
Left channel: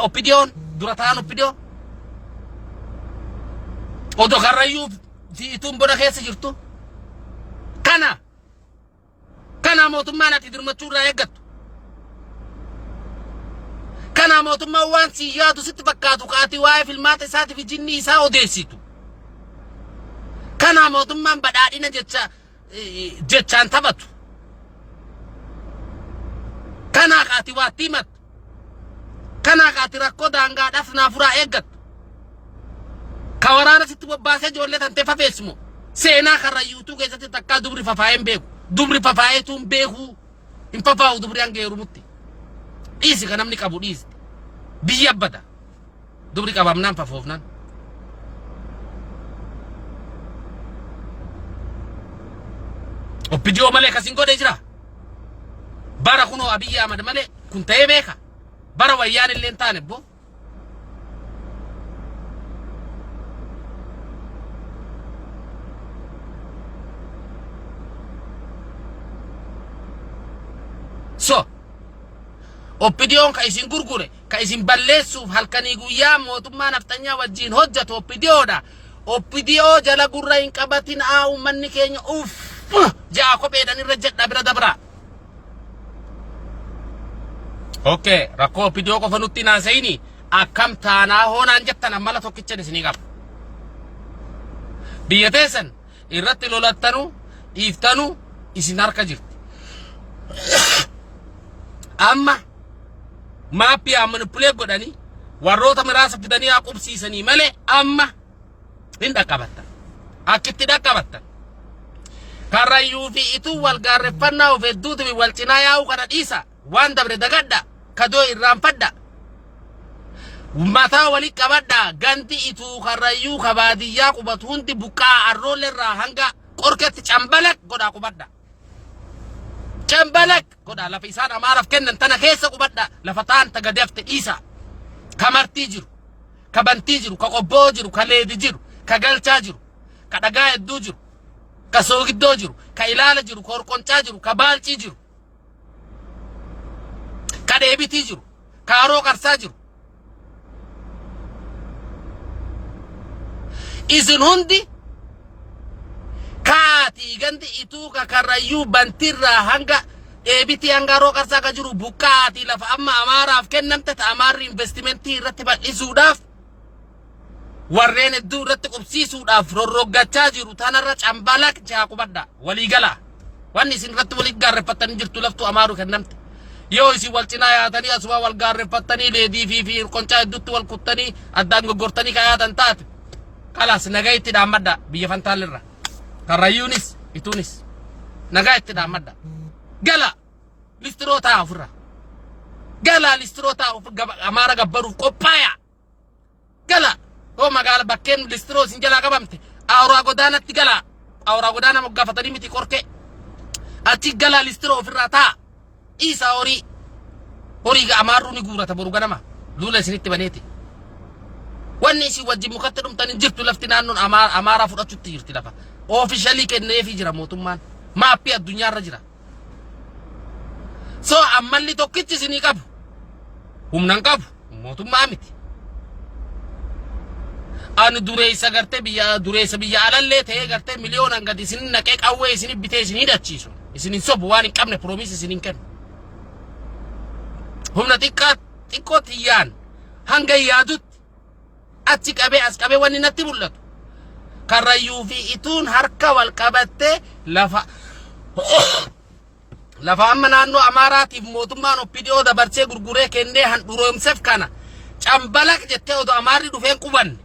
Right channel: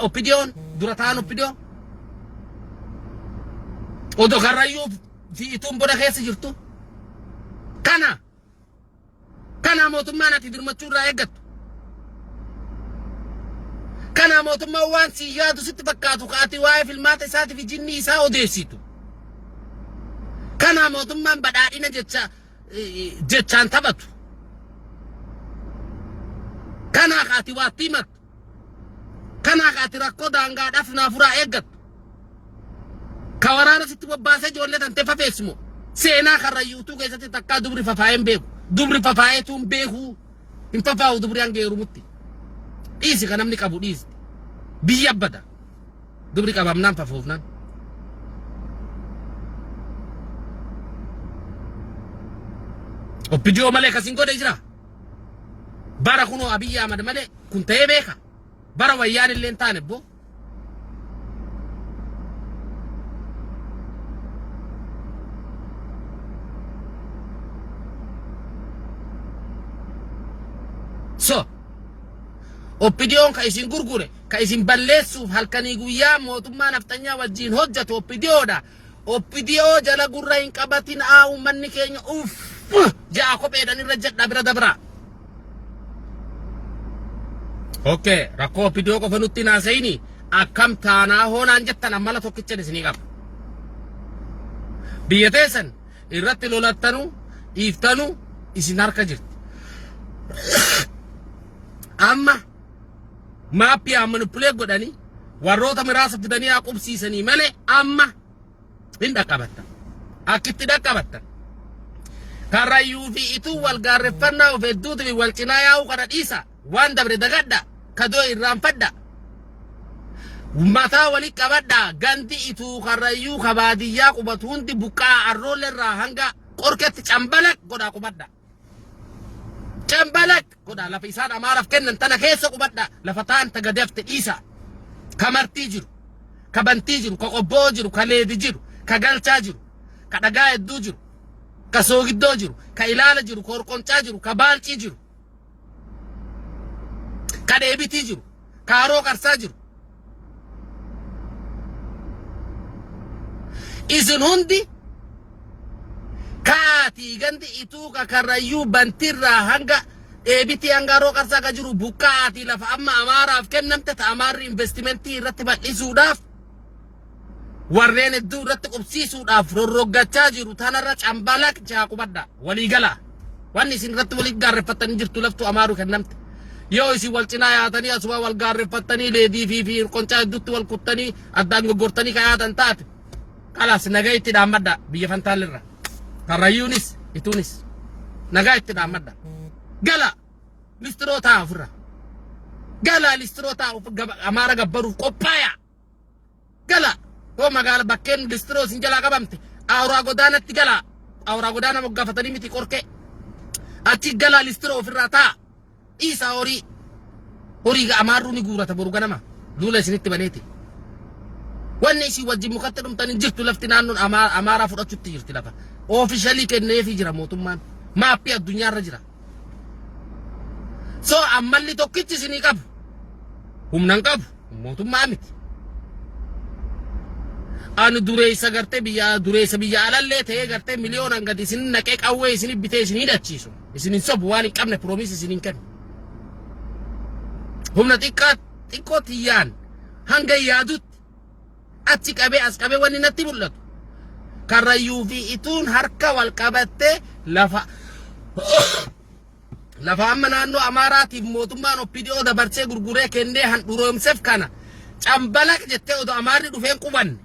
oppidiyoon dura ta'an oppidiyo odoo karrayyuu ituun bona keessa jirtu kana mootummaan ati dirmachuurraa eeggattu kana mootummaan waan si yaadu sitti fakkaatu kaati waa'ee filmaata isaatiif jinni isaa odeessitu. Kana mootummaan badhaadhina jechaan taphatu. Kana kaati waatti himatu. Kana kaati rakkoo daangaadhaaf naafuraa eeggattu. Ka waraana sitti bobbaasee ijoollee tantee fafeessimu. Seenaa karrayyuutuu keessatti takkaa dubri fafaa'een beeku. Dubri fafaa'eetuun beeku. Hin fafaa'u dubri hanga heerumutti. Dhiisi kan namni qabu dhiisi. Biyya abbada. Dubri qabamnaan fafoofnaan. Oppidio malee kasin godhe jira. Bara kunoo Abiyyi Ahmad malee kun ta'ee beeka. Bara wayyaan illee hin taane boo. So oppidiyoon ka isin gurgure ka isin balleessuuf halkanii guyyaa mootummaa naftanyaa wajjin hojjatu oppidiyoodha. Oppidiyoo jala gurra hin qabatin uummanni keenya jaa kopheedhaan irra jedha bira dabra. Okay, rakkoo Oppidiyoo qofa nutti naasayini akkam taanaa hoonaan jettan ammala tokkicha isinii qaba. Biyya teessan irratti lolattanu dhiiftanu isin harka jirti. Amma maappii manipulee godhanii warroota miraasa fidanii aqubsiisanii malee amma hin dhaqqabattan. Akkitti dhaqqabattan. Karrayyuu fi ituu wal gaarreffannaa of hedduuti wal cinaa yaa'uu kana dhiisa. Waan dabre dagadha. Kadoo irraanfadha. Mataa wali qabadha. Ganti ituu karrayyuu kabaadiyyaa qubatu hundi buqqaa arroollerraa hanga qorketti cambalak godhaa qubadha. Cambalak godhaa lafa isaan amaaraaf kennan tana keessa qubadha. Lafa taan tagadefte dhiisa. Ka martii jiru. Ka bantii jiru. Ka qobboo jiru. Ka leedi jiru. Ka galchaa jiru. Ka dhagaa hedduu jiru. Ka soogiddoo jiru. Ka ilaala jiru. Ka horqoncaa jiru. Ka baalcii jiru. Ka deebitii jiru. Ka haroo qarsaa jiru. Isin hundi kaati ganti ituu ka karrayyuu bantirraa hanga deebitii hanga haroo qarsaa ka jiru buqqaati lafa amma amaaraaf kennamte ta amaarri investimentii irratti bal'isuudhaaf warreen hedduu irratti qubsiisuudhaaf rorroggachaa jiru tanarra cambalak jaaqubadha waliigala Wanni isin irratti walitti gaarreeffattanii jirtu laftu amaaruu kennamte. Yoo isin wal cinaa yaatanii asuma wal gaarreeffattanii leedii fi qoncaa hedduutti wal kuttanii addaan goggortanii kayaatan taate. Kalaas nagaa itti dhaammadda biyya Fantaalirra. Karrayyuunis ituunis nagaa itti dhaammadda. Gala listiroo ta'a ofirra. Gala listiroo ta'a amaara gabbaruuf qophaaya. Gala oo magaala bakkeen listiroo isin jalaa qabamte awuraa godaanatti gala. Awuraa godaana moggaafatanii miti qorqee. Achi gala listiroo ofirraa ta'a. Isa horii amaaruu ni guurata boru ganama lula isinitti baneeti. Wanni isin wajjin mukatti dhumtanii jirtu lafti naannoon amaaraa fudhachuutti jirti lafa. Officially kenneefii jira mootummaan. Maappii addunyaarra jira. So ammalli tokkichi isinii qabu. Humnan qabu mootummaa miti. Ani dureessa gartee biyya alallee ta'ee gartee miliyoonaan gadi isin naqee qawwee isin bitee isin hidhachiisu. Isin sobu waan hin qabne promise isin hin kennu. Humna xiqqoo tiyyaan hanga yaadutti achi qabee as qabee wanni natti mul'atu. Karrayyuu fi ituun harka wal qabattee lafa amma naannoo Amaaraatiif mootummaan OPDO dabarsee gurguree kennee handhuroomseef kana cambalaq jettee odoo Amaarri dhufeen qubanne.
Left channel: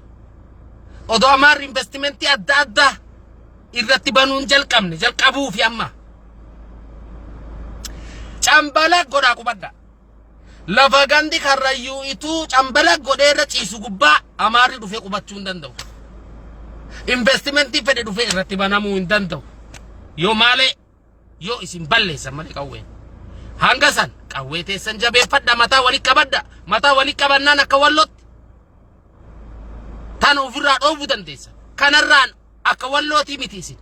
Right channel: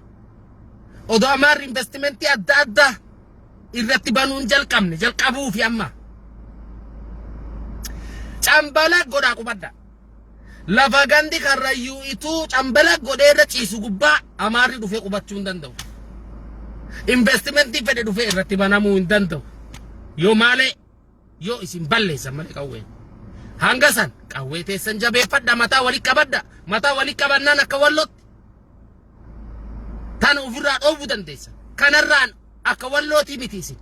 Odoo Amaarri investimentii adda addaa irratti banuun jalqabuu fi amma. Cambalaq godhaa qubadda. Lafa gandi karrayyuu ituu cambalaq godheerra ciisu gubbaa Amaarri dhufee qubachuu hin danda'u. Investimentii fedhe dhufee irratti banamuu hin danda'u. Yoo maalee yoo isin balleessan malee qawwee. Hanga san qawwee teessan jabeeffadha mataa walitti qabadda. Mataa walitti qabannaan akka wallootti. Tana ofirraa dhoowwuu dandeessa. Kanarraan akka wallootii miti isin.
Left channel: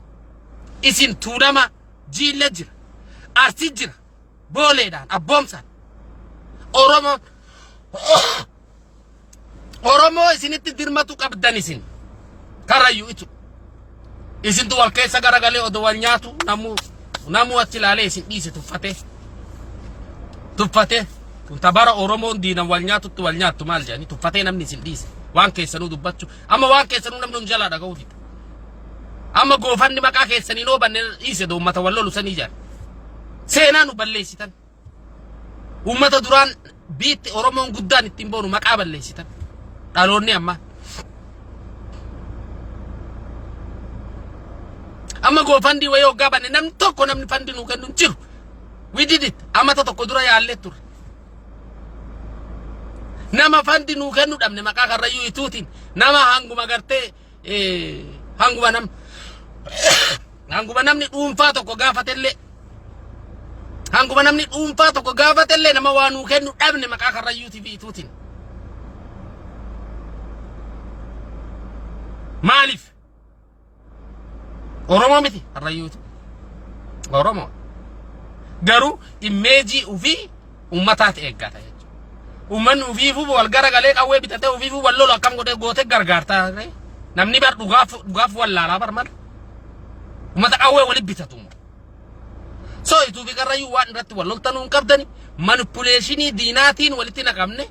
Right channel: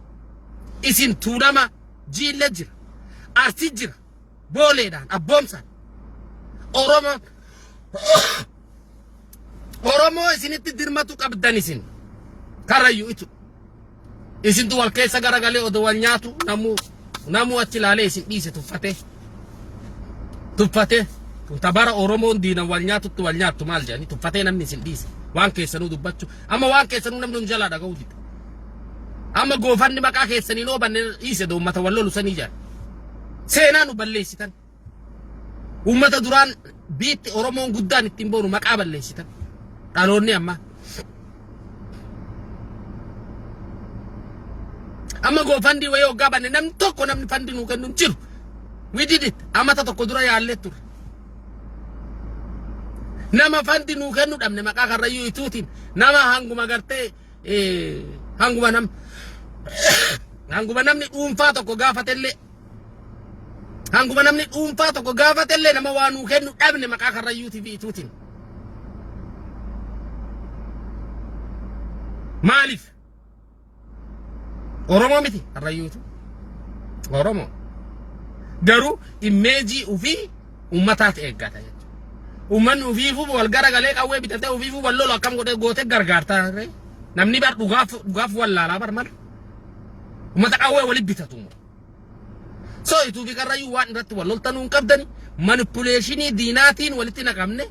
Isin tuulama jiille jira. Arsii jira. Booleedhaan abboomsaan. Oromoo isinitti dirmatu qabdan isin. Karrayyuu itu. Isintu wal keessa garagalee odoo wal nyaatu namuu achi ilaalee isin dhiise tuffatee. Tabara Oromoon diinan wal nyaatutti wal nyaattu maal jedhanii tuffatee namni isin dhiise. Waan keessanuu dubbachuu. Amma waan keessanuu namni jalaa dhaga'uu dida. Amma goofanni maqaa keessanii noo banne dhiise uummata wal lolu sanii jira. Seenaa nu balleessitan. Uummata duraan biitti Oromoon guddaan ittiin boonu maqaa balleessitan. Dhaloonni amma. Amma goofandi wayii hoggaa banne namni tokko namni fandi nuu kennu hin jiru. We did it. Amata tokko dura yaallee ture. Nama fandi nuu kennu dhabne maqaa karrayyuu ituutiin nama hanguma gartee hanguma namni dhuunfaa tokko gaafatellee. Hanguma namni dhuunfaa tokko gaafatellee nama waa nuu kennu dhabne maqaa karrayyuutii fi ituutiin. Maaliif? Oromoo miti karrayyuutu. Oromoo. Garuu imeejii ofii uummataati eeggata jechuudha. Uummanni ofiifuu wal garagalee qawwee bitatee ofiifuu wal lolu akkam godhee gootee gargaartaa. Namni bar dhugaaf wallaalaa bar mala. Uummata qawwee walitti bitatu. So ituu fi karrayyuu waan irratti wal loltanuu hin qabdani. Manipuleeshinii diinaatiin walitti naqamne.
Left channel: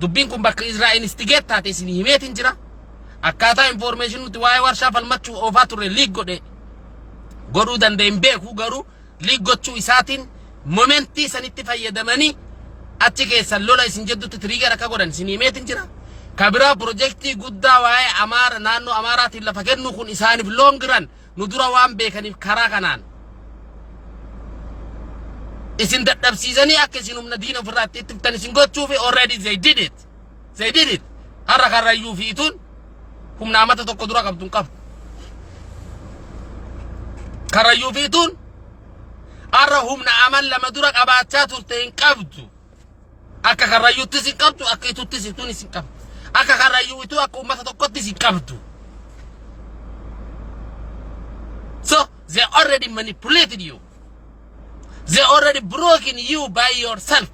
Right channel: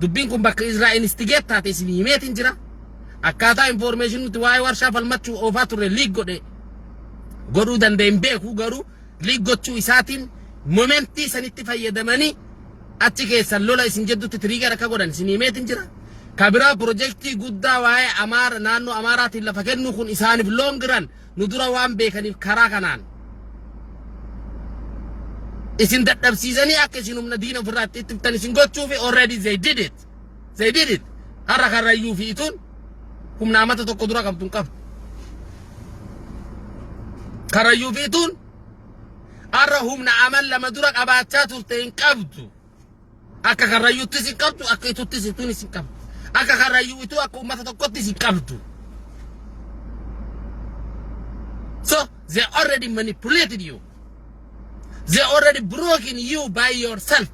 Dubbiin kun bakka Israa'el instigeet taate isin himeetiin jira. Akkaataa information nuti waa'ee warshaa falmachuu oofaa turre liig godhuu danda'in beeku garuu liig gochuu isaatiin momentii sanitti fayyadamanii achi keessan lola isin jedhutti trigger akka godhan isin himeetiin jira. Kabiraa projektii guddaa waa'ee Amaara naannoo Amaaraatiin lafa kennu kun isaaniif loongiran nu dura waan beekaniif karaa kanaan. Isin dadhabsiisanii akka isin humna diina ofirraa itti ittiftan isin gochuufi already they did it. Har'a karrayyuu fi ituun humna amata tokko dura qabdu hin qabdu. Karrayyuu fi ituun har'a humna amal lama dura qabaachaa turte hin qabdu. Akka karrayyuuttis hin qabdu akka ituuttis ituunis hin qabdu. Akka karrayyuu ituu akka ummata tokkottis hin qabdu. So they already manipulated you. They already broken you by yourself.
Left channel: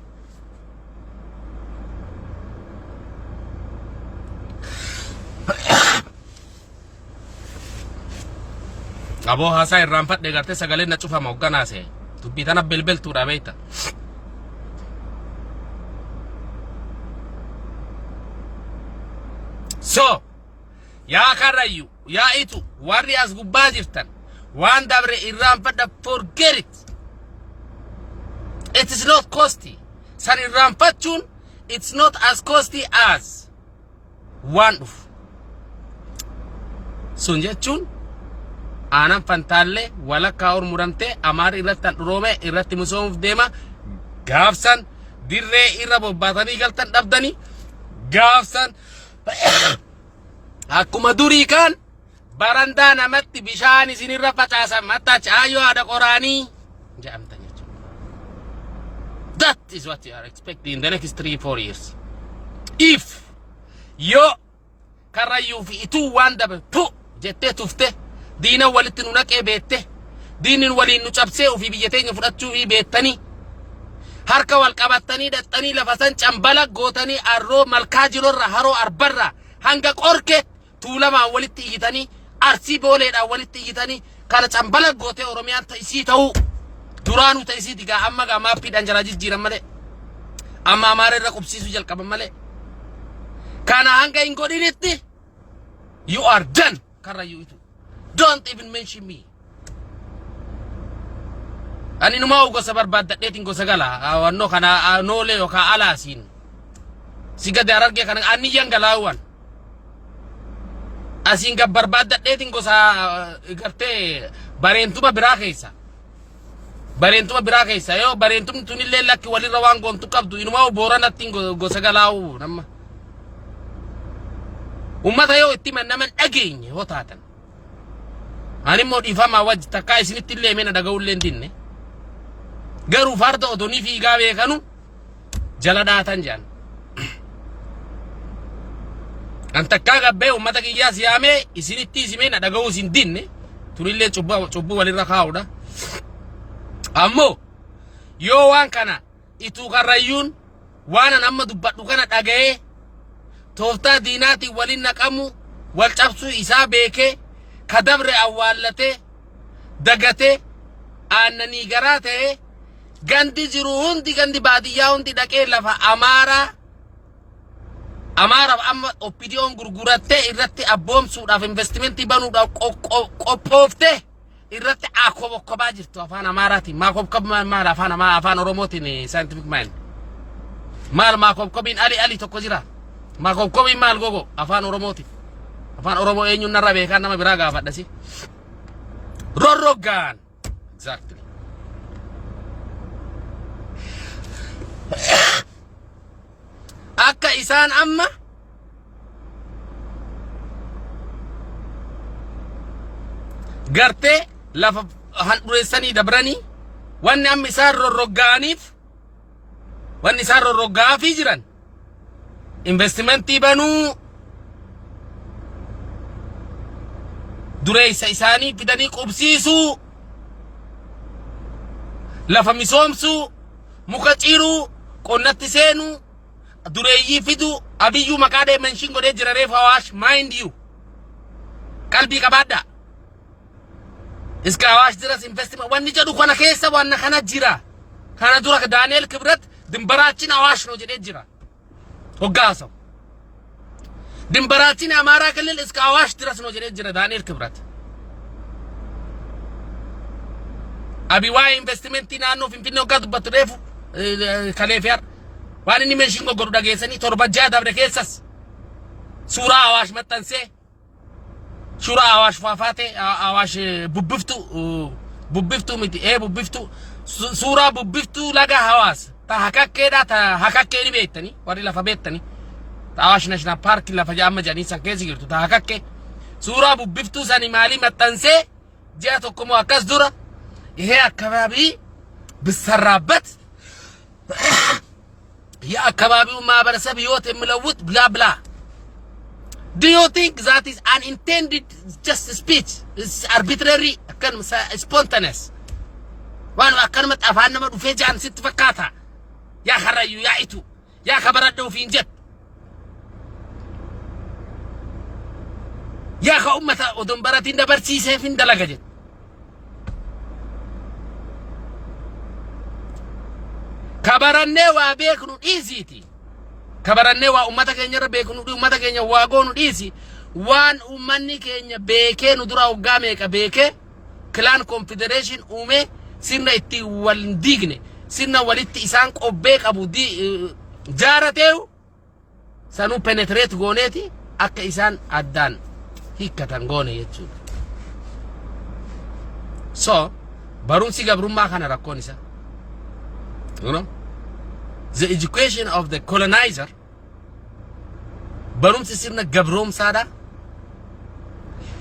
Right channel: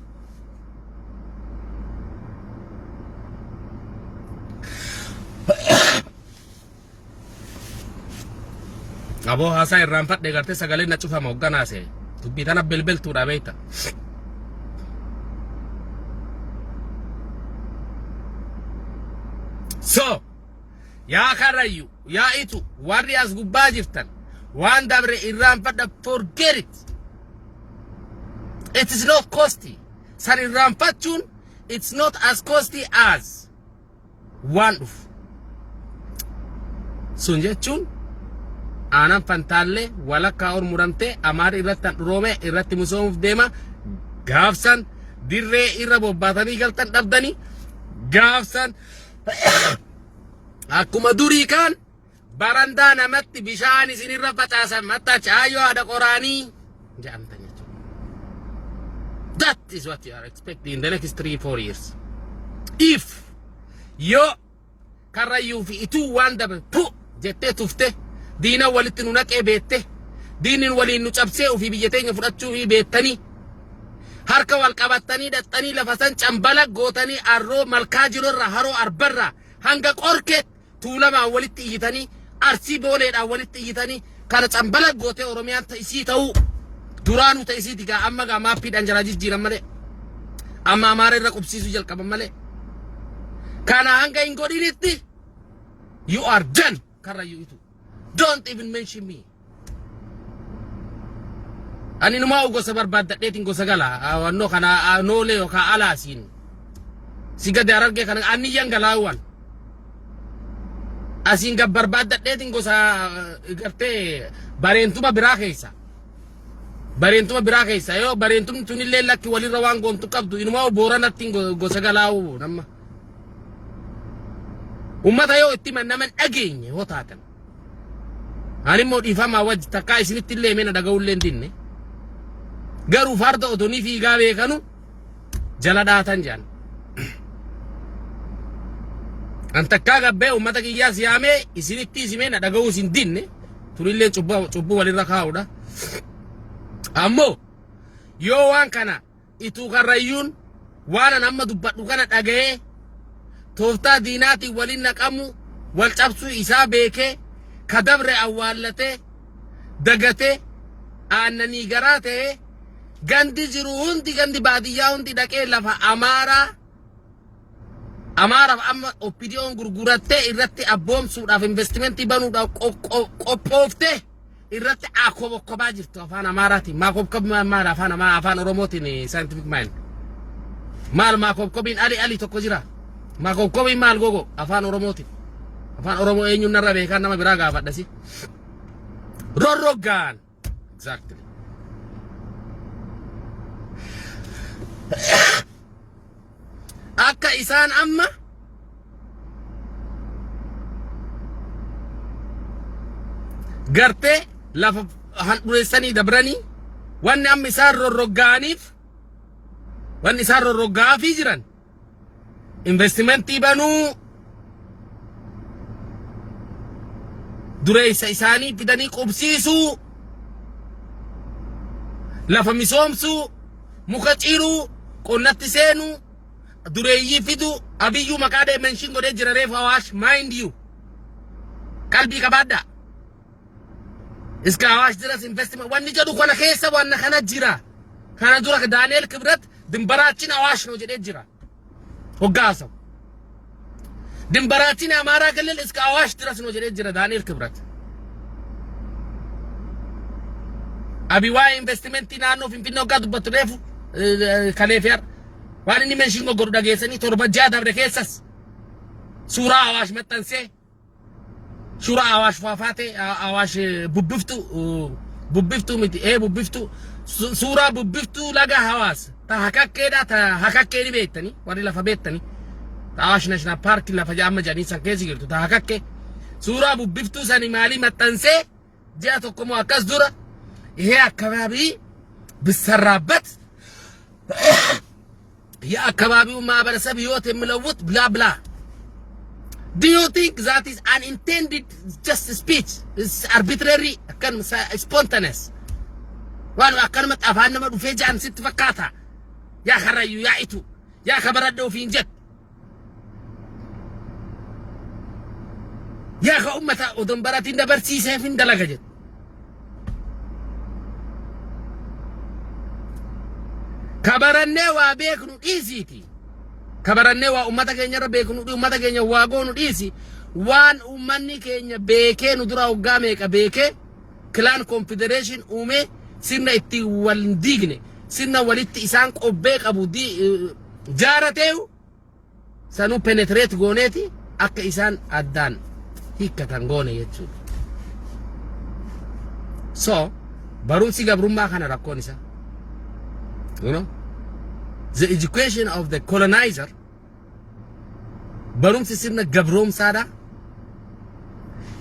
Aboo haasaa irraan fadhe gartee sagaleen na cufama hogganaase. Dubbii tana belbeltuudha beekta. So, yaa karrayyuu, yaa itu, warri as gubbaa jirtan, waan dabre irraan fadha forget it. It is not costly. San irraanfachuun it's not as costly as waan dhufu. Sun jechuun aanan fantaallee walakkaa ol muramtee amaara irratti handhuroome irratti misoomuuf deema gaafsan dirree irra bobbaatanii galtan dhabdanii gaafsan akkuma durii kan barandaa namatti bishaan isinirra facaasan matta chaayoo haadha qoraanii jedhamtan jechuudha. That is what you are expecting in the next 3-4 years. If yo karrayyuu fi ituu waan dabe pu jettee tufte diina walitti nu naqee beette diinin waliin nu cabsee ofii biyya teenya fudhachuu fi beettanii harka wal qabattanii dhaxxanii lafa san cambala gootanii arroo malkaa jirorra haroo arbarra hanga qorke tuulamaan walitti iyyitanii arsii booleedhaan walitti iyyitanii kana cambala gootee oromiyaan ta'isii ta'uu duraanuu ta'isii digaa amma gaa maappiidhaan jalaa jijjiiran malee amma amaara irra qubsiisuu jalqaban malee kana hanga hin godhinitti you are done karrayyuu itu. Don't even mention me. Ani numa gosa barbaadadheetiin gosa gala wanno kana noole yookaan alaasiin si gadi arge kana aniyyan galaawwan asiin gab barbaadadheetiin gosa gartee bareentuma biraa keessa yoo bareentumni tunillee lakki walirra waan goontu qabdu inuma booranatti gosa galaawu namma ummata yoo itti mannaman dhageenye yoo taatan ani immoo dhiifama wajji takkaa isinitti illee meena dhaga'ullee dinne garuu farda otonii fiigaa beekanu jala dhaatan jedhan an takkaa gabbee ummata kiyyaa siyaamee isinitti isimeena dhaga'uu isin dinne tunillee cubbuu walirra kaa'udha ammoo yoo waan kana ituu karrayyuun waan amma dubbadhu kana dhaga'ee tooftaa diinaatiin waliin naqamu wal cabsuu isaa beekee kadabre awwaallatee dagatee aannanii garaa ta'ee gandi jiru hundi gandi baadiyyaa hundi dhaqee lafa amaaraaf amma oppidiyoon gurgurattee irratti abboomsuudhaaf investimentii banuudhaaf qophooftee irratti akkobaa jirtu afaan amaaraatiin maakobkobii maal afaan oromootiin scientific mind maal maakobkobiin ali tokko jira maakobkobiin maal gogo afaan oromootiin afaan oromoo eenyuun narra beekan nama biraa gaafadhasi rorrogaan exactly akka isaan amma gartee lafa handhureessanii dabranii wanni amma isaan rorroggaafii jiran investimentii banuu dureessa isaanii fidanii qubsiisuu lafa misoomsuu muka ciiruu qonnatti seenuu dureeyyii fiduu abiyyuu maqaa deemenshin godhee jira reefa Awaash mind you qalbii qabaadhaa iska Awaash jiras investment wanni jedhu kana keessa wanna kana jira kana dura Daani'el Kibrat dimbaraachin Awaash no jedhee jira hoggaasaw dimbaraachin Amaaraa Kilil iska Awaash jiras no jedhee jira Daani'el Kibrat abi waa investmentii naannoo Finfinnee hoggaa dubbatu reefu kaleefiyar waan inni menshin godhu dhageessanii torba ja'a dabre keessas suuraa Awaash maxxansee suuraa Awaash faafaatee Awaash bubbiftuu miti bubbiftuu suuraa bubbiftuu laga Hawaas ta hakakkeedha ta hakakkeeni beektanii warri lafa beektanii ta Awaash National Park lafa jaamma jedhanii san keessa jirtu ta hakakkee suuraa bubbiftuu sani maalii maxxansee ji'a tokkomoo akkas dura ይሄ አካባቢ ብሰራበት የአካባቢው ማህበረሰብ ህይወት የሚለውጥ ብላ ብላ do you think that is unintended just speech is arbitrary kan spontaneous ዋን አከን መጣፋን መዱ ፌጃን ስትፈካታ ያ ኸራዩ ያ ኢቱ ያ ከበረደው ፊንጀት ያ ከኡመታ ኦዶንበራቲ እንደበርሲ ሰፊን ደላገጀት kabarannee waa beeknu dhiisiiti kabarannee waa ummata keenya beeknu ummata keenya waa goonu dhiisi waan ummanni keenya beekee nu dura hoggaa meeqa beekee clan confederation uume sirna itti wal diigne sirna walitti isaan qobbee qabu jaarateewu sanuu penetrate gooneeti akka isaan addaan hiikkatan goone jechuudha. So barumsi gabrummaa kana rakkoon isa. You know? The education of the colonizer barumsi sirna gabroomsaadha.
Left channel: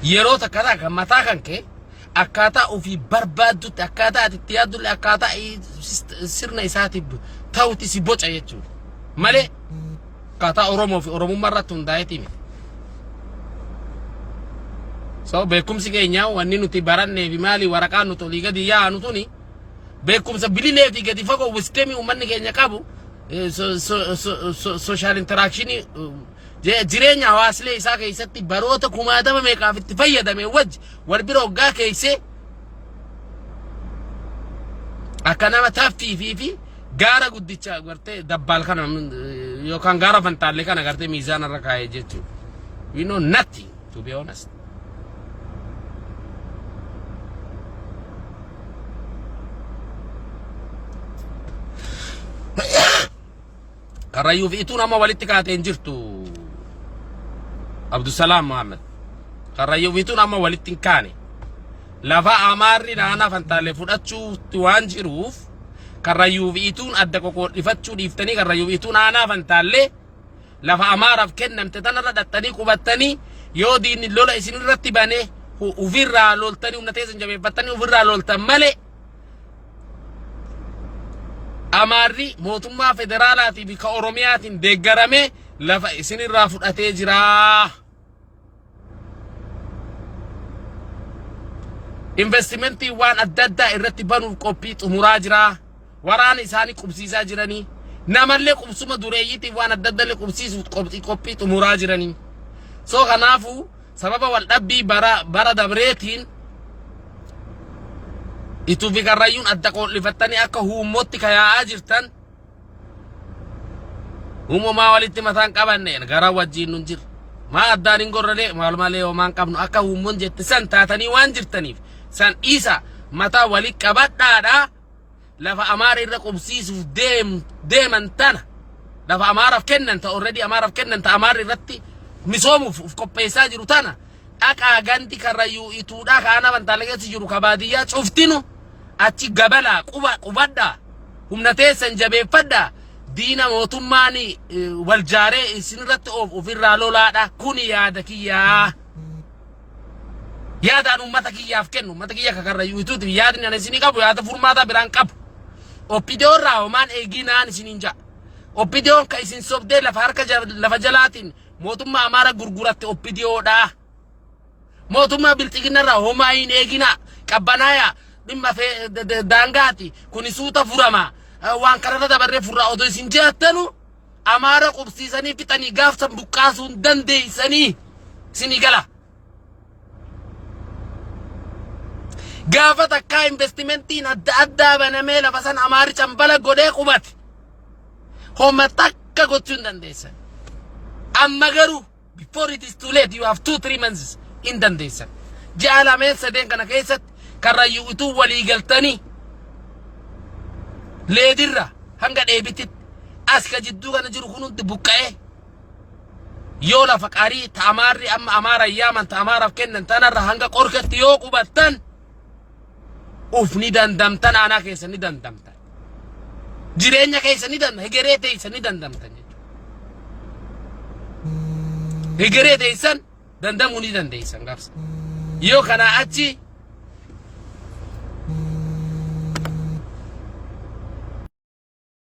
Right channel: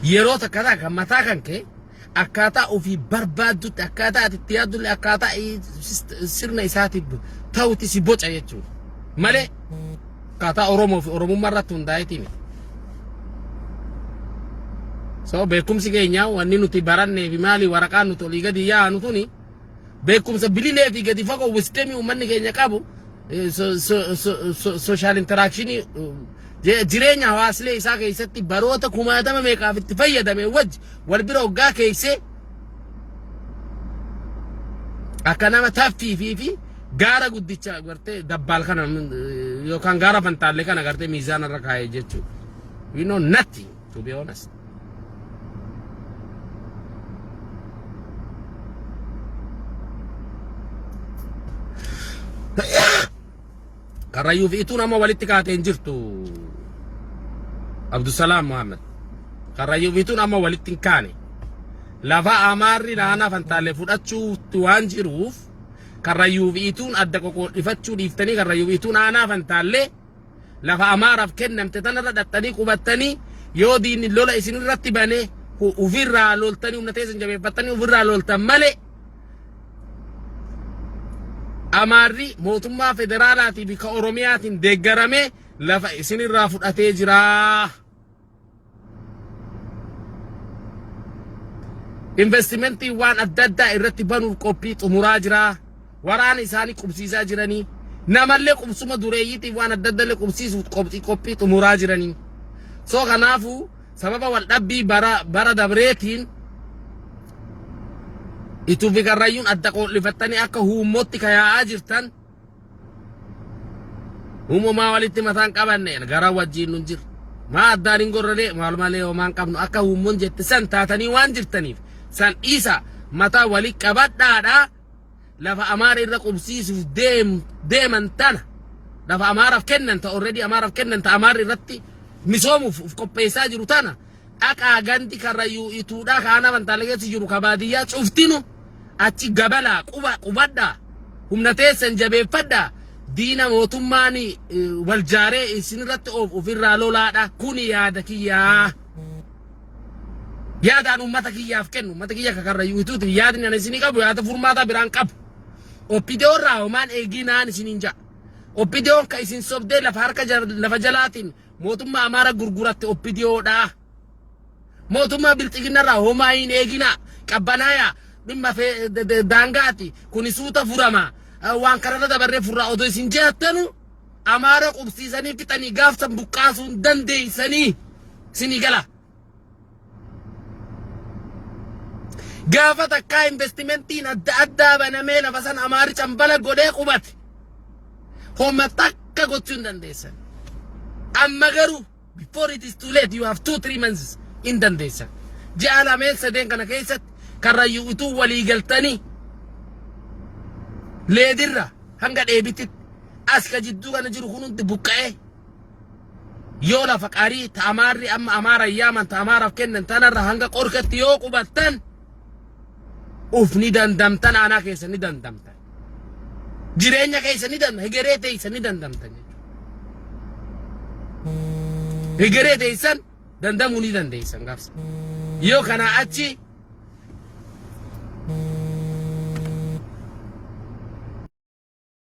Yeroo takkataa kan mataa kan kee akkaataa ofii barbaaddutti akkaataa ati itti yaaddulle akkaataa sirna isaatiif ta'utti si boca jechuudha. Malee akkaataa Oromoo fi Oromummaa irratti hundaa'eeti miti. So beekumsi keenya wanni nuti barannee fi maali waraqaan nuti olii gadi yaa'anu tuni beekumsa bililee fi gadi fagoo wisdemii uummanni keenya qabu social interaction jireenya hawaaslee isaa keessatti baroota kumaatama meeqaaf itti fayyadame wajji wal bira hoggaa keessee akka nama taffii fi gaara guddicha gartee dabbaal kana yookaan gaara fantaallee kana gartee miizaana irra kaa'ee jechuudha. We know nothing, to be honest. Karrayyuu fi ituun amma walitti kaateen jirtu Abdusalaam Muhammad. Karrayyuu fi ituun amma walitti hin kaane. Lafa amaarri naannaa fantaalee fudhachuutti waan jiruuf karrayyuu fi ituun adda qoqqoodhifachuu dhiiftanii karrayyuu fi ituun naannaa fantaalee lafa amaaraaf kennamte tanarra dhattanii qubattanii yoo diinni lola isin irratti banee ofirraa loltanii humna teessan jabeeffattanii ofirraa loltan malee amaarri mootummaa federaalaatii fi ka Oromiyaatiin deeggaramee lafa isin irraa fudhatee jira. Investimentii waan adda addaa irratti banuuf qophii xumuraa jira. Waraana isaanii qubsiisaa jiranii. Namallee qubsuma dureeyyiitiif waan adda addaallee qubsiisuuf qophii xumuraa jiranii. So kanaafuu sababa wal dhabbii bara dabreetiin ituu fi karrayyuun adda qoodhifattanii akka huummootti kayaa'aa jirtan uumamaa walitti mataan qabanneen gara wajjiin nun jira. Maa addaan hin gorralee maalumalee homaan qabnu akka huummoon jette san taatanii waan jirtaniif san isa mataa walitti qabadhaadhaa lafa amaara irra qubsiisuuf deeman tana lafa amaaraaf kennan ta already amaaraaf kennan ta amaara irratti misoomuuf qopheessaa jiru tana dhaqaa gandi karrayyuu ituudhaa kaana fantaalee keessa jiru kabaadiyyaa cuftinu achi gabalaa qubadhaa humna teessan jabeeffadhaa diina mootummaan wal jaaree isin irratti ofirraa lolaadha kun yaada kiyyaa. Yaadaan uummata kiyyaaf kennu uummata kiyya karrayyuu ituuti yaadni ani isinii qabu yaada furmaataa biraan qabu. Oppidiyoon raawomaan eeginaan isiniin ja'a. Oppidiyoon ka isin sobdee lafa jalaatiin mootummaa amaara gurguratte oppidiyoodha. Mootummaa bilxiginarraa homaa hin eegina qabbanaaya dhimma daangaati kun suuta furama waan kanarra dabarree furraa odoo isin jeettanu amaara qubsiisanii fixanii gaafsan buqqaasuun dandeeysanii isinii gala. Gaafa takkaa investimentiin adda addaa banamee lafa san amaari cambala godhee qubate homma takka gochuu hin dandeessan. Amma garuu before it is too late you have 2-3 months in dandeessan. Ji'a lameen sadeen kana keessatti karrayyuu ituu walii galtanii leedirra hanga dheebititti as ka jidduu kana jiru kun hundi buqqa'ee yoo lafa qarii ta amaarri amma amaara yaaman ta amaaraaf kennan tanarra hanga qorkatti yoo qubattan ufni dandamtan aanaa keessa ni dandamtan. Jireenya keessa ni dandamtan. Hegeree teessa ni dandamtan jechuudha. Hegeree teessan dandamuu ni dandeessan gaafsa. Yoo kanaa achi